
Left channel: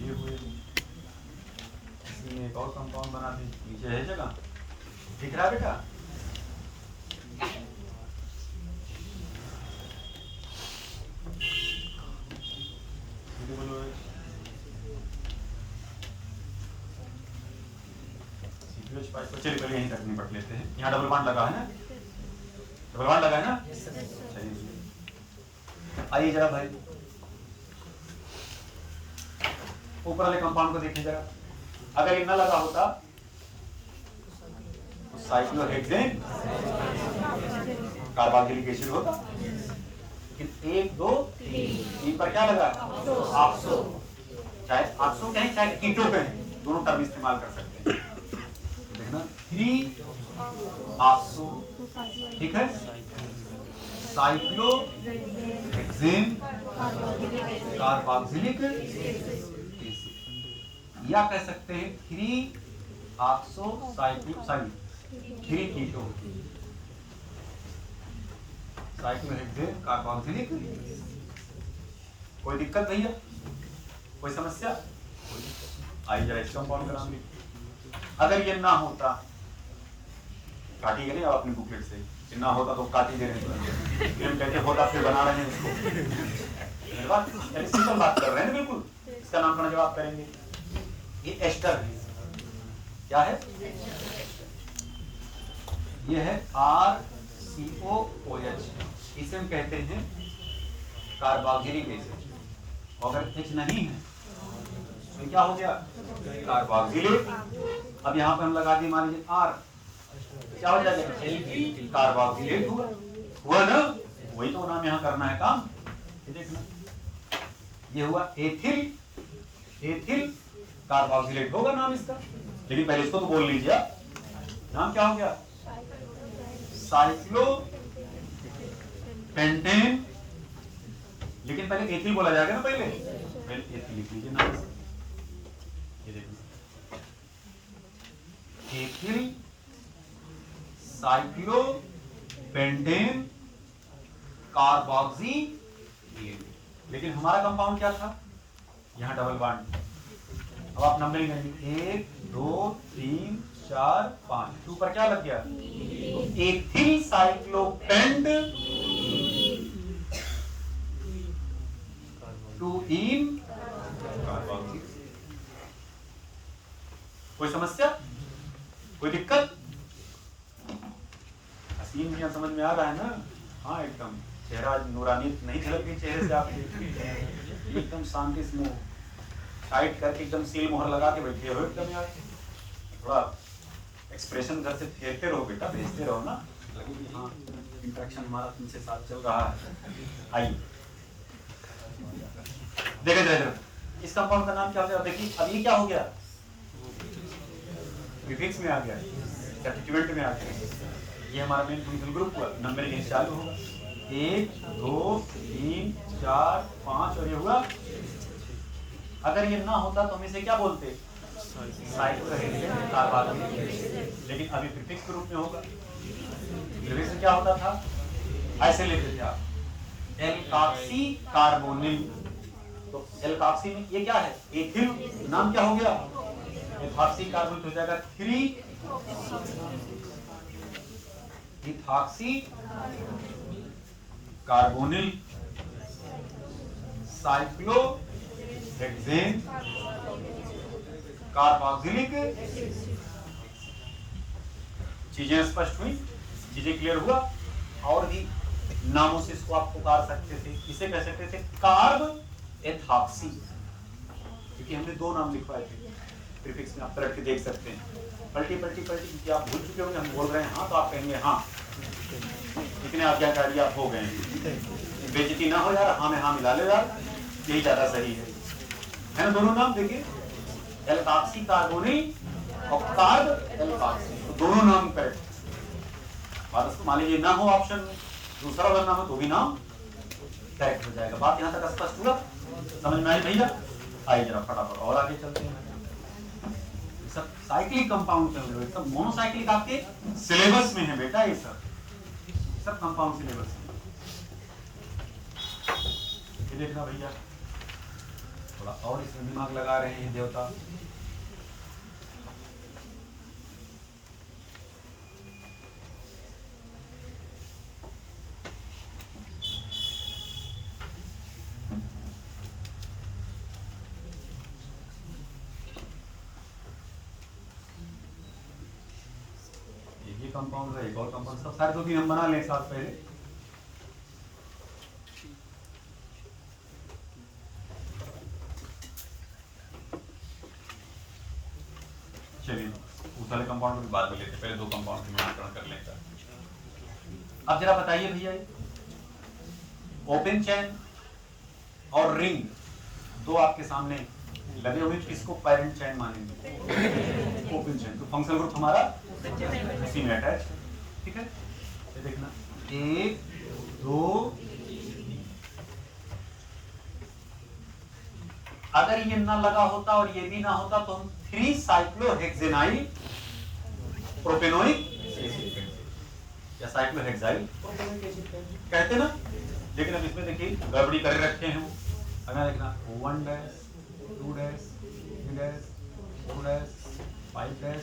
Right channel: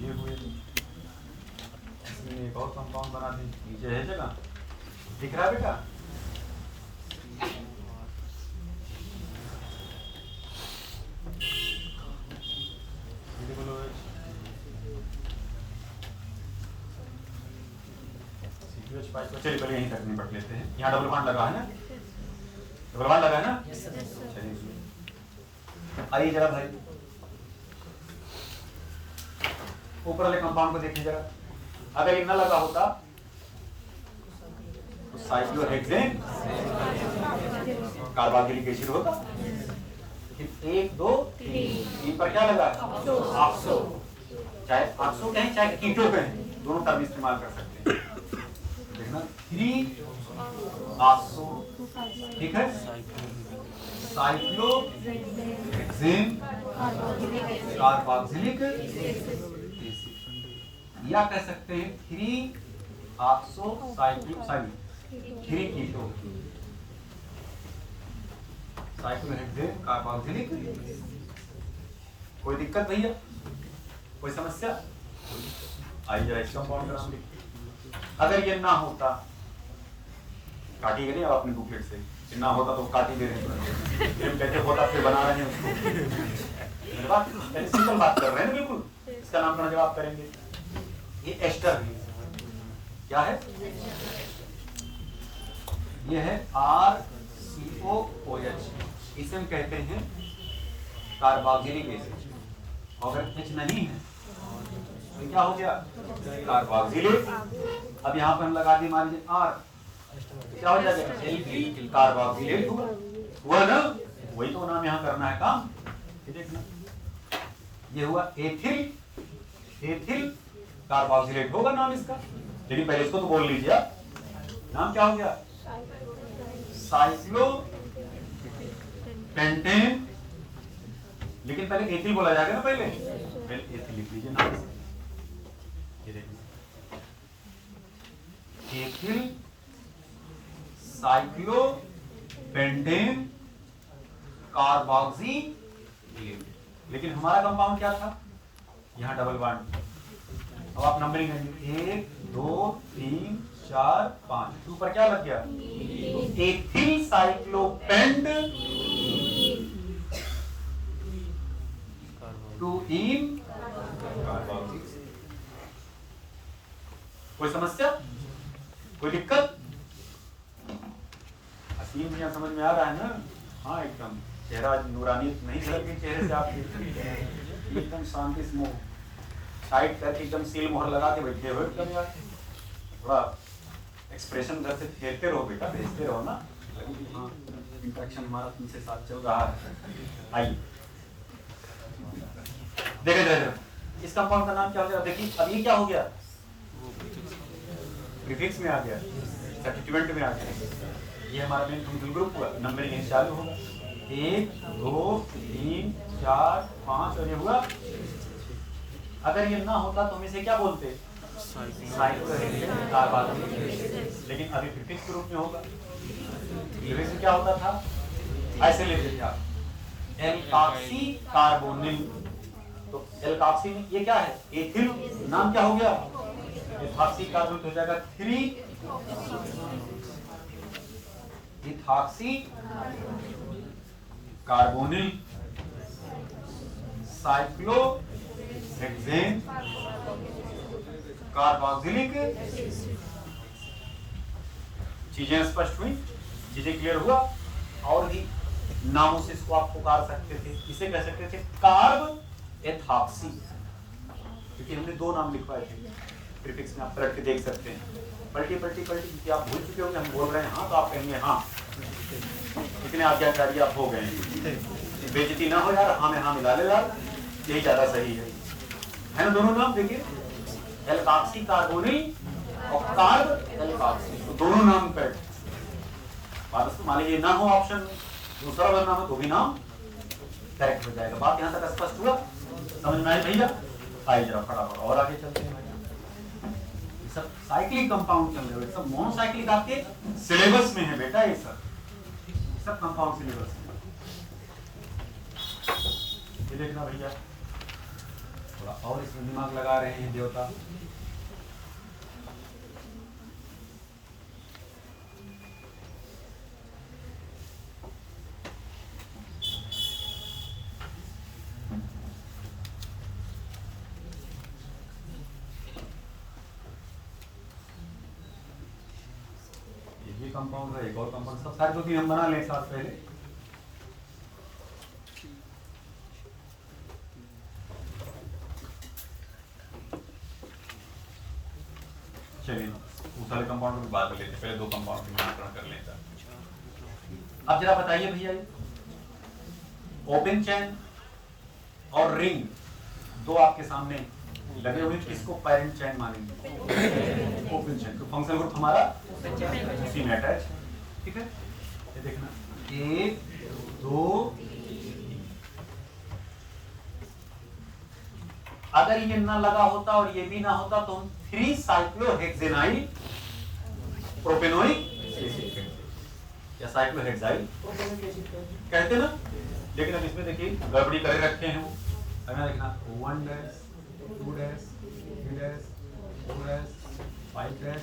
ये हुए, इसी में एक और कंपाउंड बना दें, नीचे है जगह, दिख रहा है बेटा? चलिए पहले यहीं तक निपट लेते हैं। यहाँ डबल बॉन्ड लगा है ना, डबल बॉन्ड लगा है ना, चलिए आइए जरा भाई ऊपर वाले कंपाउंड को देखिए जरा। अगर ये न लगा होता तो साइक्लोहेक्सेन कार्बोक्सिलिक एसिड होगा। एक दो तीन पर क्या लगा? ऑक्सो, चाहे ऑक्सो कहें चाहे कीटो कहें, दोनों टर्म इस्तेमाल कर सकते हैं। देखना 3 ऑक्सो, ठीक है। साइक्लोहेक्सेन कार्बोक्सिलिक एसिड, या कह सकते हैं 3 ऑक्सो साइक्लो 3 कीटो साइक्लोहेक्सेन कार्बोक्सिलिक। कोई दिक्कत नहीं है, कोई समस्या? आइए जरा इसका फॉर्मूला। अगर ये ना होता, काटिए नहीं आप अपनी बुकलेट से, ये ना होता तो काट ही दे रहे हैं, फिर कैसे होता फिर बना रहे हैं उसको। सिंपल बात कर रहे हैं बिल्कुल। इसका नाम का जवाब करेंगे। ये एस्टर है, क्या है? ये है RCOOH, इसे हम कहते हैं कार्बोक्सिलिक एसिड। और अगर H नहीं है तो क्या हो गया? कार्बोक्सिलिक। अब यहाँ पर हम लगा दिए मान लीजिए R, क्या हो जाएगा? एल्किल कार्बोक्सिलेट हुआ ना? वही तो नाम यहाँ करना है काम। देखना ये हुआ एथिल, एथिल कार्बोक्सिलेट होगा नाम इसका। लेकिन पहले इसको तो बोल लीजिए, नाम क्या हो गया? Cyclo pentane. लेकिन पहले एथिल बोला जाएगा ना, पहले एथिल लिख लीजिए नाम। ये देखना एथिल साइक्लो पेंटेन कार्बोक्सिलेट। लेकिन हमारा कंपाउंड क्या था? यहाँ डबल बॉन्ड। अब आप नंबरिंग करेंगे 1 2 3 4 5, 2 पर क्या लग गया? एथिल साइक्लोपेंट 2 इन कार्बोक्सिलिक। कोई समस्या, कोई दिक्कत? हसीन यहाँ समझ में आ रहा है ना? हाँ एकदम चेहरा नूरानी नहीं झलक गई चेहरे से आपके, एकदम शांति से मुंह टाइट करके एकदम सील मोहर लगा के बैठे हो। थोड़ा एक्सप्रेशन घर से फेरते रहो बेटा, भेजते रहो ना, लगे कि हाँ इंटरेक्शन हमारा तुमसे साथ चल रहा है। आइए देखे जरा इस कंपाउंड का नाम क्या हो गया? देखिए अब ये क्या हो गया? प्रीफिक्स में आ गया, सब्स्टिट्यूएंट में आ गया। ये हमारा मेन फंक्शनल ग्रुप हुआ। नंबरिंग यहीं चालू होगा 1 2 3 4 5 और ये हुआ। अगर ये ना होता तो हम इसे क्या बोलते? लेकिन अभी प्रीफिक्स के रूप में होगा। प्रीफिक्स में क्या होता था? ऐसे लेते थे आप एल्काक्सी कार्बोनिल। तो एल्काक्सी में ये क्या है? एथिल, नाम क्या हो गया? एथॉक्सी कार्बोनिल हो जाएगा 3 इथॉक्सी कार्बोनिल साइक्लोहेक्सेन कार्बोक्सिलिक। चीजें स्पष्ट हुई, चीजें क्लियर हुआ। और भी नामों से इसको आप पुकार सकते थे। इसे कह सकते थे कार्ब एथॉक्सी, क्योंकि हमने 2 नाम लिखवाए थे। प्रीफिक्स में आप पलट के देख सकते हैं। पलटी पलटी पलटी, क्योंकि आप भूल चुके होंगे हम बोल रहे हैं हाँ, तो आप कहेंगे हाँ। इतने आज्ञाकारी आप हो गए, बेइज्जती ना हो यार, हाँ में हाँ मिला ले यार, यही ज्यादा सही है ना? दोनों नाम देखिए, एल्काक्सी कार्बोनिल और कार्ब एल्काक्सी, तो दोनों नाम करेक्ट। बात मान लीजिए ना हो ऑप्शन में, दूसरा अगर ना हो तो भी नाम करेक्ट हो जाएगा। बात यहाँ तक स्पष्ट हुआ, समझ में आई भैया? आइए जरा फटाफट और आगे चलते हैं। सब साइक्लिक कंपाउंड चल रहे हैं, सब मोनोसाइक्लिक आपके सिलेबस में है बेटा। ये सब कंपाउंड सिलेबस में। ये देखना भैया, थोड़ा और इसमें दिमाग लगा रहे हैं देवता। कंपाउंड है, एक और कंपाउंड, सब सारे 2-3 हम बना लें साथ पहले। चलिए उस वाले कंपाउंड को भी बाद में लेते, पहले दो कंपाउंड का नामकरण कर लेता। अब जरा बताइए भैया, ओपन चैन और रिंग दो आपके सामने लगे हुए, किसको पैरेंट चैन मानेंगे? ओपन चैन। तो फंक्शनल ग्रुप हमारा उसी में अटैच, ठीक है। ये देखना 1 2 3। अगर ये ना लगा होता और ये भी ना होता तो हम 3 साइक्लोहेक्सेनाइल प्रोपेनोइक या साइक्लोहेक्साइल कहते ना। लेकिन अब इसमें देखिए गड़बड़ी कर रखे हैं, हमें लिखना 1 dash 2 dash 3 dash 4 dash 5 dash,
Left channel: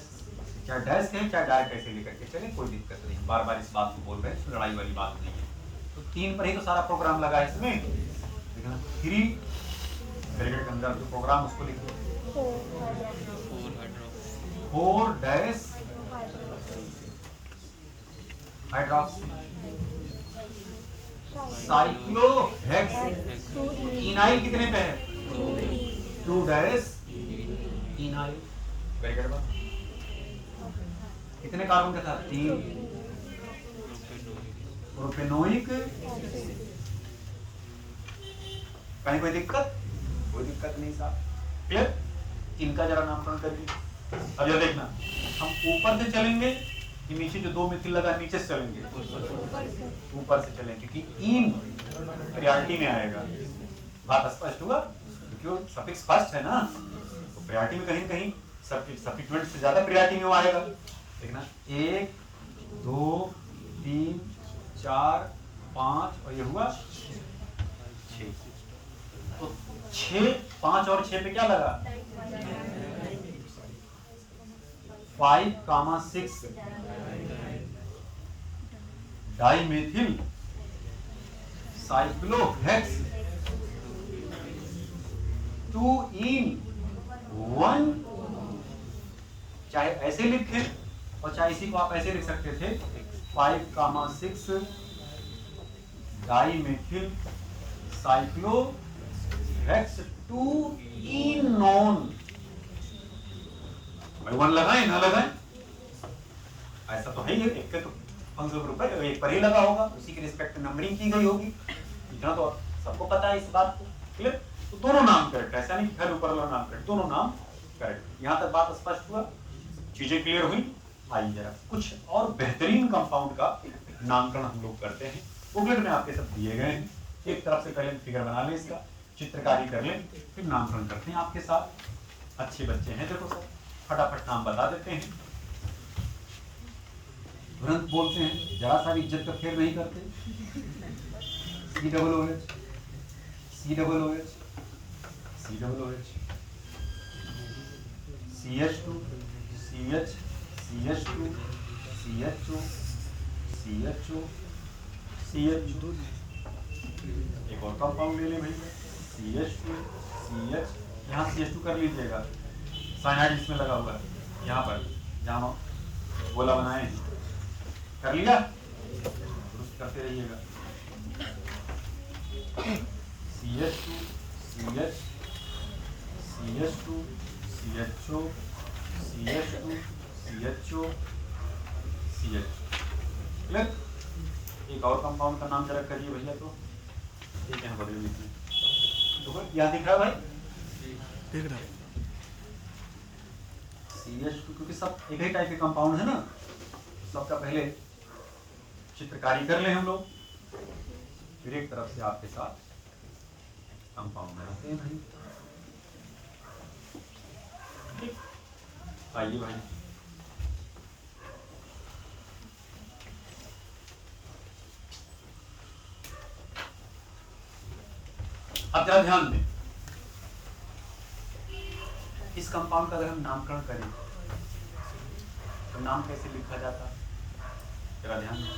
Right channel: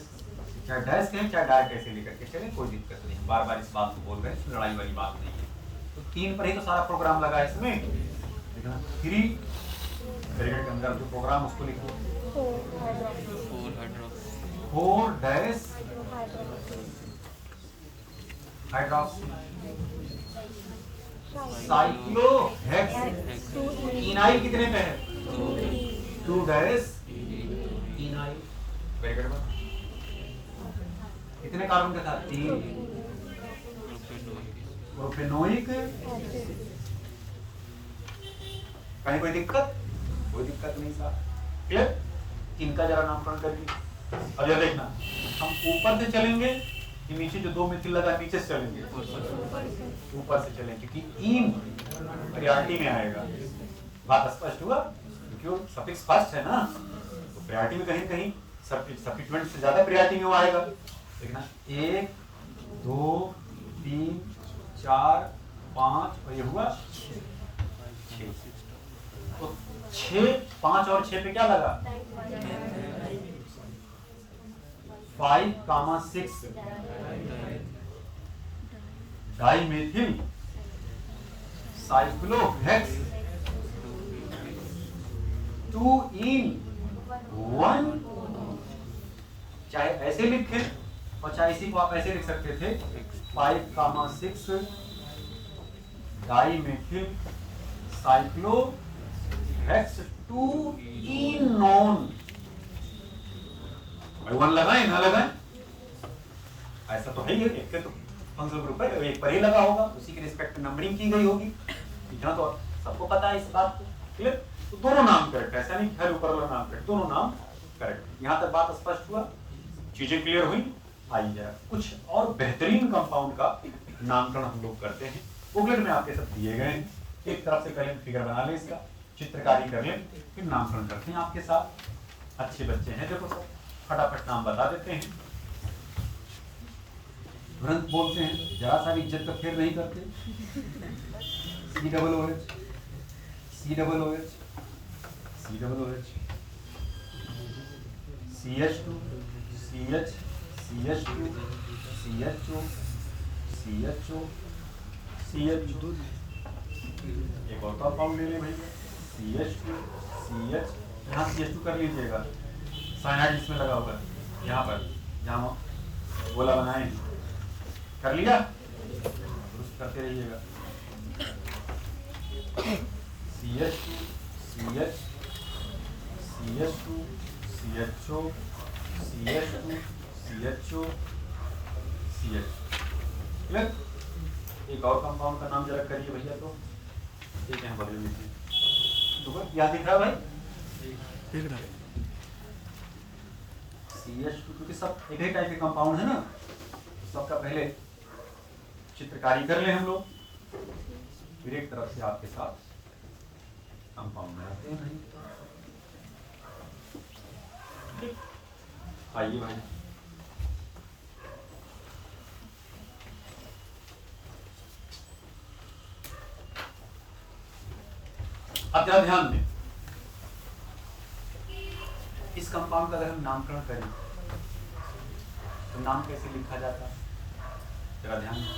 क्या डैश कहें क्या डाय कैसे लेकर के चले, कोई दिक्कत नहीं, बार बार इस बात को बोल रहे हैं, लड़ाई वाली बात नहीं है। तो 3 पर ही तो सारा प्रोग्राम लगा है इसमें, देखना 3 ब्रैकेट के अंदर जो प्रोग्राम उसको लिखो 4 डैश हाइड्रोक्सी साइक्लोहेक्स इनाइल कितने पे है? 2 डैश इनाइल ब्रैकेट में कितने कार्बन के साथ? 3 प्रोपेनोइक। कहीं कोई दिक्कत? कोई दिक्कत नहीं साहब, क्लियर। इनका जरा नामकरण करिए। अब यह देखना हम ऊपर से चलेंगे कि नीचे जो 2 मिथिल लगा नीचे से चलेंगे? ऊपर से चलेंगे क्योंकि इन प्रायोरिटी में आएगा। बात स्पष्ट हुआ? क्यों सफिक्स फर्स्ट है ना, तो प्रायोरिटी में कहीं कहीं सब्स्टिट्यूएंट से ज्यादा प्रायोरिटी में आएगा। देखना 1 2 3 4 5 और ये हुआ 6। तो 6 5 और 6 पे क्या लगा? 5, 6 डाइमेथिल साइक्लोहेक्स 2 in 1। चाहे ऐसे लिखे और चाहे इसी को आप ऐसे लिख सकते थे 5, 6 डाइमेथिल साइक्लोहेक्स 2 in नॉन। भाई 1 लगाए ना लगाए, ऐसा तो है ही, एक के तो फंक्शनल ग्रुप है, एक पर ही लगा होगा, उसी के रिस्पेक्ट में नंबरिंग की गई होगी, इतना तो सबको पता है इस बात को, क्लियर। तो दोनों नाम करेक्ट, ऐसा नहीं फिर ऊपर वाला नाम करेक्ट, दोनों नाम करेक्ट। यहाँ तक बात स्पष्ट हुआ, चीजें क्लियर हुई। आइए कुछ और बेहतरीन कंपाउंड का नामकरण हम लोग करते हैं। बुकलेट में आपके सब दिए गए हैं, एक तरफ से पहले फिगर बना लें, इसका चित्रकारी कर लें, फिर नामकरण करते हैं आपके साथ। अच्छे बच्चे हैं, देखो सर फटाफट नाम बता देते हैं, तुरंत बोलते हैं, जरा सा इज्जत का फेर नहीं करते। COOH COOH COOH CH2 CH CH2 CHO CHO CH2। एक और कंपाउंड ले लें भैया, CH2 CH, यहाँ CH2 कर लीजिएगा, साइनाइड इसमें लगा हुआ है, यहाँ पर जहाँ गोला बनाए कर लिया, दुरुस्त करते रहिएगा। CH2 CH CH2 CHO CH2 CHO CH। Clear. एक और कंपाउंड का नाम जरा करिए भैया, तो ठीक है बड़े में तो यहाँ दिख रहा है भाई, दिख रहा है CH2, क्योंकि सब एक ही टाइप के कंपाउंड है ना, सबका पहले चित्रकारी कर ले हम लोग, फिर एक तरफ से आपके साथ कंपाउंड बनाते हैं भाई। आइए भाई, अब जरा ध्यान दें, इस कंपाउंड का अगर हम नामकरण करें तो नाम कैसे लिखा जाता है, जरा ध्यान दें।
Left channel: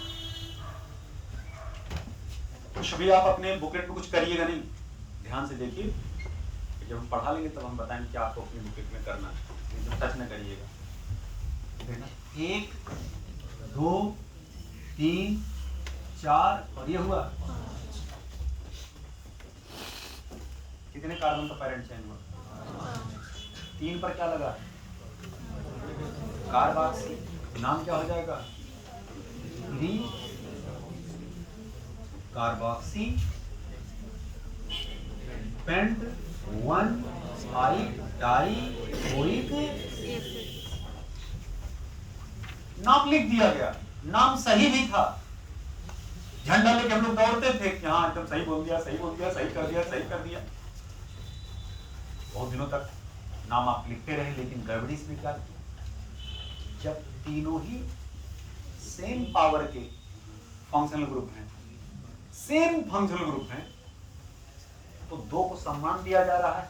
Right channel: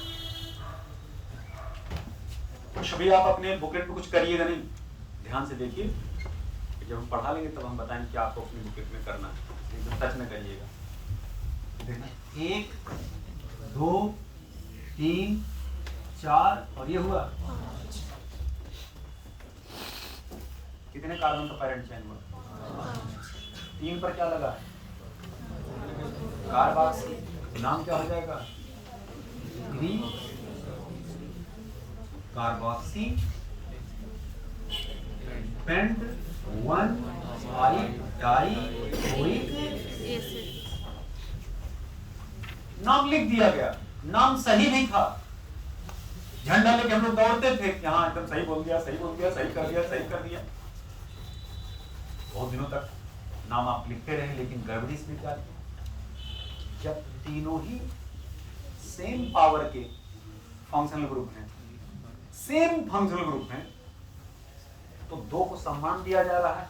कुछ भी आप अपने बुकलेट में कुछ करिएगा नहीं, ध्यान से देखिए, जब हम पढ़ा लेंगे तब हम बताएंगे कि आपको अपनी बुकलेट में करना है, एकदम टच में करिएगा। देखना 1 2 3 4 और ये हुआ कितने कार्बन का पैरेंट चेन हुआ? 3 पर क्या लगा? कार्बोक्सी नाम क्या हो जाएगा? 3 कार्बोक्सी पेंट 1 5 डाइओइक। नाम लिख दिया गया, नाम सही भी था। झंडा लेके हम लोग दौड़ते थे कि हाँ एकदम सही बोल दिया, सही बोल दिया, सही कर दिया, सही कर दिया। बहुत दिनों तक नाम आप लिखते रहे, लेकिन गड़बड़ी इसमें क्या थी? जब तीनों ही सेम पावर के फंक्शनल ग्रुप हैं, सेम फंक्शनल ग्रुप हैं, तो दो को सम्मान दिया जा रहा है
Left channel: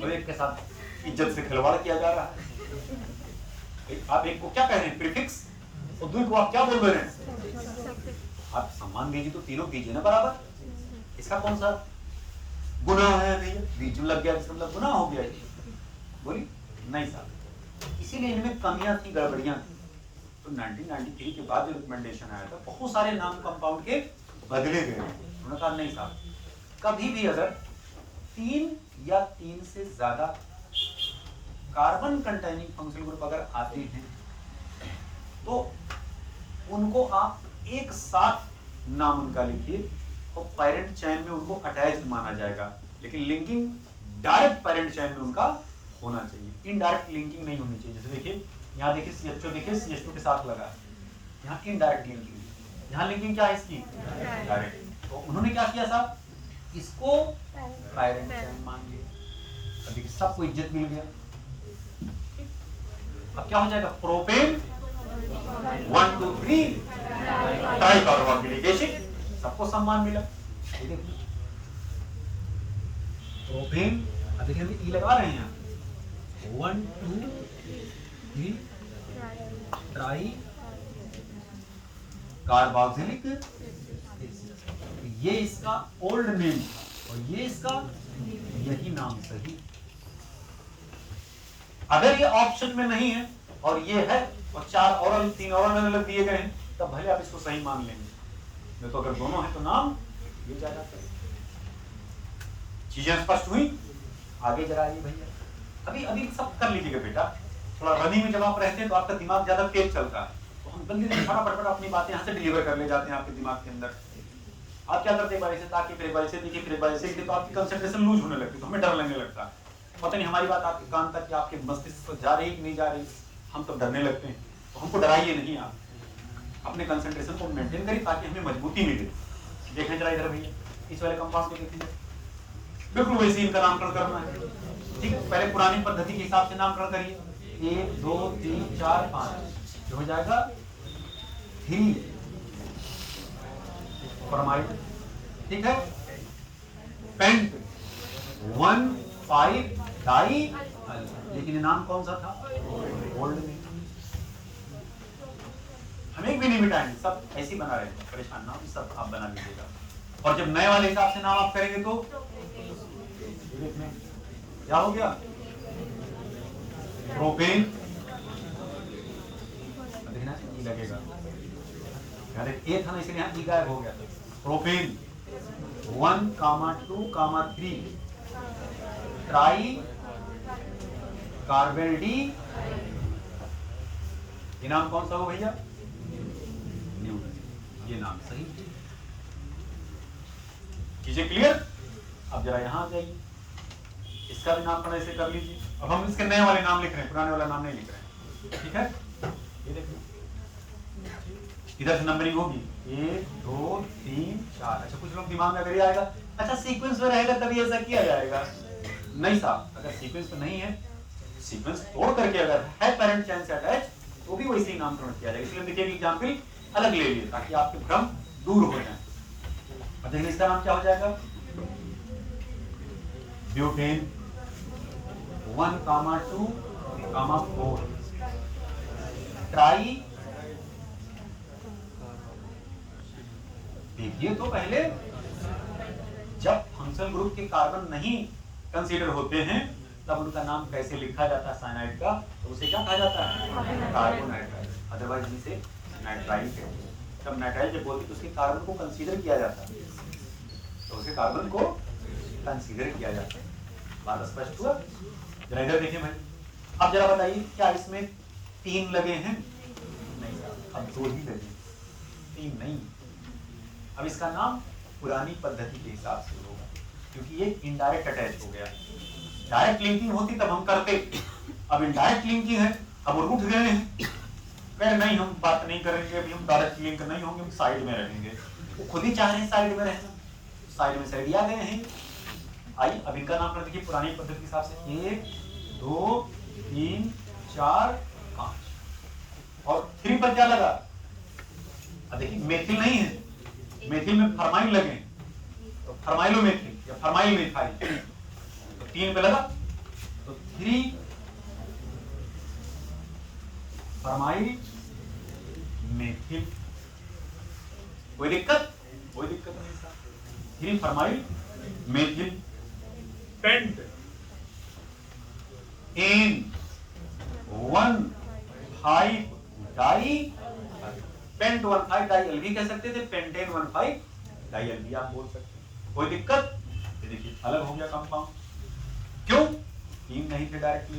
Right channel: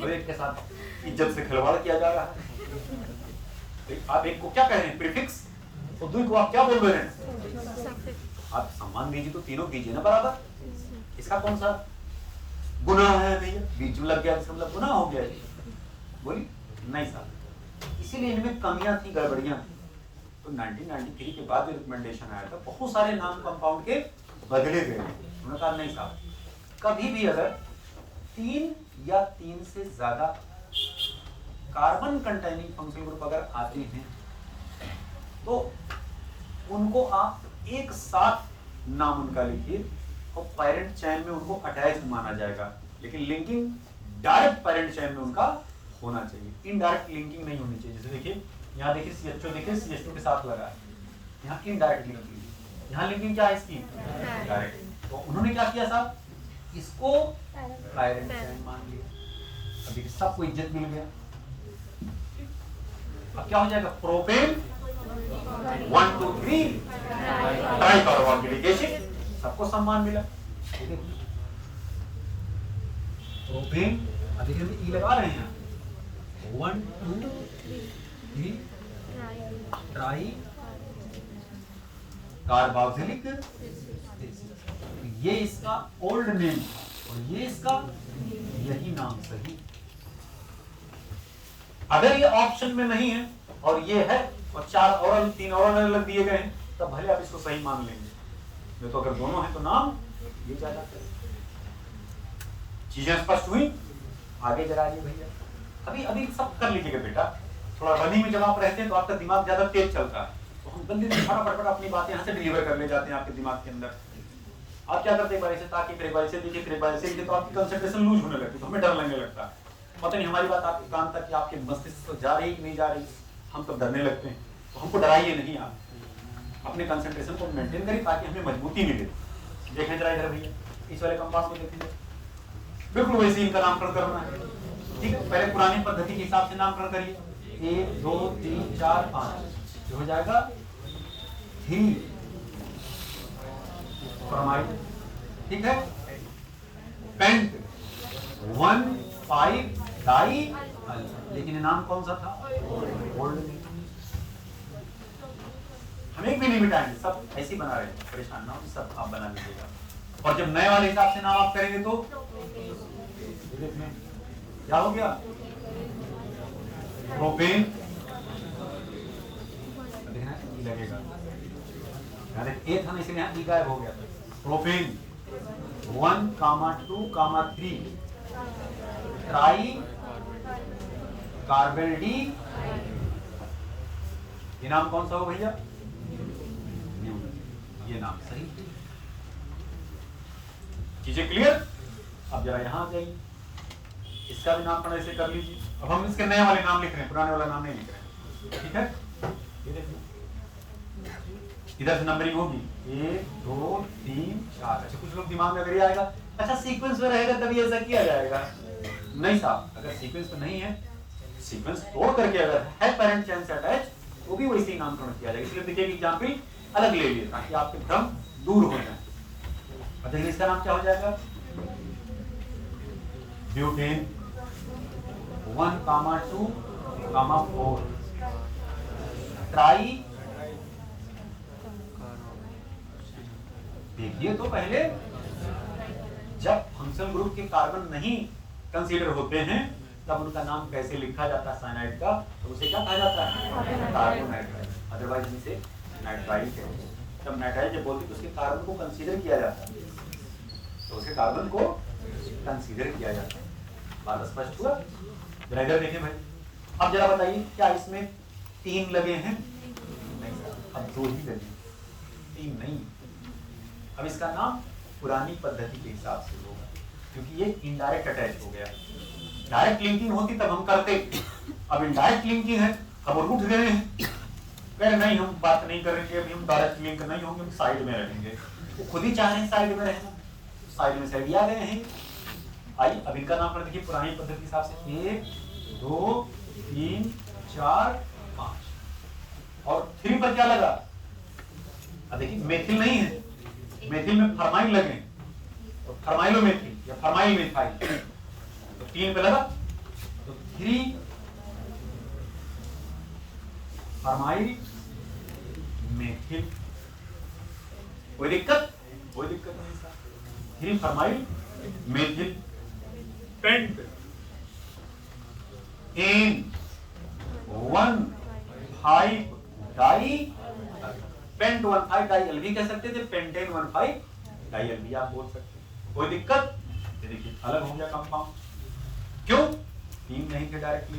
और एक के साथ इज्जत से खिलवाड़ किया जा रहा है। आप एक को क्या कह रहे हैं? प्रीफिक्स। और दूसरे को आप क्या बोल रहे हैं? आप सम्मान दीजिए तो तीनों दीजिए ना बराबर। इसका कौन सा गुनाह है भैया? बीच में लग गया इसका मतलब गुनाह हो गया? बोली नहीं साहब। इसीलिए इनमें कमियां थी, गड़बड़ियां थी। तो 1993 के बाद जो रिकमेंडेशन आया था, बहुत सारे नाम कंपाउंड के बदले गए। उन्होंने कहा नहीं साहब, कभी भी अगर 3 या 3 से ज्यादा कार्बन कंटेनिंग फंक्शनल ग्रुप अगर आते हैं तो उनको आप एक साथ नाम उनका लिखिए और पेरेंट चेन में उनको अटैच्ड माना जाएगा, लेकिन लिंकिंग डायरेक्ट पेरेंट चेन में उनका होना चाहिए, इनडायरेक्ट लिंकिंग नहीं होनी चाहिए। जैसे देखिए यहाँ देखिए CH2 देखिए CH2 के साथ लगा है, यहाँ इनडायरेक्ट लिंकिंग, यहाँ लिंकिंग क्या है इसकी? डायरेक्ट। तो उन्होंने क्या किया साहब? इसको पेरेंट चेन मान लिया। अभी सबको इज्जत मिल गया। अब क्या हो जाएगा? प्रोपेन 1 2 3 ट्राइकार्बोक्सिलिक एसिड, सबको सम्मान मिला। प्रोपेन, अब देखिए हम ई लगा रहे हैं, 1 2 3 ट्राई कार्बोक्सिलिक एसिड। ये इसका ओल्ड नेम और ये इसका यही नाम सही। अगर ये ऑप्शन में नहीं है और ये है और 4 और 3 और अलग दिए गए हैं, तब भले आप इसको सही मान लेंगे। नहीं तो अगर दोनों है तो नाम ये ज्यादा करें। चीजें स्पष्ट हुई? आगे जरा आइए भैया। अभी सब कर लीजिएगा बेटा। थोड़ा रनिंग में जब आप रहते हैं तो आपका दिमाग ज्यादा तेज चलता है, तो हम जल्दी से फटाफट अपनी बातें यहाँ से डिलीवर करने जाते हैं आपके दिमाग के अंदर। आप क्या करते हैं? ताकि देखिए तो आपकी कंसंट्रेशन लूज होने लगती है, तो हमें डर लगने लगता है। पता नहीं हमारी बात आपके कान तक, आपके मस्तिष्क पर जा रही कि नहीं जा रही, हम तो डरने लगते हैं। तो हमको डराइए नहीं, आप अपने कंसंट्रेशन को मेंटेन करिए ताकि हमें मजबूती मिले। देखें जरा इधर भैया, इस वाले कंपाउंड को देखिए, बिल्कुल वैसे इनका नामकरण करना है। ठीक है, पहले पुरानी पद्धति के हिसाब से नामकरण करिए। 1 2 3 4 5 हो जाएगा 3 फॉर्माइड। ठीक है, पेंट 1 5 डाई, लेकिन नाम कौन सा था? ओल्ड। हम एक भी नहीं मिटाएंगे, सब ऐसे बना रहे हैं, परेशान ना, सब आप बना लीजिएगा। और जब नए वाले हिसाब से नाम आप करेंगे तो क्या हो गया? प्रोपेन लगेगा, ए था इसलिए यहाँ गायब हो गया। प्रोपेन 1 2 3 ट्राई कार्बन डी, ये नाम कौन सा हो भैया? ये नाम सही। चीजें क्लियर? अब जरा यहां आ जाइए, इसका भी नामकरण ऐसे कर लीजिए। अब हम इसके नए वाले नाम लिख रहे हैं, पुराने वाला नाम नहीं लिख रहे हैं। ठीक है, ये देखिए इधर से नंबरिंग होगी 1 2 3 4। अच्छा, कुछ लोग दिमाग में अगर ये आएगा, अच्छा सीक्वेंस में रहेगा तभी ऐसा किया जाएगा। नहीं साहब, अगर सीक्वेंस में नहीं है, सीक्वेंस तोड़ करके अगर है पेरेंट चेन से अटैच, तो भी वैसे ही नामकरण किया जाएगा। इसलिए देखिए एग्जाम्पल अलग ले लिए ताकि आपके भ्रम दूर हो जाए। और देखिए इसका नाम क्या हो जाएगा? Butane 1 2 4 try. देखिए तो पहले जब फंक्शनल ग्रुप के कार्बन नहीं कंसीडर होते हैं तब उनका नाम कैसे लिखा जाता है साइनाइड का? तो उसे क्या कहा जाता है? कार्बोनाइट्राइल, अदरवाइज इसे नाइट्राइल कहते हैं। जब नाइट्राइल जब बोलते तो उसके कार्बन को कंसीडर किया जाता है, तो उसके कार्बन को कंसीडर किया जाता है। बात स्पष्ट हुआ? जरा इधर देखिए भाई, अब जरा बताइए क्या इसमें 3 लगे हैं? अब 2 ही लगे, 3 नहीं। अब इसका नाम पुरानी पद्धति के हिसाब से होगा, क्योंकि ये इनडायरेक्ट अटैच हो गया। डायरेक्ट लिंकिंग होती तब हम करते, अब इनडायरेक्ट लिंकिंग है, अब वो रुक गए हैं, कह नहीं हम बात नहीं करेंगे, अभी हम डायरेक्ट लिंक नहीं होंगे, साइड में रहेंगे। वो खुद ही चाह रहे हैं साइड में रहना, साइड में साइड आ गए हैं। आइए अब इनका नाम कर देखिए पुरानी पद्धति के हिसाब से 1 2 3 4 5 और 3 पर क्या लगा? अब देखिए मेथिल नहीं है, मेथिल में फरमाइल लगे, तो फरमाइलो मेथिल या फरमाइल मेथाइल, तो 3 पे लगा, तो 3 फरमाइल मेथिल। कोई दिक्कत? कोई दिक्कत नहीं। 3 formyl methyl pent in 1,5 di, pent 1,5 dial भी कह सकते थे, पेंटेन 1,5 डाई एल भी आप बोल सकते हैं। कोई दिक्कत? ये देखिए अलग हो गया कंपाउंड। क्यों? 3 नहीं थे डायरेक्टली,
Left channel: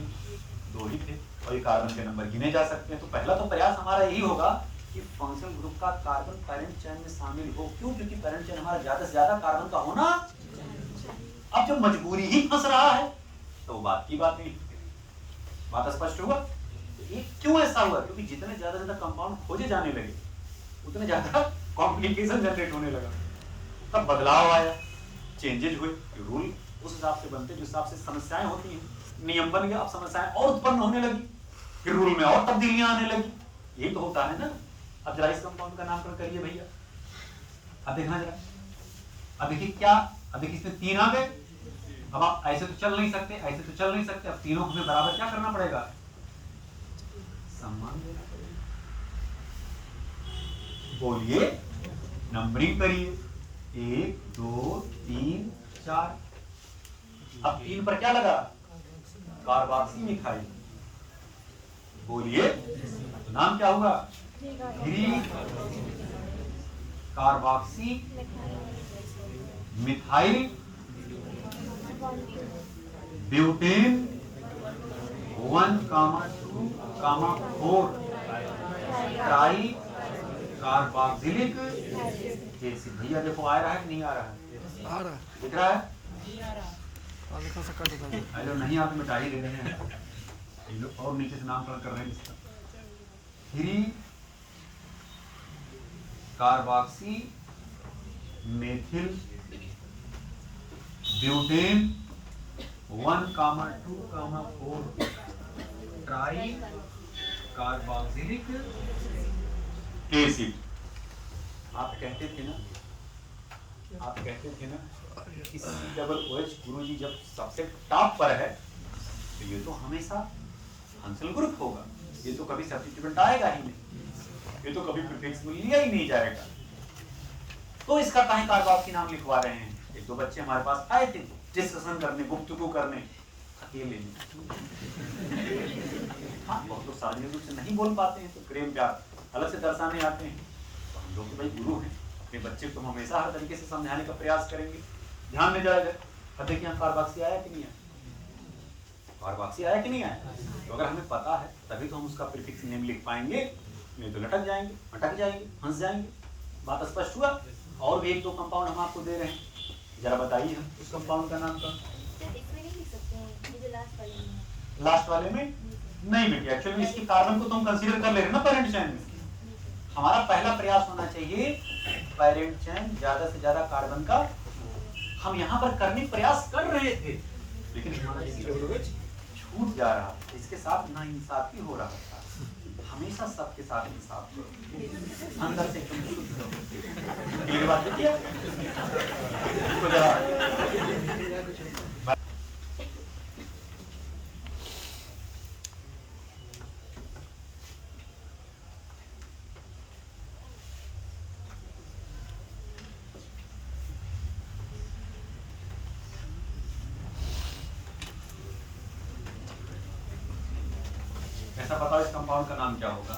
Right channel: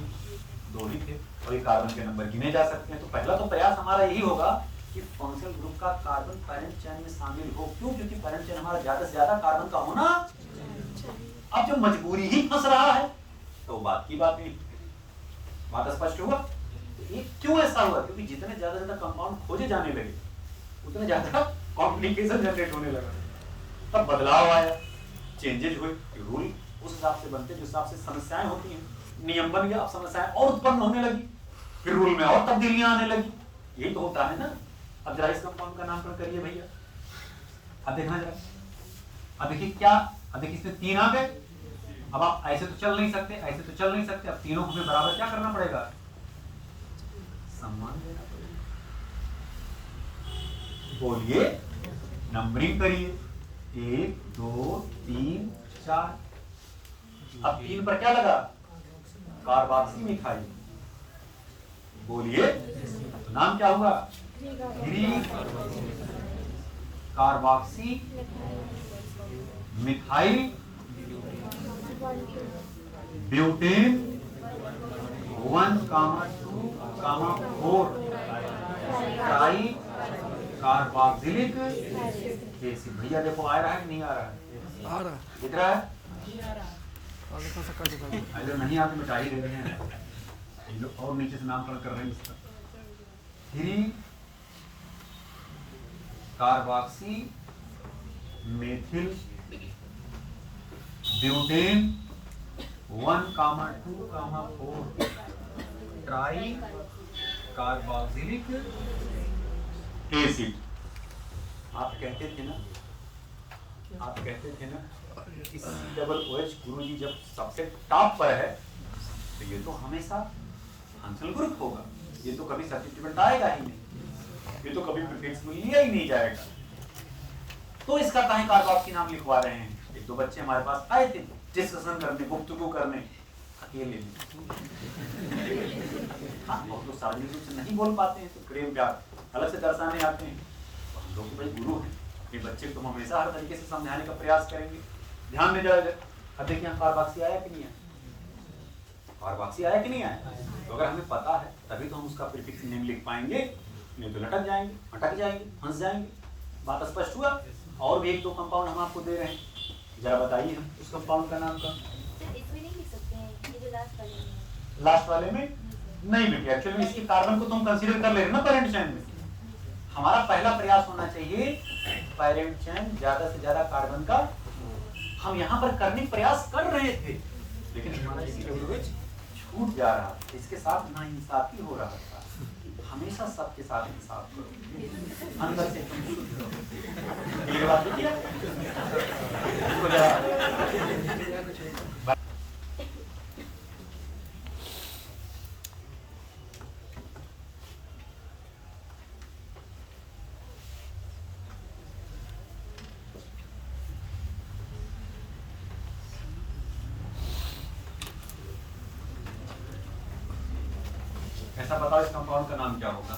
2 ही थे और ये कार्बन के नंबर गिने जा सकते हैं। तो पहला तो प्रयास हमारा यही होगा कि फंक्शनल ग्रुप का कार्बन पैरेंट चेन में शामिल हो। क्यों? क्योंकि पैरेंट चेन हमारा ज्यादा से ज्यादा कार्बन का होना। अब जो मजबूरी ही फंस रहा है तो बात की बात नहीं। बात स्पष्ट हुआ? तो ये क्यों ऐसा हुआ? क्योंकि जितने ज्यादा ज्यादा कंपाउंड खोजे जाने लगे उतने ज्यादा कॉम्प्लिकेशन जनरेट होने लगा। तब बदलाव आया, चेंजेज हुए, रूल उस हिसाब से बनते जिस हिसाब से समस्याएं होती हैं, नियम बन गया, अब समस्याएं और उत्पन्न होने लगी, फिर रूल में और तब्दीलियां आने लगी। यही तो होता है ना। अब जरा इस कंपाउंड का नामकरण करिए भैया। अब देखना जरा, अब देखिए क्या, अब देखिए इसमें 3 आ गए। अब आप ऐसे तो चल नहीं सकते, ऐसे तो चल नहीं सकते, अब तीनों को हमें बराबर क्या करना पड़ेगा? सम्मान देना पड़ेगा। बोलिए, नंबरिंग करिए, 1 2 3 4। अब 3 पर क्या लगा? Carboxy methyl. बोलिए, तो नाम क्या हुआ? 3 carboxy methyl butane 1,2,4 try carboxylic acid. भैया देखो आ रहा है कि नहीं आ रहा है? आ रहा है, दिख रहा है? कर अगर नहीं आते मिटा ही दे रहे हैं, ये लोग और नीचे से नामकरण कर रहे हैं इसका। 3 carboxy methyl butane 1,2,4 try carboxylic acid. आप कहते थे ना, आप कहते थे ना कि COOH गुरुजी जब सबसे टॉप पर है तो ये तो हमेशा फंक्शनल ग्रुप होगा, ये तो कभी सब्स्टिट्यूएंट आएगा ही नहीं, ये तो कभी प्रीफिक्स में लिया ही नहीं जाएगा। तो इसका काहे कार्बोक्सी नाम लिखवा रहे हैं? 1-2 बच्चे हमारे पास आए थे डिस्कशन करने, गुफ्तगू करने, अकेले में। हाँ, बहुत लोग सार्वजनिक रूप से नहीं बोल पाते हैं तो प्रेम प्यार अलग से दर्शाने आते हैं। तो हम लोग भाई गुरु हैं, अपने बच्चे को हम हमेशा हर तरीके से समझाने का प्रयास करेंगे। ध्यान में जाएगा। अब देखिए यहाँ कार्बोक्सी आया कि नहीं आया? कार्बोक्सी आया कि नहीं आया? तो अगर हमें पता है तभी तो हम उसका प्रीफिक्स नेम लिख पाएंगे, नहीं तो लटक जाएंगे, अटक जाएंगे, फंस जाएंगे। बात स्पष्ट हुआ? और भी 1-2 कंपाउंड हम आपको दे रहे हैं, जरा बताइए हम उस कंपाउंड का नाम का। इसमें नहीं लिख सकते हैं, ये जो लास्ट वाले में है। लास्ट वाले में नहीं बेटी, एक्चुअली इसकी कार्बन को तुम कंसीडर कर ले रहे ना पैरेंट चेन में। हमारा पहला प्रयास होना चाहिए पैरेंट चेन ज्यादा से ज्यादा कार्बन का। हम यहाँ पर करने प्रयास कर रहे थे लेकिन हमारा COOH छूट जा रहा था, इसके साथ नाइंसाफी हो रहा था। हमेशा सबके साथ इंसाफ करो, अंदर से तुम शुद्ध हो। ये बात देखिए इसको जरा ऐसा बताओ इस कंपाउंड का नाम क्या होगा?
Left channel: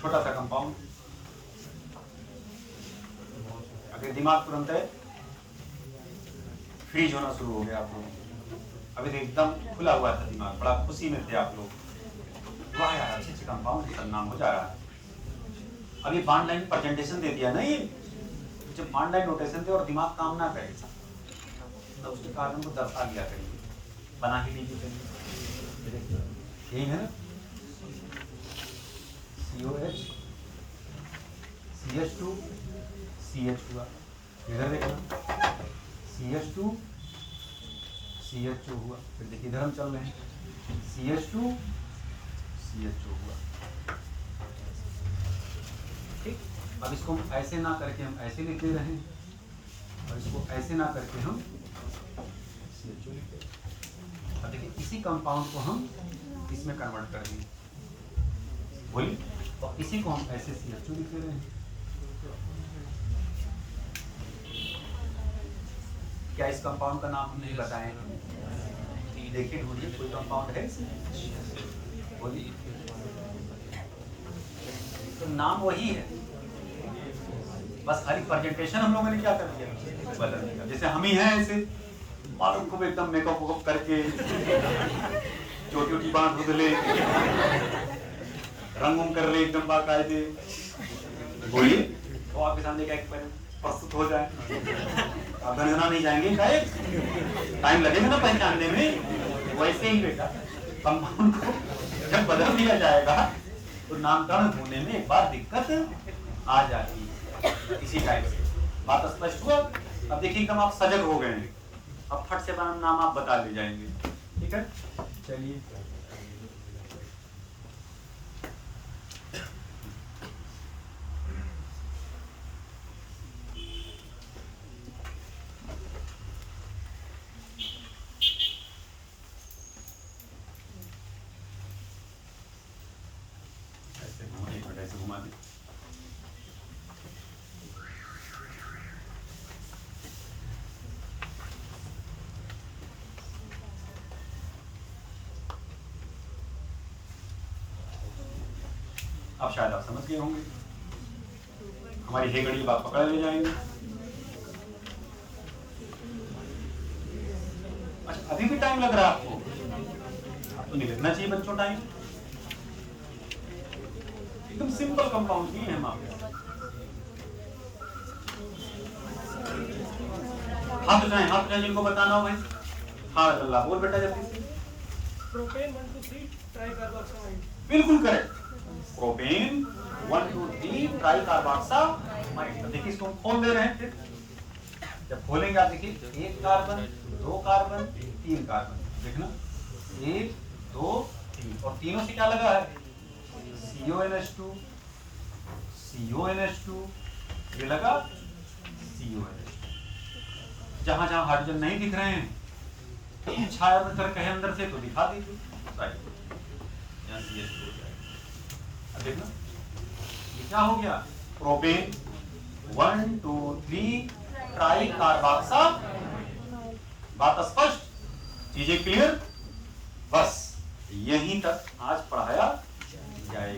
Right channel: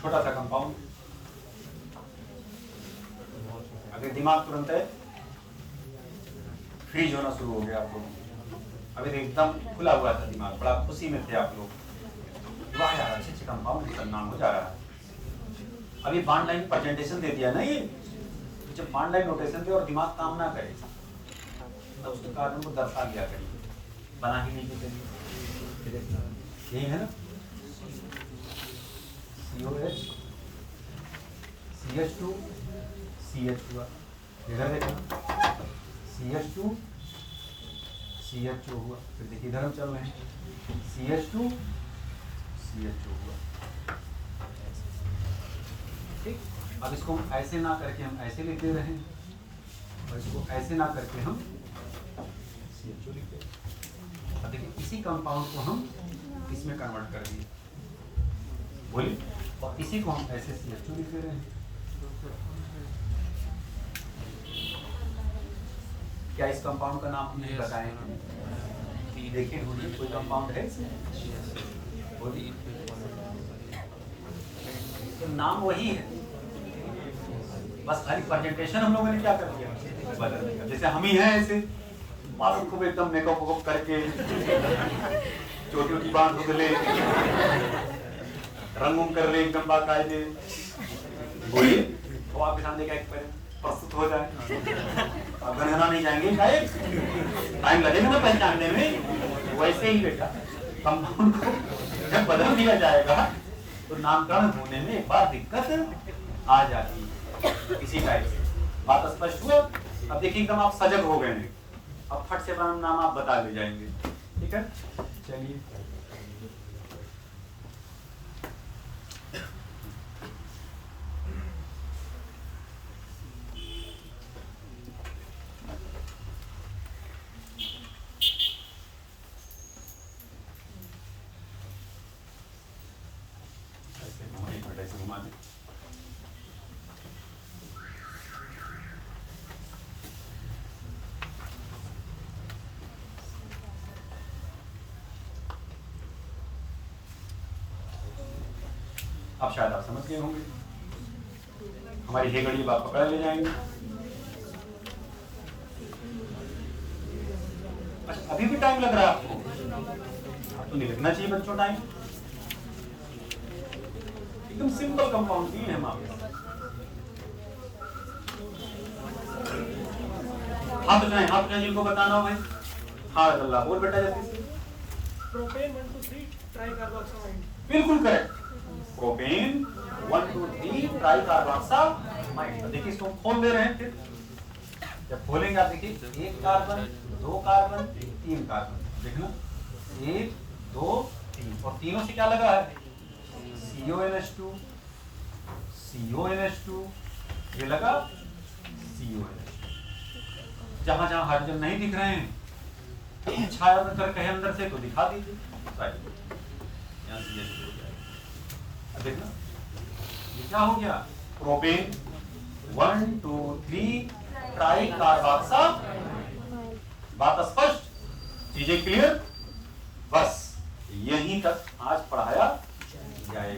छोटा सा कंपाउंड। अभी दिमाग तुरंत है फ्रीज होना शुरू हो गया आप लोगों को। अभी तो एकदम खुला हुआ था दिमाग, बड़ा खुशी में थे आप लोग, वाह यार अच्छे कंपाउंड का नाम हो जा रहा है। अभी बॉन्ड लाइन प्रेजेंटेशन दे दिया नहीं, जब बॉन्ड लाइन नोटेशन दे और दिमाग काम ना करे तो उसके कारण को दर्शा दिया करिए, बना ही नहीं करिए। यही है ना, COH CH2 CH हुआ, इधर देखना CH2 CH2 हुआ, फिर देखिए इधर हम चल रहे हैं CH2 CH2 हुआ। ठीक, अब इसको हम ऐसे ना करके हम ऐसे लिख दे रहे हैं और इसको ऐसे ना करके हम CH2 लिख दे रहे हैं। अब देखिए इसी कंपाउंड को हम इसमें कन्वर्ट कर दिए, बोलिए, और इसी को हम ऐसे CH2 लिख दे रहे हैं। क्या इस कंपाउंड का नाम हम नहीं बताएं? देखिए बोलिए, कोई कंपाउंड है बोलिए, तो नाम वही है, बस खाली प्रेजेंटेशन हम लोगों ने क्या कर दिया, बदल दिया। जैसे हम ही हैं ऐसे मालूम को एकदम मेकअप वेकअप करके छोटी छोटी बांध उधले रंग कर ले एकदम बाकायदे, बोलिए तो आपके सामने का एक प्रस्तुत हो जाए। अब गणना नहीं जाएंगे, टाइम लगेगा ना पहचानने में। वैसे ही बेटा कंपाउंड को जब बदल दिया जाएगा तो नामकरण होने में एक बार दिक्कत आ जाती है। इसी टाइप से बात स्पष्ट हुआ। अब देखिए एकदम आप सजग हो गए हैं, अब फट से नाम आप बता ले जाएंगे। ठीक है, चलिए ऐसे घुमा दे। अब शायद आप समझ गए होंगे, हमारी हे घड़ी आप पकड़ ले जाएंगे। अच्छा अभी भी टाइम लग रहा है आपको नहीं लगना चाहिए बच्चों टाइम। एकदम सिंपल कंपाउंड ही है हमारे। हाथ उठाएं जिनको बताना हो भाई। हाँ अल्लाह बोल बेटा जल्दी। प्रोपेन 1 2 3 ट्राइकार्बोक्सामाइड। बिल्कुल करेक्ट, प्रोपेन 1 2 3 ट्राइकार्बोक्सामाइड। देखिए इसको खोल दे रहे हैं, फिर जब खोलेंगे आप देखिए 1 कार्बन 2 कार्बन 3 कार्बन, देखना 1 2 3 और तीनों से क्या लगा है CONH2 CONH2, ये लगा CONH। जहां जहां हाइड्रोजन नहीं दिख रहे हैं छाया में करके है अंदर से तो दिखा दीजिए, यहाँ CH2 हो जाएगा। अब देखना ये क्या हो गया, प्रोपेन 1 2 3 ट्राइकार्बोक्सामाइड। बात स्पष्ट, चीजें क्लियर, बस यहीं तक आज पढ़ाया जाएगा।